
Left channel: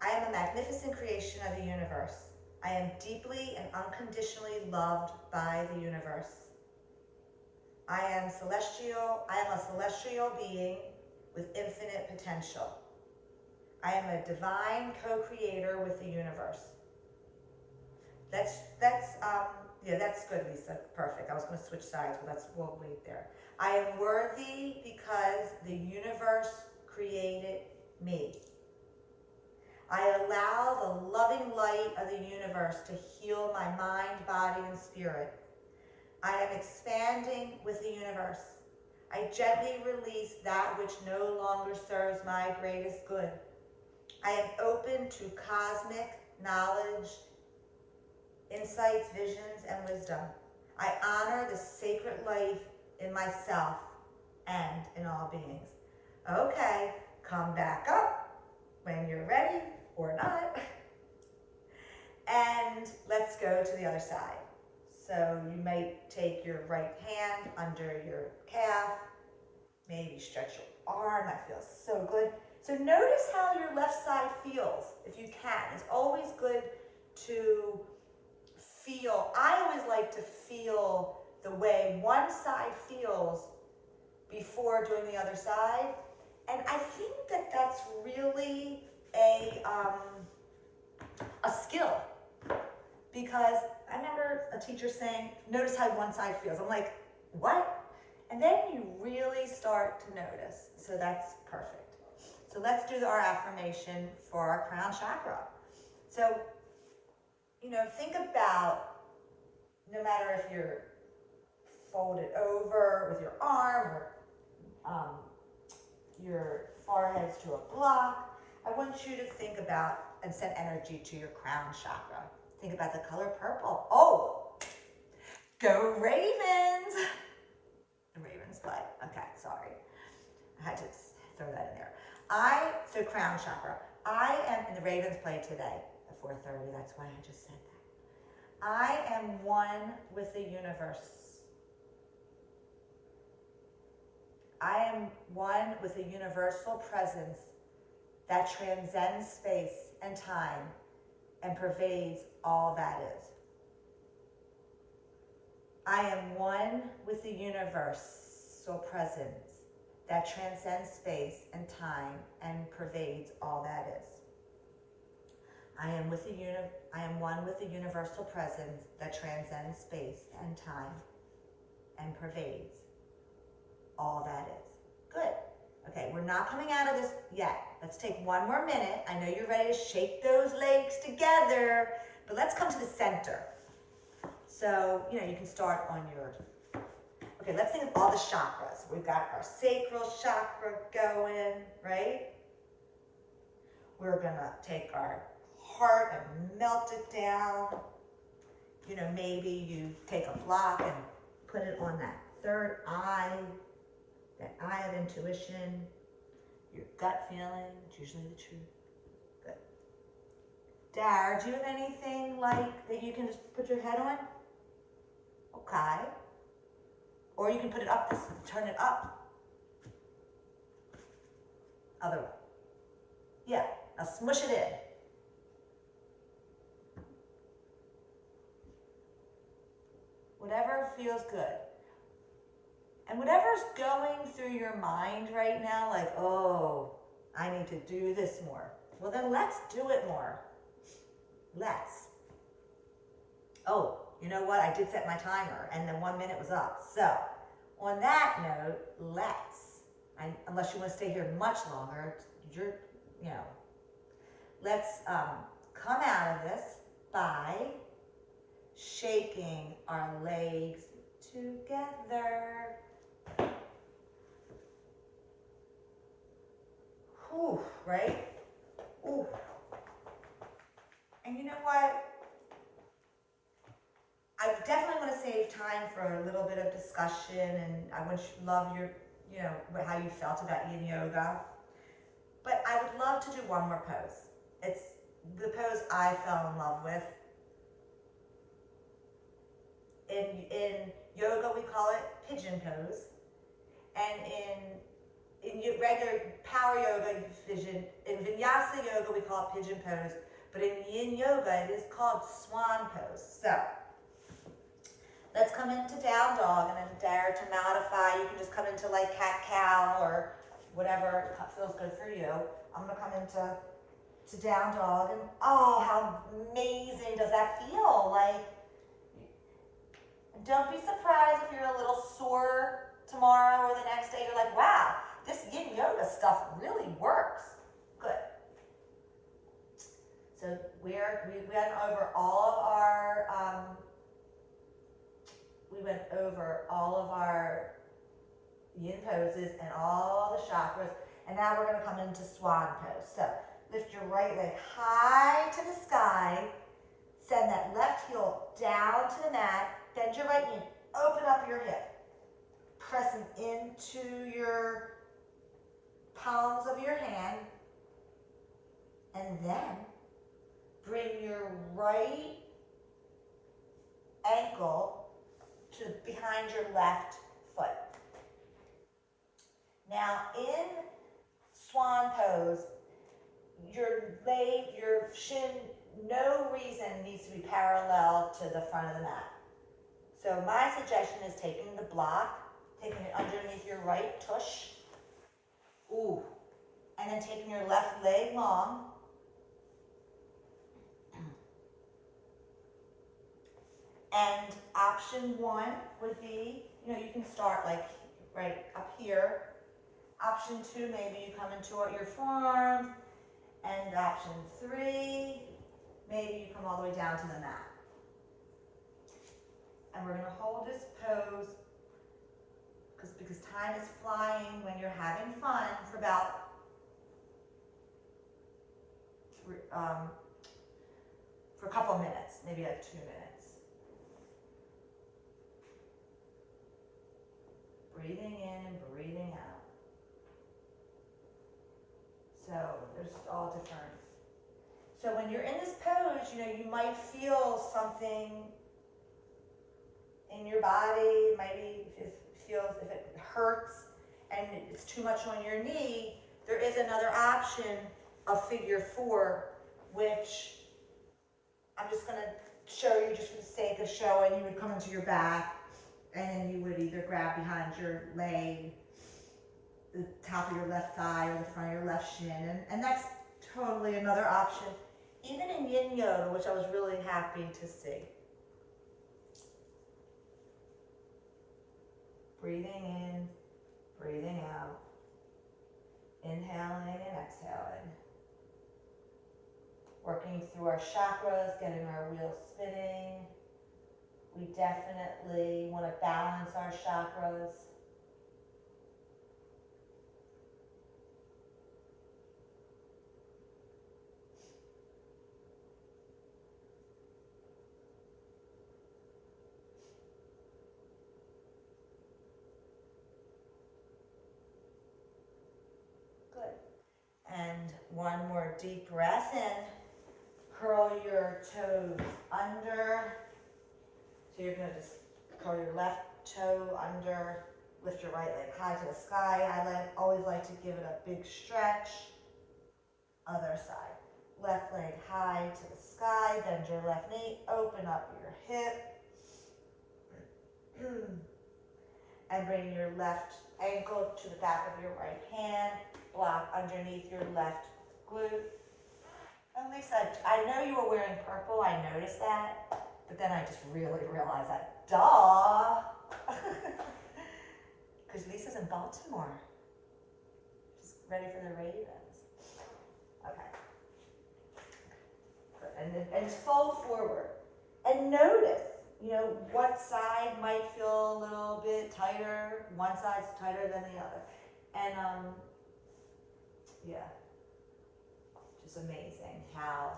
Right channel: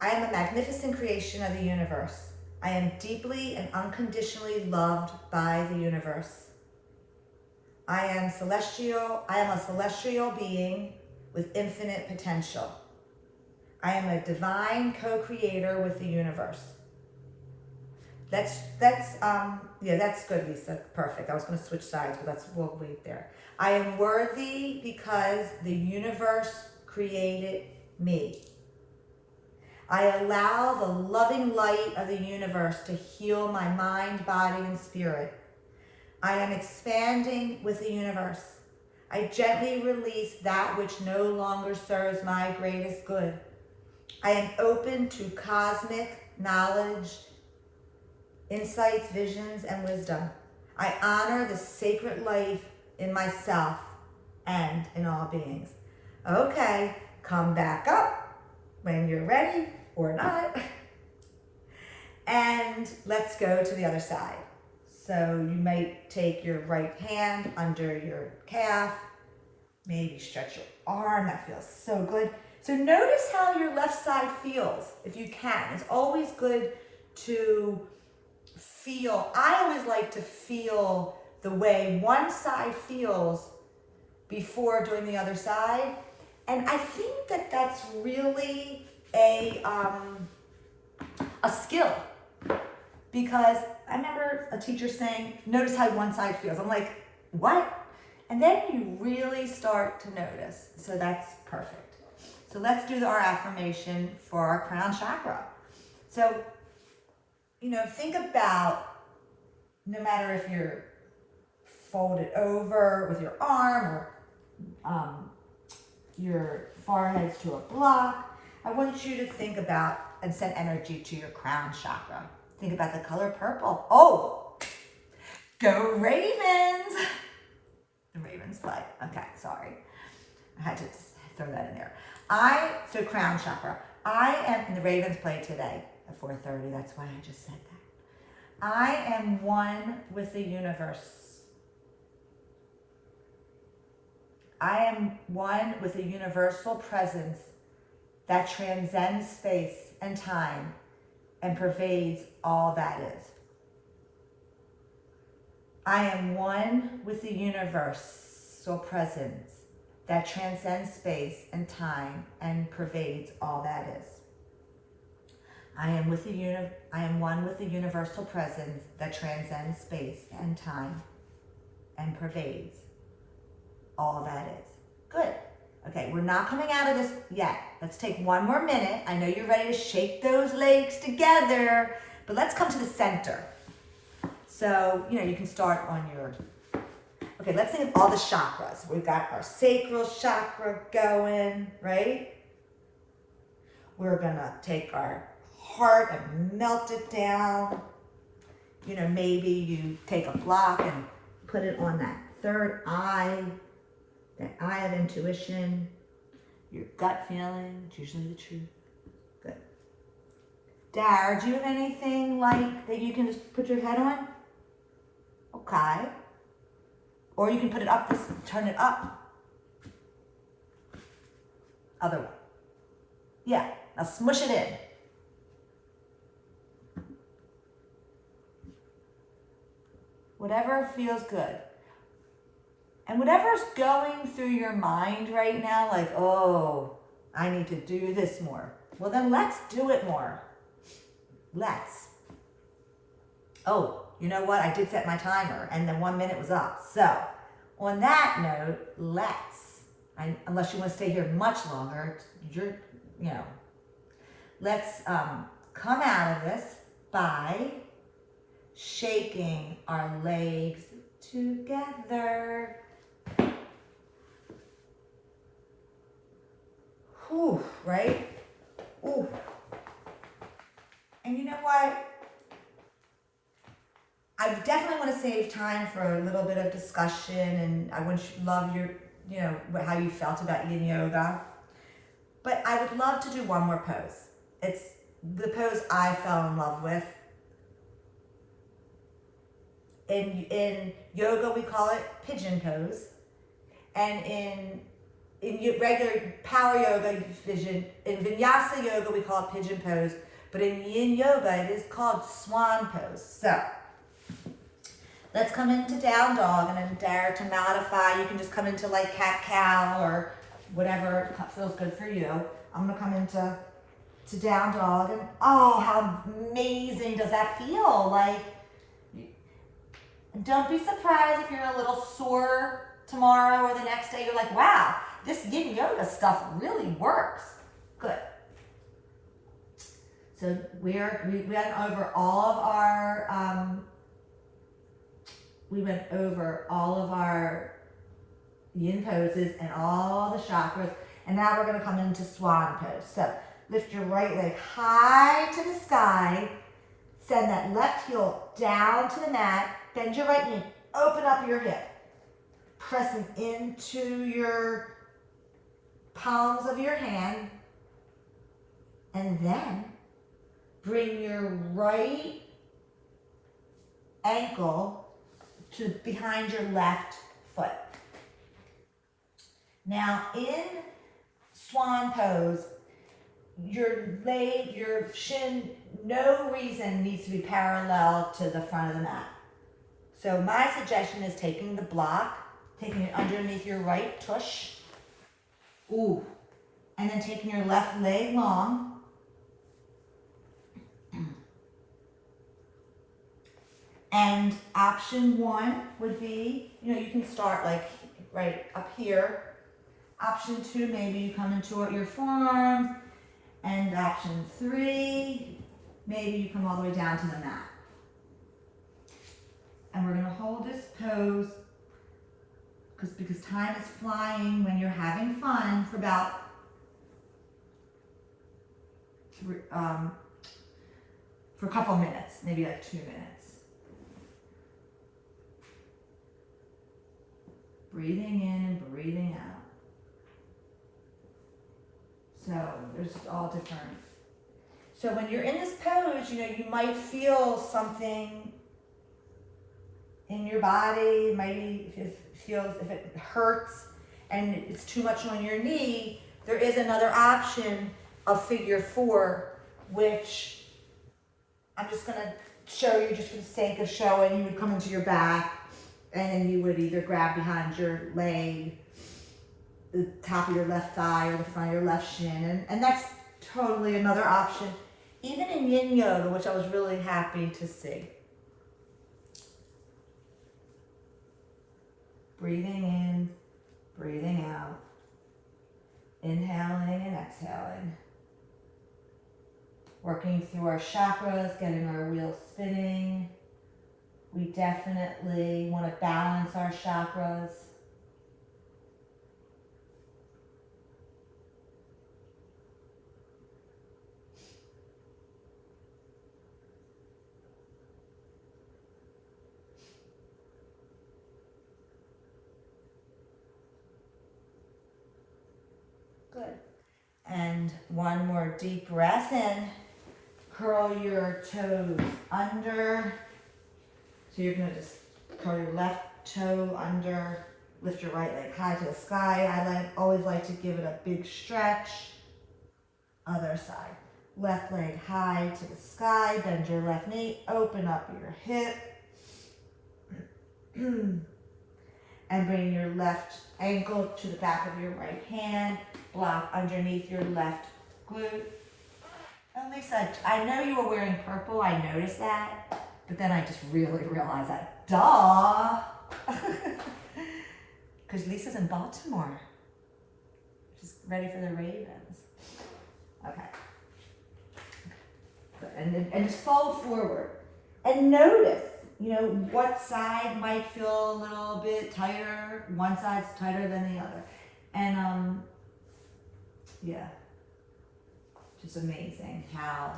I am a magnificent creation of the universe. I am deeply and unconditionally loved by the universe. I am a celestial being with infinite potential. I am a divine co-creator with the universe. That's good, Lisa. Perfect. I was going to switch sides, but we'll wait there. I am worthy because the universe created me. I allow the loving light of the universe to heal my mind, body, and spirit. I am expanding with the universe. I gently release that which no longer serves my greatest good. I am open to cosmic knowledge, insights, visions, and wisdom. I honor the sacred life in myself and in all beings. Okay, come back up when you're ready or not. And let's go to the other side. So you might take your right hand under your calf, maybe stretch your arm, that feels so good. So notice how your left side feels, if you can. It's always good to feel. I always like to feel the way one side feels before doing the other side. And I think that that's really a skill, because I remember a teacher saying, notice how one side feels. I'm like, what? And then you really start to notice. So that's perfect. So let's do our affirmation for our crown chakra. So, think about, no matter if you're folded over with your arm or your forehead's to a block, I want you to think about and send energy to your crown chakra. Think about the color purple. Oh, go Ravens! The Ravens play. Okay, sorry. I had to throw that in there. So crown chakra. And the Ravens play today at 4:30. That's why I just said that. I am one with the universe. I am one with a universal presence that transcends space and time and pervades all that is. I am one with the universal presence that transcends space and time and pervades all that is. I am one with the universal presence that transcends space and time and pervades all that is. Good. Okay, we're not coming out of this yet. Let's take one more minute. I know you're ready to shake those legs together, but let's come to the center. So, you can start on your, okay, let's think of all the chakras. We've got our sacral chakra going, right? We're gonna take our heart and melt it down. Maybe you take a block and put it on that third eye, that eye of intuition, your gut feeling, it's usually the truth. Good. Dara, do you have anything that you can just put your head on? Okay. Or you can put it up, turn it up. Other way. Yeah, now smush it in. Whatever feels good. And whatever's going through your mind right now, like, oh, I need to do this more. Well, then let's do it more. Let's. Oh, you know what? I did set my timer and then 1 minute was up. So on that note, unless you want to stay here much longer, let's come out of this by shaking our legs together. Whew, right? Ooh. And you know what? I definitely want to save time for a little bit of discussion, and I love you know, how you felt about yin yoga. But I would love to do one more pose. It's the pose I fell in love with. In yoga, we call it pigeon pose. And in regular power yoga, in vinyasa yoga, we call it pigeon pose. But in yin yoga, it is called swan pose. So let's come into down dog, and then dare to modify. You can just come into like cat cow or whatever feels good for you. I'm gonna come into down dog, and oh, how amazing does that feel? Like, don't be surprised if you're a little sore tomorrow or the next day. You're like, wow, this yin yoga stuff really works. Good. So we went over all of our yin poses and all the chakras, and now we're going to come into swan pose. So lift your right leg high to the sky, send that left heel down to the mat, bend your right knee, open up your hip, pressing into your palms of your hand, and then bring your right ankle to behind your left foot. Now in swan pose, your leg, your shin, no reason needs to be parallel to the front of the mat. So my suggestion is taking the block, taking it underneath your right tush, ooh, and then taking your left leg long, and option one would be, you know, you can start like right up here. Option two, maybe you come into your forearms. And option three, maybe you come all the way down to the mat. And we're gonna hold this pose because time is flying when you're having fun for about for a couple minutes, maybe like 2 minutes. Breathing in and breathing out. So there's all different. So when you're in this pose, you know, you might feel something in your body. Maybe if it hurts and it's too much on your knee, there is another option of figure four, which I'm just gonna show you just for the sake of showing. You would come into your back, and then you would either grab behind your leg, the top of your left thigh, or the front of your left shin, and that's totally another option, even in yin yoga, which I was really happy to see. Breathing in, breathing out, inhaling and exhaling, working through our chakras, getting our wheels spinning. We definitely want to balance our chakras. Good. And one more deep breath in. Curl your toes under. So you're going to just curl your left toe under, lift your right leg high to the sky. I always like to give it a big stretch. Other side. Left leg high to the sky, bend your left knee, open up your hip. And bring your left ankle to the back of your right hand. Block underneath your left glute. And Lisa, I know you were wearing purple, I noticed that, but then I just really realized that, duh. Because Lisa's in Baltimore. She's ready for the Ravens. Okay. And just fold forward. And notice, you know, what side might feel a little bit tighter. One side's tighter than the other. And, yeah. Just amazing how,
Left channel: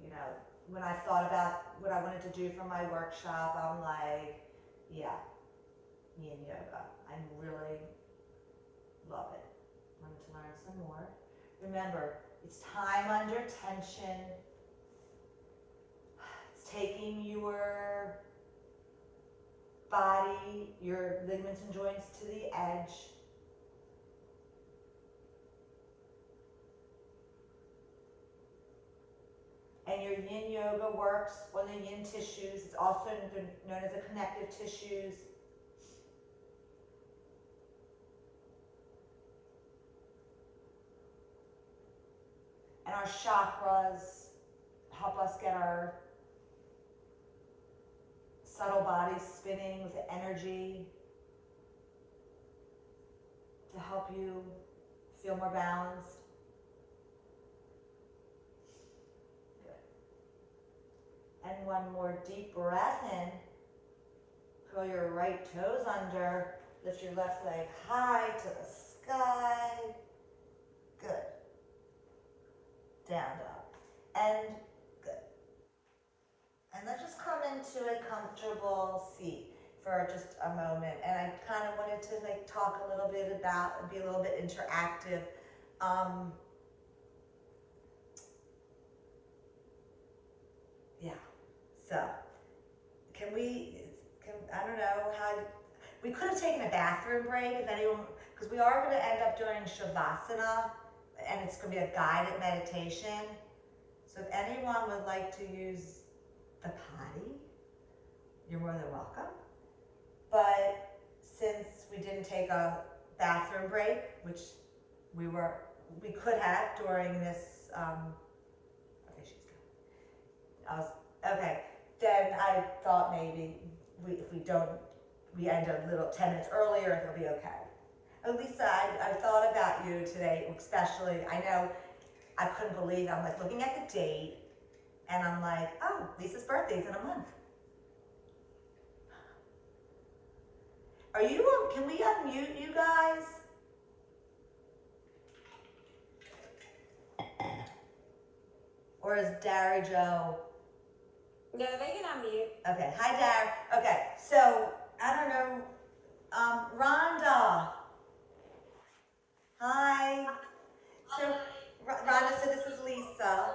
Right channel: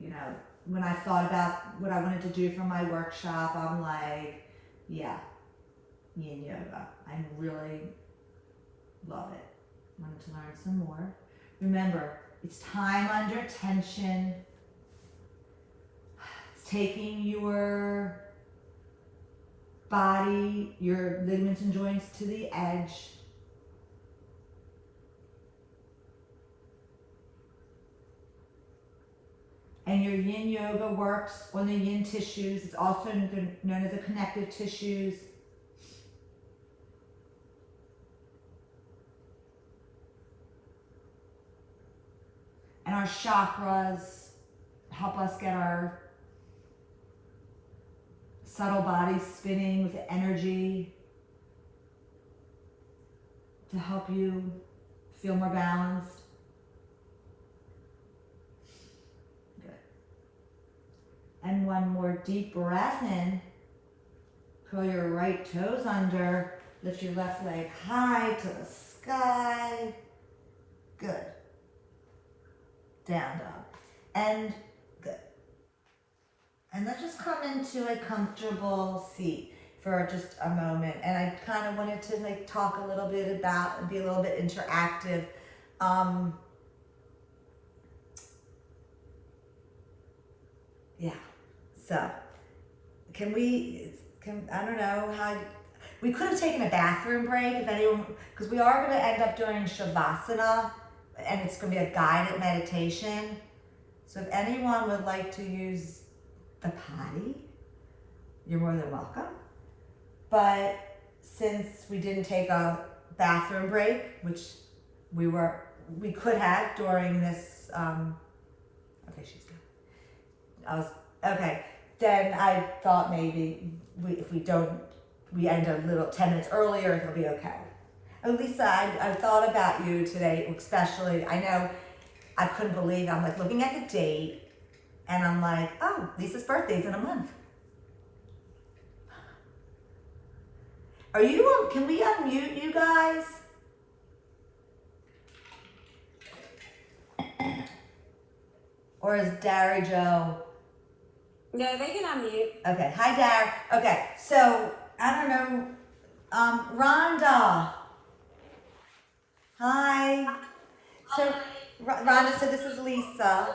you know, when I thought about what I wanted to do for my workshop, I'm like, yeah, yin yoga. I'm really Love it. Wanted to learn some more. Remember, it's time under tension. It's taking your body, your ligaments and joints to the edge. And your yin yoga works on the yin tissues. It's also known as the connective tissues. And our chakras help us get our subtle bodies spinning with the energy to help you feel more balanced. And one more deep breath in. Curl your right toes under. Lift your left leg high to the sky. Good. Down dog. And good. And let's just come into a comfortable seat for just a moment. And I kind of wanted to like talk a little bit about and be a little bit interactive. Yeah. So, I don't know how, we could have taken a bathroom break if anyone, because we are going to end up doing Shavasana, and it's going to be a guided meditation. So if anyone would like to use the potty, you're more than welcome. But since we didn't take a bathroom break, which we could have during this, okay, she's good. Okay. Then I thought maybe if we end a little 10 minutes earlier, it'll be okay. Oh, Lisa, I thought about you today, especially. I know I couldn't believe, I'm like looking at the date and I'm like, oh, Lisa's birthday's in a month. Can we unmute you guys? Or is Dara Joe? No, they can unmute. Okay, hi Dara. Okay, so, I don't know, Rhonda. Hi. So, Rhonda, so this is Lisa.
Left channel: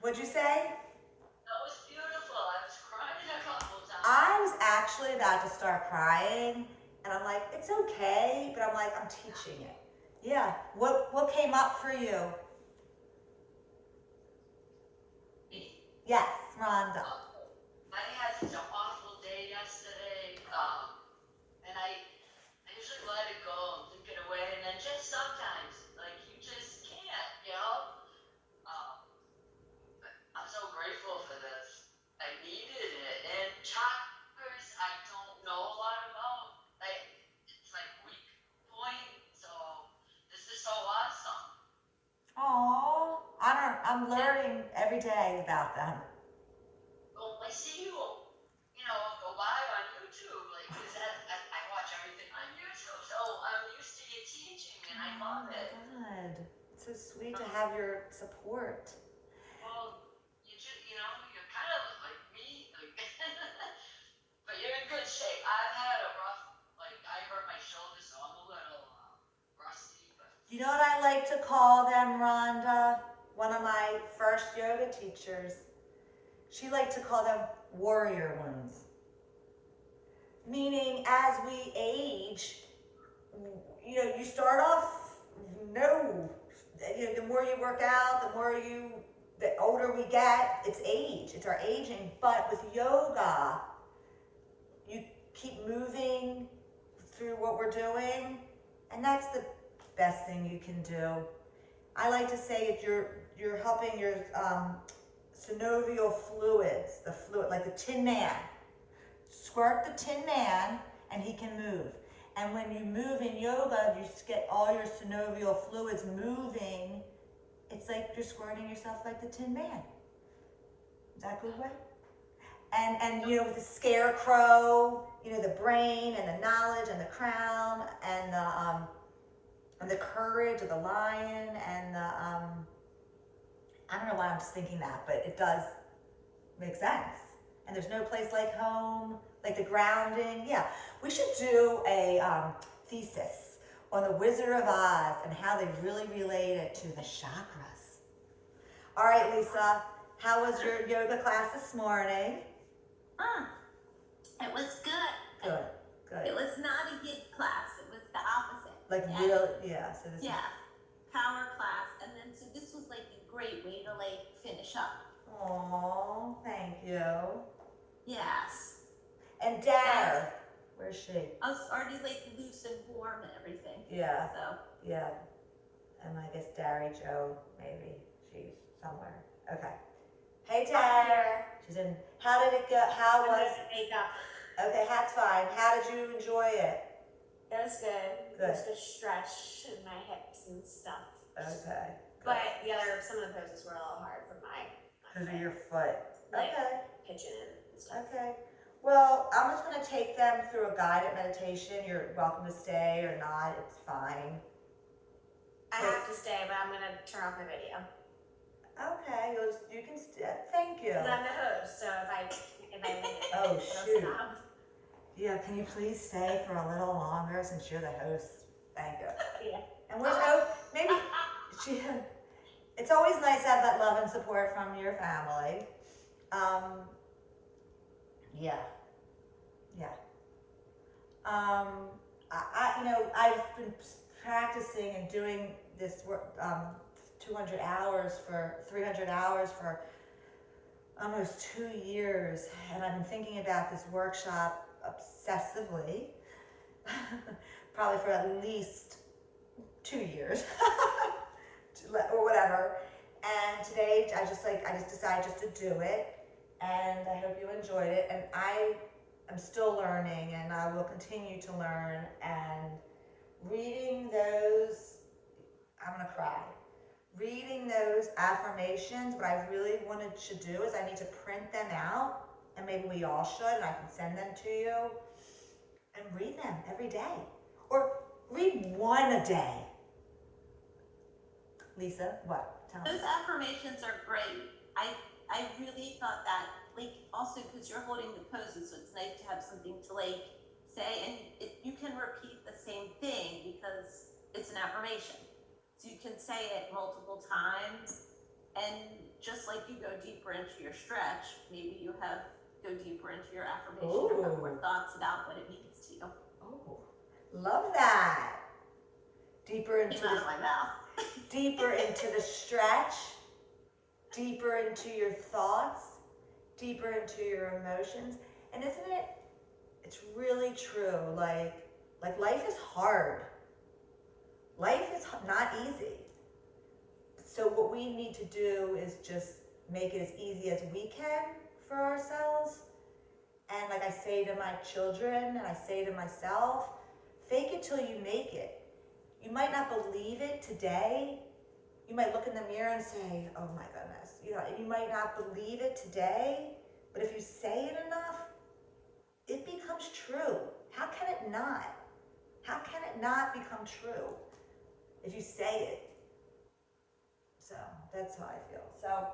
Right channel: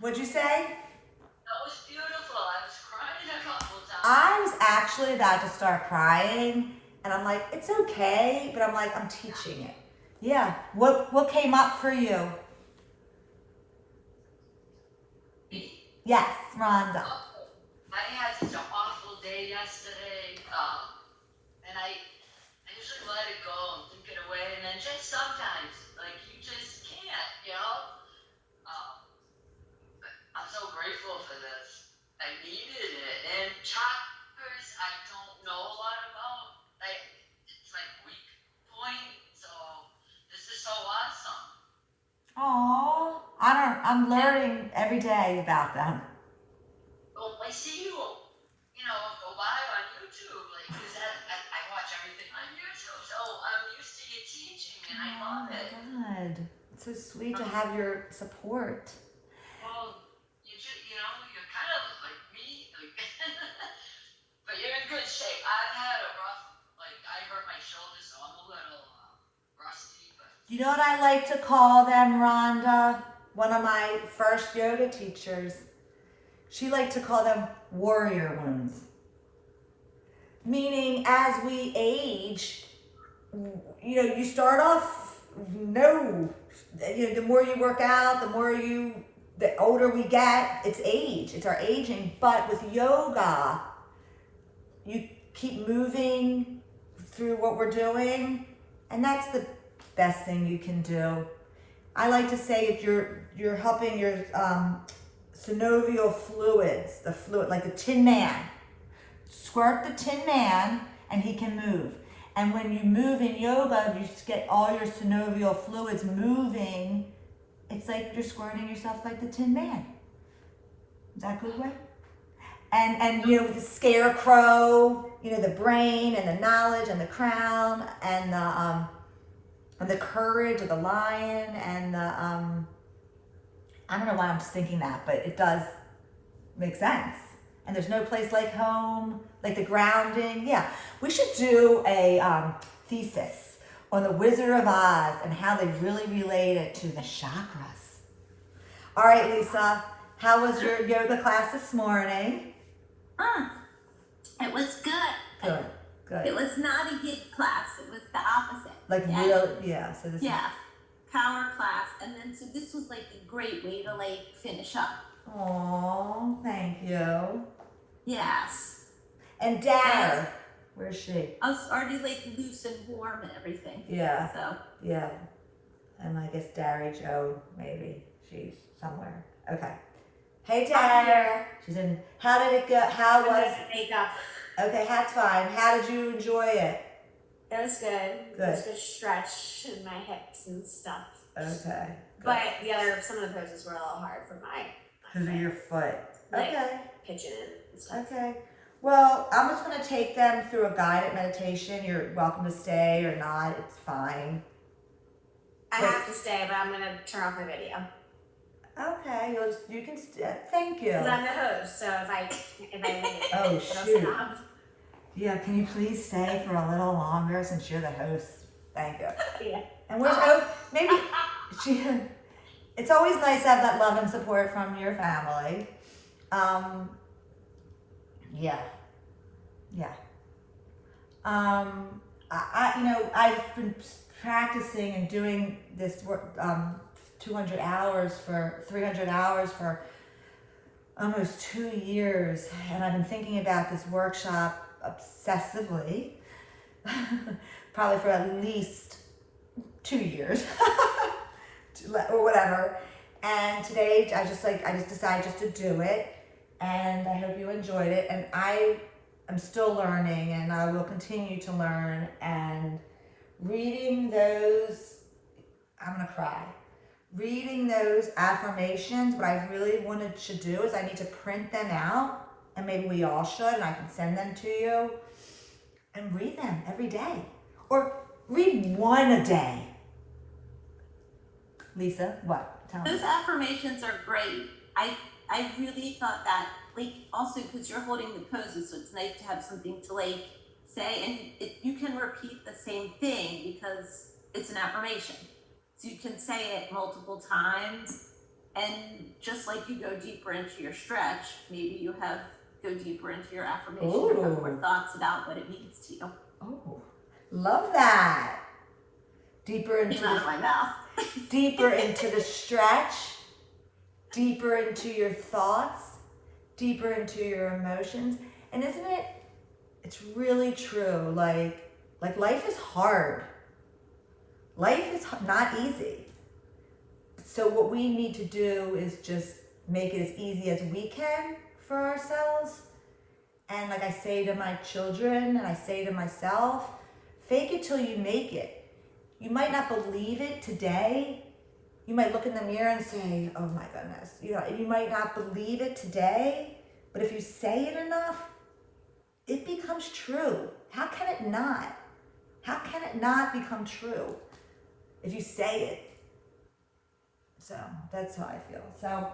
What'd you say? That was beautiful. I was crying a couple times. I was actually about to start crying, and I'm like, it's okay, but I'm like, I'm teaching it. Yeah. What came up for you? Me? Yes, Rhonda. I had such an awful day yesterday, and I usually let it go and think it away, and then just sometimes, like, you just can't, you know? But I'm so grateful for this. I needed it. And chakras, I don't know a lot about. It's like weak point, so this is so awesome. Aww. I'm learning every day about them. Well, I see you, go live on YouTube, like, 'cause I watch everything on YouTube, so I'm used to you teaching, and I love it. God. It's so sweet to have your support. Well, you're kind of like me, like, but you're in good shape. I've had a rough, I hurt my shoulder, so I'm a little rusty, but. You know what I like to call them, Rhonda? One of my first yoga teachers, she liked to call them warrior wounds. Meaning, as we age, you start off, the more you work out, the older we get, it's age, it's our aging. But with yoga, you keep moving through what we're doing, and that's the best thing you can do. I like to say if you're helping your synovial fluids, the fluid, like the Tin Man, squirt the Tin Man and he can move. And when you move in yoga, you just get all your synovial fluids moving. It's like you're squirting yourself like the Tin Man. Is that a good way? And with the scarecrow, the brain and the knowledge and the crown and the courage of the lion and the I don't know why I'm just thinking that, but it does make sense. And there's no place like home, like the grounding. Yeah, we should do a thesis on the Wizard of Oz and how they really relate it to the chakras. All right, Lisa, how was your yoga class this morning? It was good. Good, good. It was not a hit class. It was the opposite. Like Yeah. real, yeah. So this is. Yeah, power class, and then so this was like a great way to like finish up. Oh, thank you. Yes, And Dara, where's she? I was already like loose and warm and everything. Yeah, So yeah. And I guess Dari Joe, maybe she's somewhere. Okay. Hey, Dara. She's in. How did it go? How was? Makeup. Okay, that's fine. How did you enjoy it? It was good. Good. It was good stretch in my hips and stuff. Okay. Good. But some of the poses were a little hard for my Because of your foot. Like- Okay. pitching in and stuff. Okay. Well, I'm just going to take them through a guided meditation. You're welcome to stay or not. It's fine. I have to stay, but I'm gonna turn off my video Okay. You can. Thank you. because I'm the host. So if I leave it, Oh, it'll shoot. stop. Yeah. Can you please stay for a little longer since you're the host? Thank you. Yeah. And where's maybe she. It's always nice to have that love and support from your family. Yeah. Yeah. I've been practicing and doing this work, 200 hours for 300 hours for almost 2 years, and I've been thinking about this workshop obsessively, probably for at least 2 years, or whatever. And today, I just decided just to do it, and I hope you enjoyed it. And I am still learning, and I will continue to learn. And reading those, I'm gonna cry. Reading those affirmations, what I really wanted to do is I need to print them out, and maybe we all should, and I can send them to you, and read them every day, or read one a day. Lisa, what? Tell me. those affirmations are great. I really thought that, like, also because you're holding the poses, so it's nice to have something to like say, and you can repeat the same thing because it's an affirmation. So you can say it multiple times, and just like you go deeper into your stretch, maybe you go deeper into your affirmation or have more thoughts about what it means to you. Oh, love that. Deeper into Came out of my mouth. deeper into the stretch, deeper into your thoughts, deeper into your emotions. And isn't it? It's really true. Like life is hard. Life is not easy. So what we need to do is just make it as easy as we can for ourselves. And like I say to my children, and I say to myself, fake it till you make it. You might not believe it today. You might look in the mirror and say, oh my goodness. You might not believe it today, but if you say it enough, it becomes true. How can it not? How can it not become true if you say it? So that's how I feel. So,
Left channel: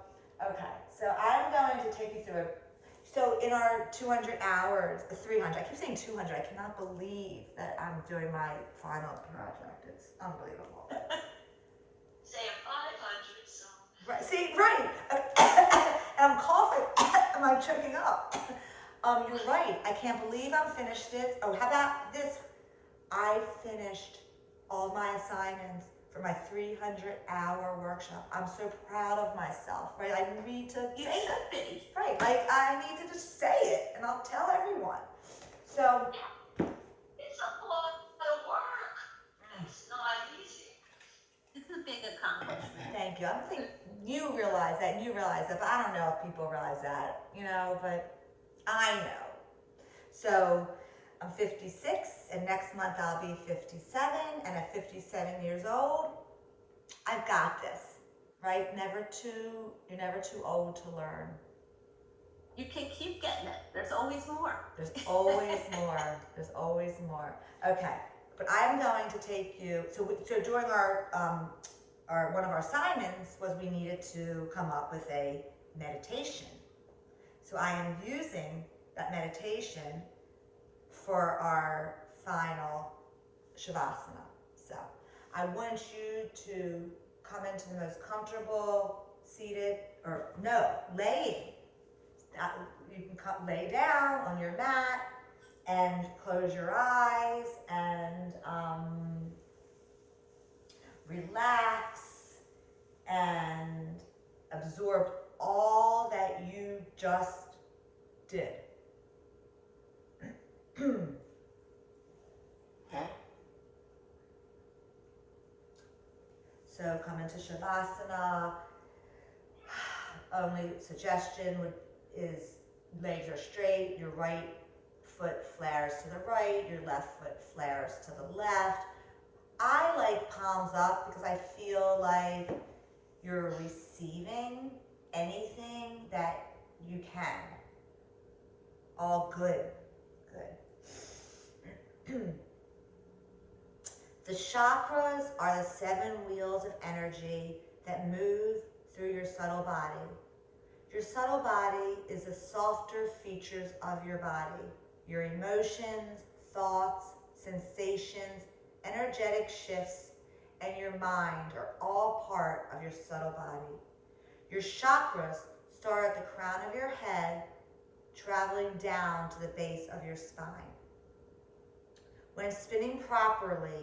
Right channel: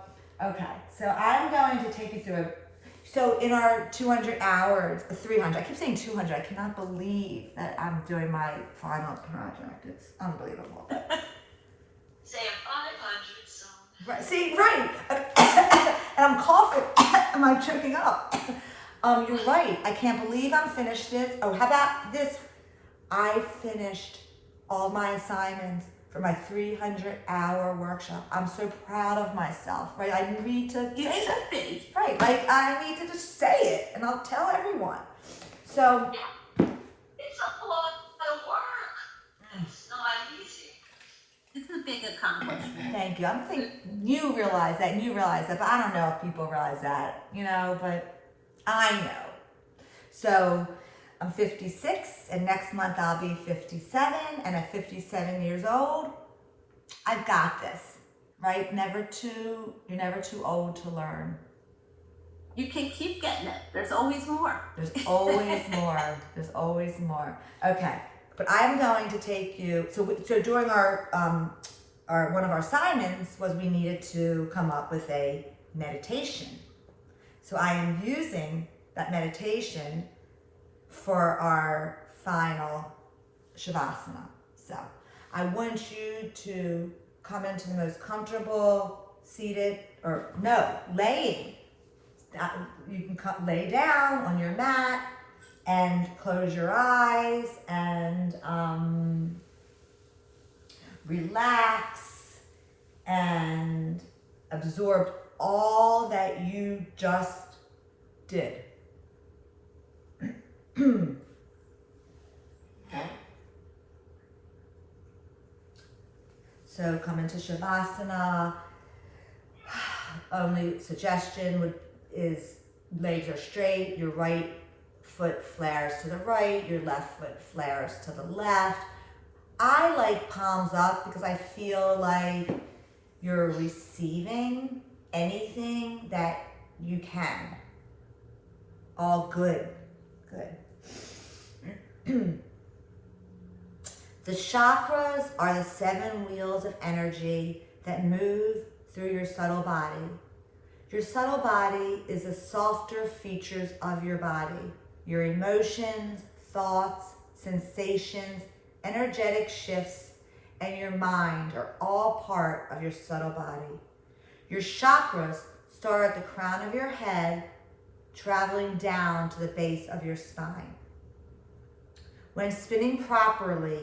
okay. So I'm going to take you through it. So in our 200 hours, 300, I keep saying 200. I cannot believe that I'm doing my final project. It's unbelievable. Say a 500 song. Right. See, right. And I'm coughing. Am I choking up? You're right. I can't believe I'm finished this. Oh, how about this? I finished all my assignments for my 300-hour workshop. I'm so proud of myself, right? I need to You say should that. be. Right, like I need to just say it, and I'll tell everyone. So, It's a lot of work. It's not easy. It's a big accomplishment. thank you. I'm thinking you realize that, and you realize that, but I don't know if people realize that, but I know. So, I'm 56, and next month I'll be 57, and at 57 years old, I've got this, right? You're never too old to learn. You can keep getting it. There's always more. There's always more. There's always more. Okay, but I'm going to take you. So during our one of our assignments was we needed to come up with a meditation. So I am using that meditation for our final Shavasana. So I want you to come into the most comfortable seated, or no, laying. You can lay down on your mat and close your eyes and relax and absorb all that you just did. So come into Shavasana. Only suggestion is legs are straight, your right foot flares to the right, your left foot flares to the left. I like palms up because I feel like you're receiving anything that you can. All good. Good. The chakras are the 7 wheels of energy that move through your subtle body. Your subtle body is the softer features of your body. Your emotions, thoughts, sensations, energetic shifts, and your mind are all part of your subtle body. Your chakras start at the crown of your head, traveling down to the base of your spine. When spinning properly,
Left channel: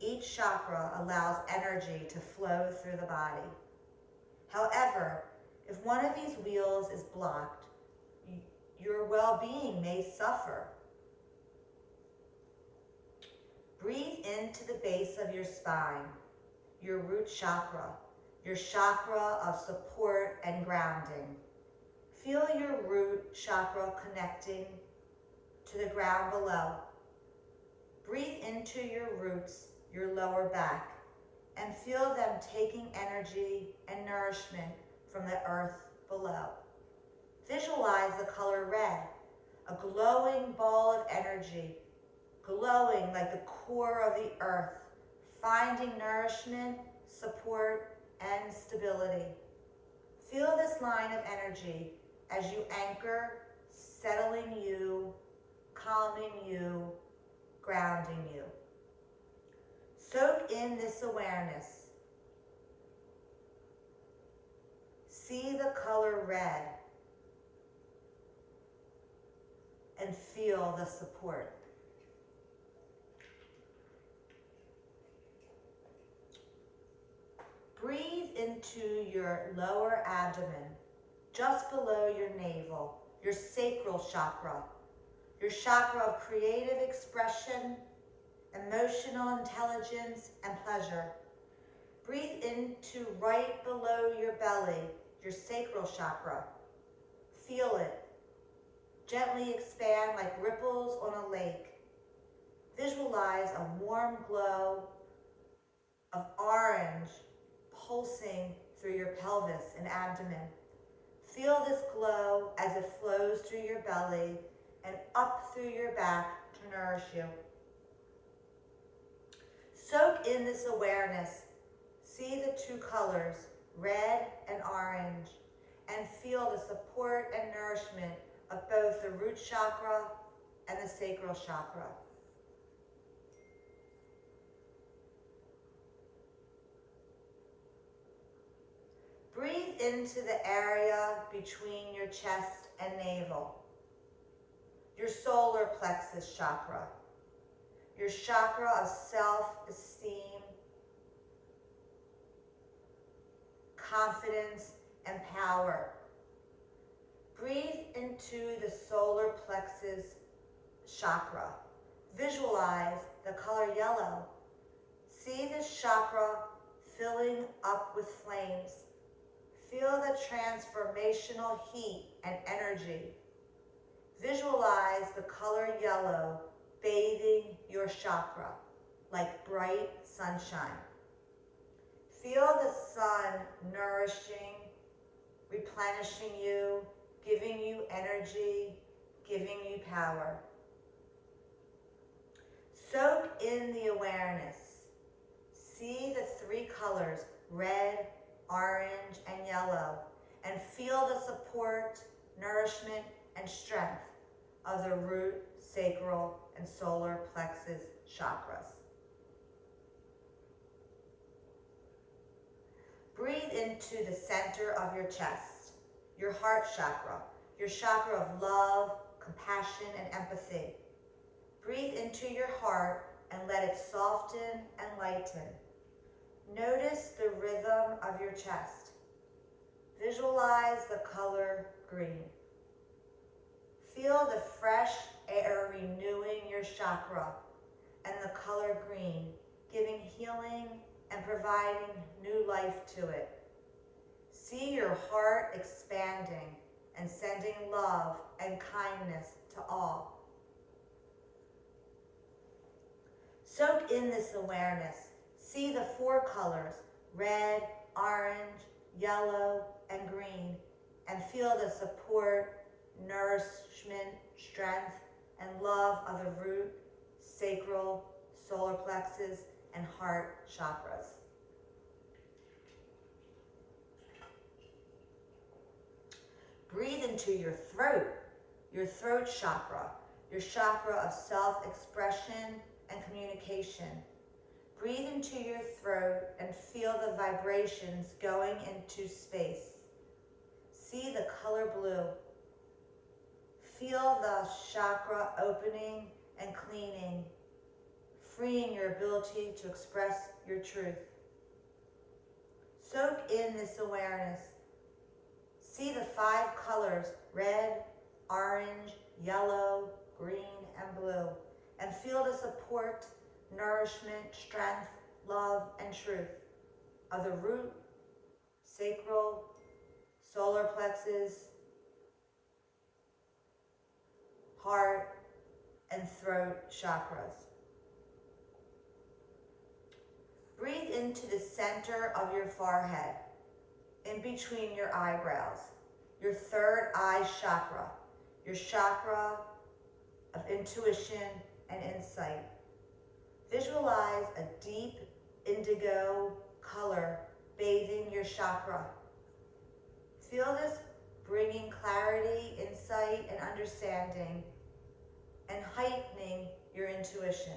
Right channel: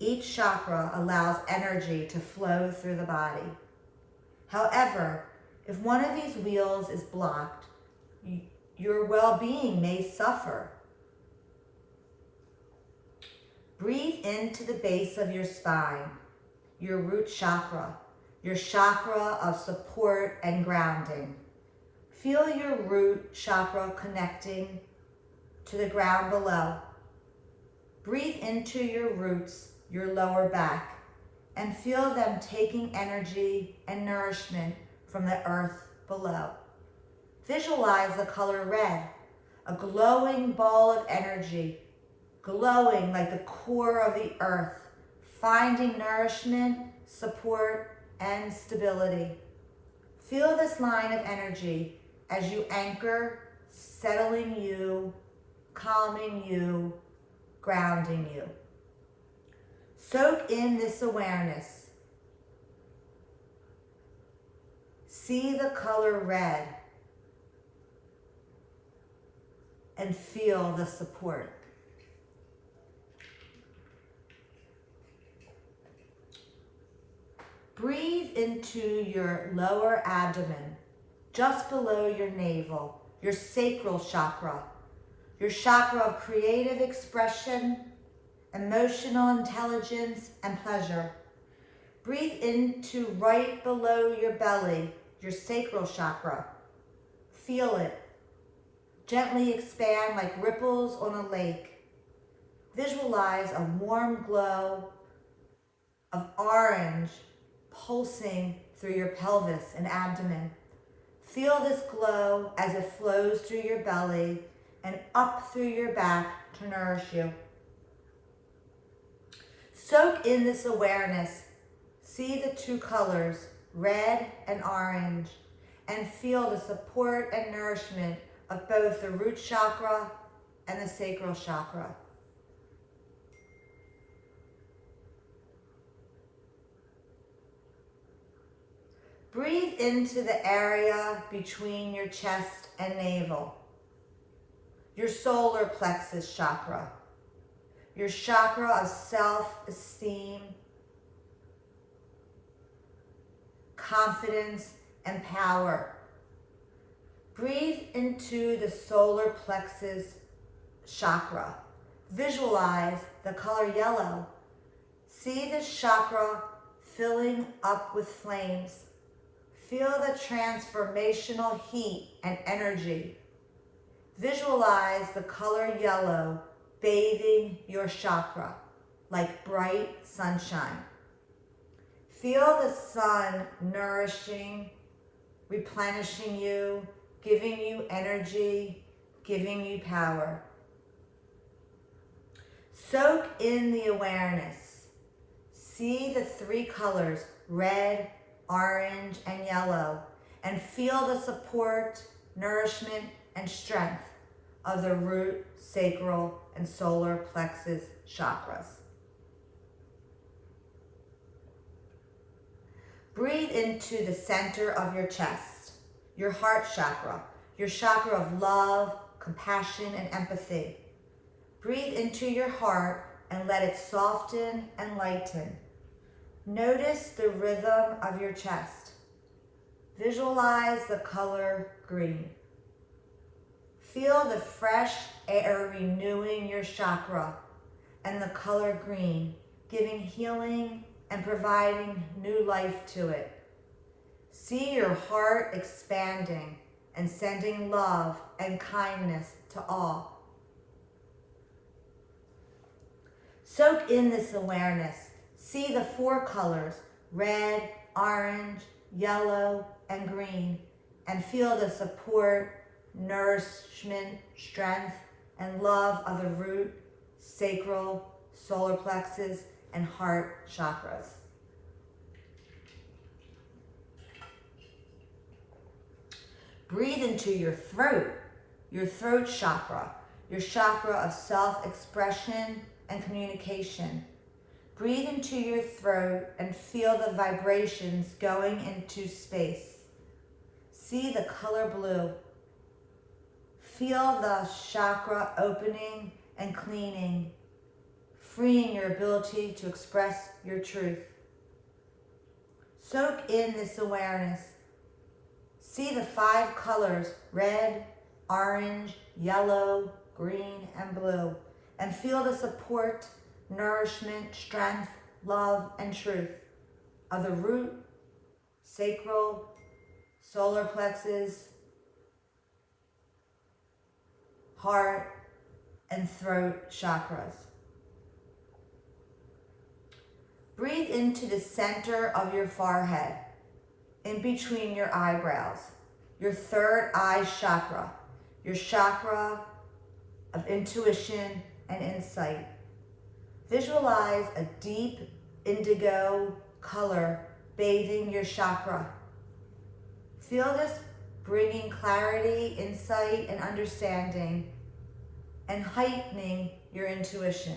each chakra allows energy to flow through the body. However, if one of these wheels is blocked, your well-being may suffer. Breathe into the base of your spine, your root chakra, your chakra of support and grounding. Feel your root chakra connecting to the ground below. Breathe into your roots, your lower back, and feel them taking energy and nourishment from the earth below. Visualize the color red, a glowing ball of energy, glowing like the core of the earth, finding nourishment, support, and stability. Feel this line of energy as you anchor, settling you, calming you, grounding you. Soak in this awareness. See the color red and feel the support. Breathe into your lower abdomen, just below your navel, your sacral chakra, your chakra of creative expression, emotional intelligence, and pleasure. Breathe into right below your belly, your sacral chakra. Feel it. Gently expand like ripples on a lake. Visualize a warm glow of orange pulsing through your pelvis and abdomen. Feel this glow as it flows through your belly and up through your back to nourish you. Soak in this awareness. See the 2 colors, red and orange, and feel the support and nourishment of both the root chakra and the sacral chakra. Breathe into the area between your chest and navel, your solar plexus chakra, your chakra of self-esteem, confidence, and power. Breathe into the solar plexus chakra. Visualize the color yellow. See this chakra filling up with flames. Feel the transformational heat and energy. Visualize the color yellow bathing your chakra like bright sunshine. Feel the sun nourishing, replenishing you, giving you energy, giving you power. Soak in the awareness. See the 3 colors, red, orange, and yellow, and feel the support, nourishment, and strength of the root, sacral, and solar plexus chakras. Breathe into the center of your chest, your heart chakra, your chakra of love, compassion, and empathy. Breathe into your heart and let it soften and lighten. Notice the rhythm of your chest. Visualize the color green. Feel the fresh air renewing your chakra and the color green, giving healing and providing new life to it. See your heart expanding and sending love and kindness to all. Soak in this awareness. See the 4 colors, red, orange, yellow, and green, and feel the support, nourishment, strength, and love of the root, sacral, solar plexus, and heart chakras. Breathe into your throat chakra, your chakra of self-expression and communication. Breathe into your throat and feel the vibrations going into space. See the color blue. Feel the chakra opening and cleaning, freeing your ability to express your truth. Soak in this awareness. See the 5 colors, red, orange, yellow, green, and blue, and feel the support, nourishment, strength, love, and truth of the root, sacral, solar plexus, heart, and throat chakras. Breathe into the center of your forehead, in between your eyebrows, your 3rd eye chakra, your chakra of intuition and insight. Visualize a deep indigo color bathing your chakra. Feel this bringing clarity, insight, and understanding, and heightening your intuition.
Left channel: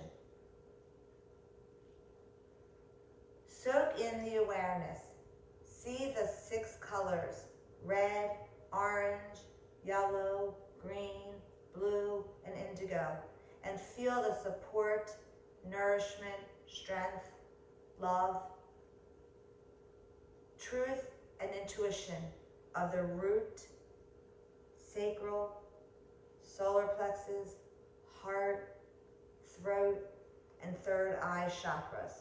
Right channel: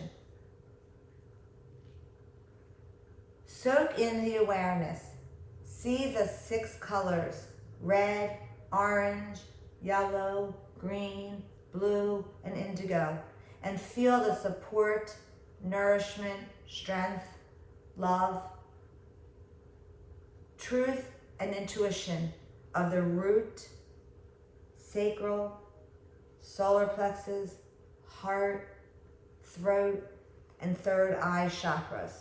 Soak in the awareness. See the 6 colors, red, orange, yellow, green, blue, and indigo, and feel the support, nourishment, strength, love, truth, and intuition of the root, sacral, solar plexus, heart, throat, and 3rd eye chakras.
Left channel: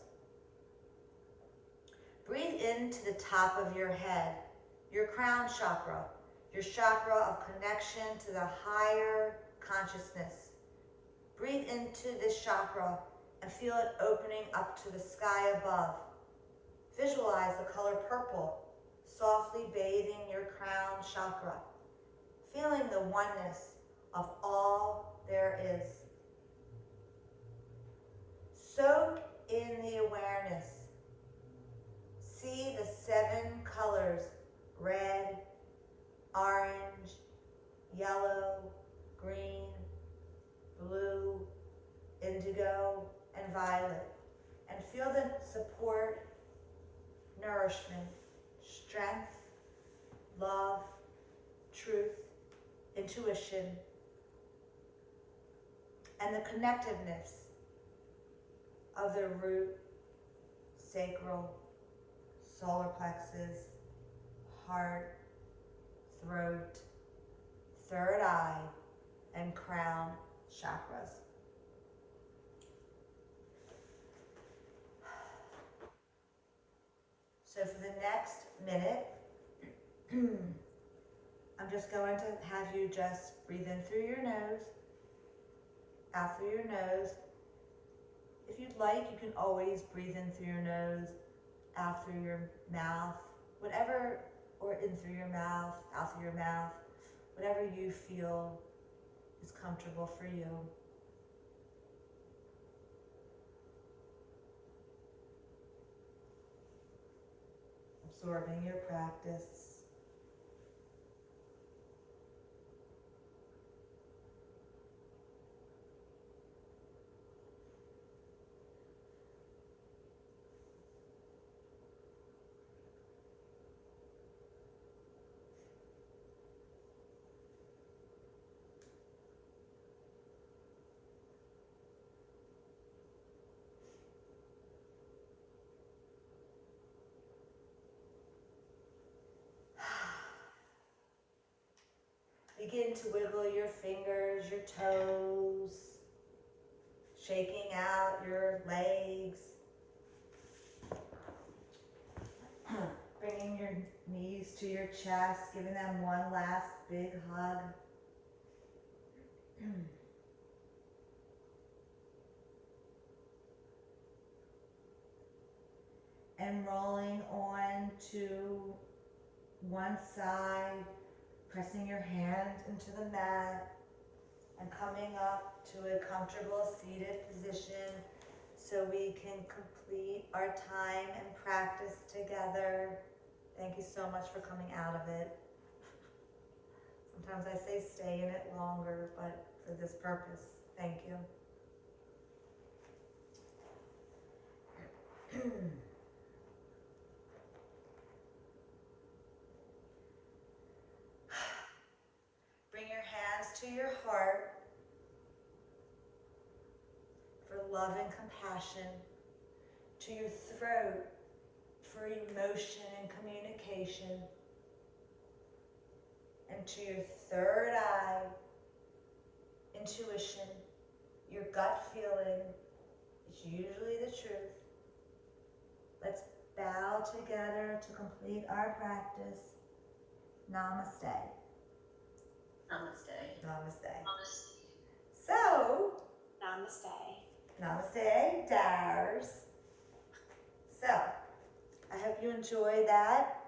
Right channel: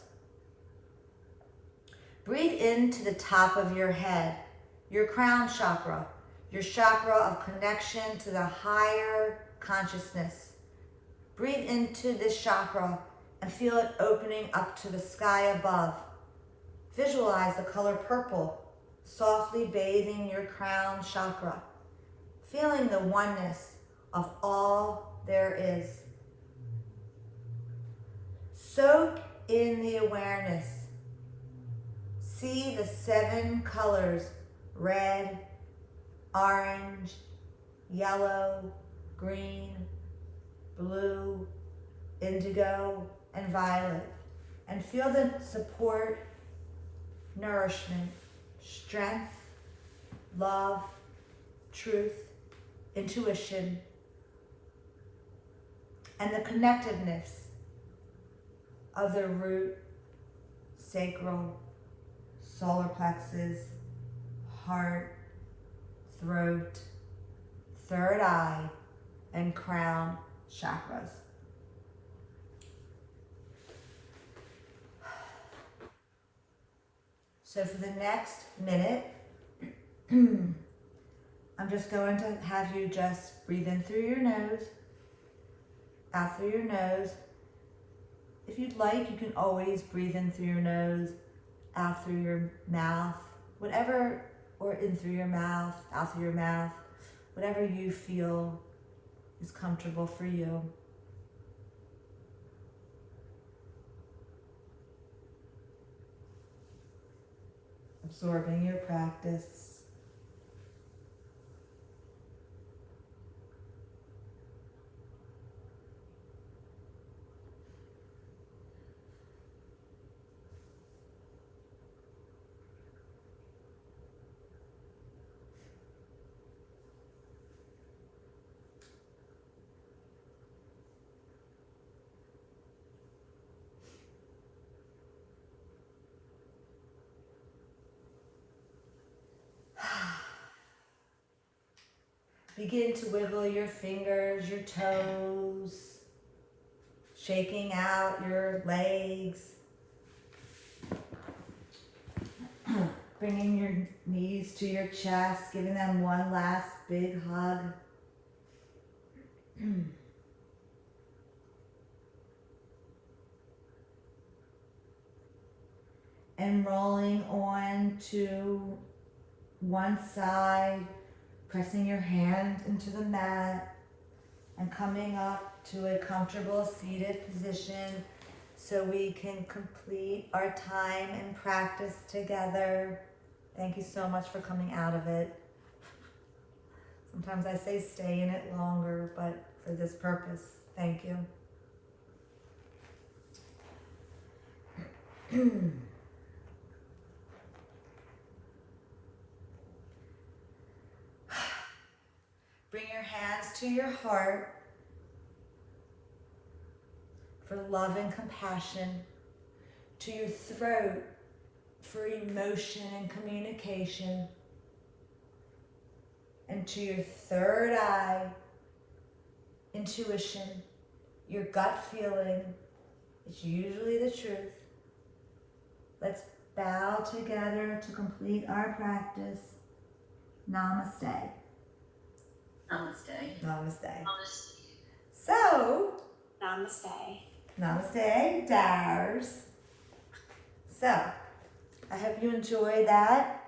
Breathe into the top of your head, your crown chakra, your chakra of connection to the higher consciousness. Breathe into this chakra and feel it opening up to the sky above. Visualize the color purple, softly bathing your crown chakra, feeling the oneness of all there is. Soak in the awareness. See the 7 colors, red, orange, yellow, green, blue, indigo, and violet, and feel the support, nourishment, strength, love, truth, intuition, and the connectedness of the root, sacral, solar plexus, heart, throat, 3rd eye, and crown chakras. So for the next minute, I'm just going to have you just breathe in through your nose, out through your nose. If you'd like, you can always breathe in through your nose, out through your mouth, whatever, or in through your mouth, out through your mouth, whatever you feel is comfortable for you. Absorbing your practice. Begin to wiggle your fingers, your toes, shaking out your legs. Bringing your knees to your chest, giving them one last big hug. And rolling on to one side, pressing your hand into the mat and coming up to a comfortable seated position so we can complete our time and practice together. Thank you so much for coming out of it. Sometimes I say stay in it longer, but for this purpose, thank you. Bring your hands to your heart for love and compassion, to your throat for emotion and communication, and to your third eye, intuition, your gut feeling. It's usually the truth. Let's bow together to complete our practice. Namaste. Namaste. Namaste. Honestly. So, Namaste. namaste, Dars. So, I hope you enjoy that.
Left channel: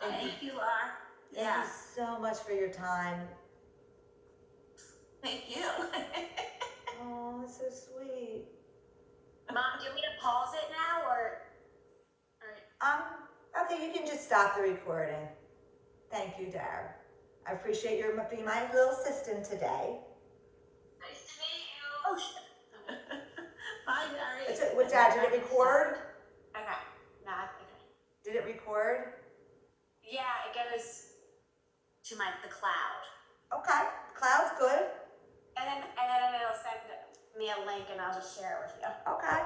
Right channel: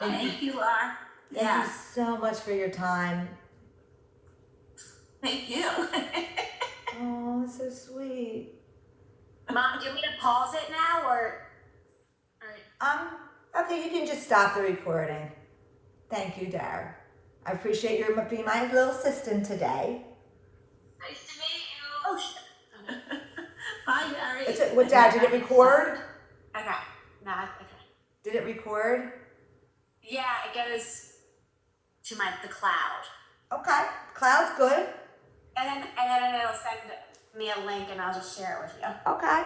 Thank you, Laura. Thank Yeah. you so much for your time. Thank you. Oh, it's so sweet. Mom, do you want me to pause it now or Okay, you can just stop the recording. Thank you, Dar. I appreciate your being my little assistant today. Nice to meet you. Oh shit. Bye, Mary. What, Dad, did it record? Okay. No, okay. Did it record? Yeah, it goes to the cloud. Okay, cloud's good. And then it'll send me a link and I'll just share it with you. Okay.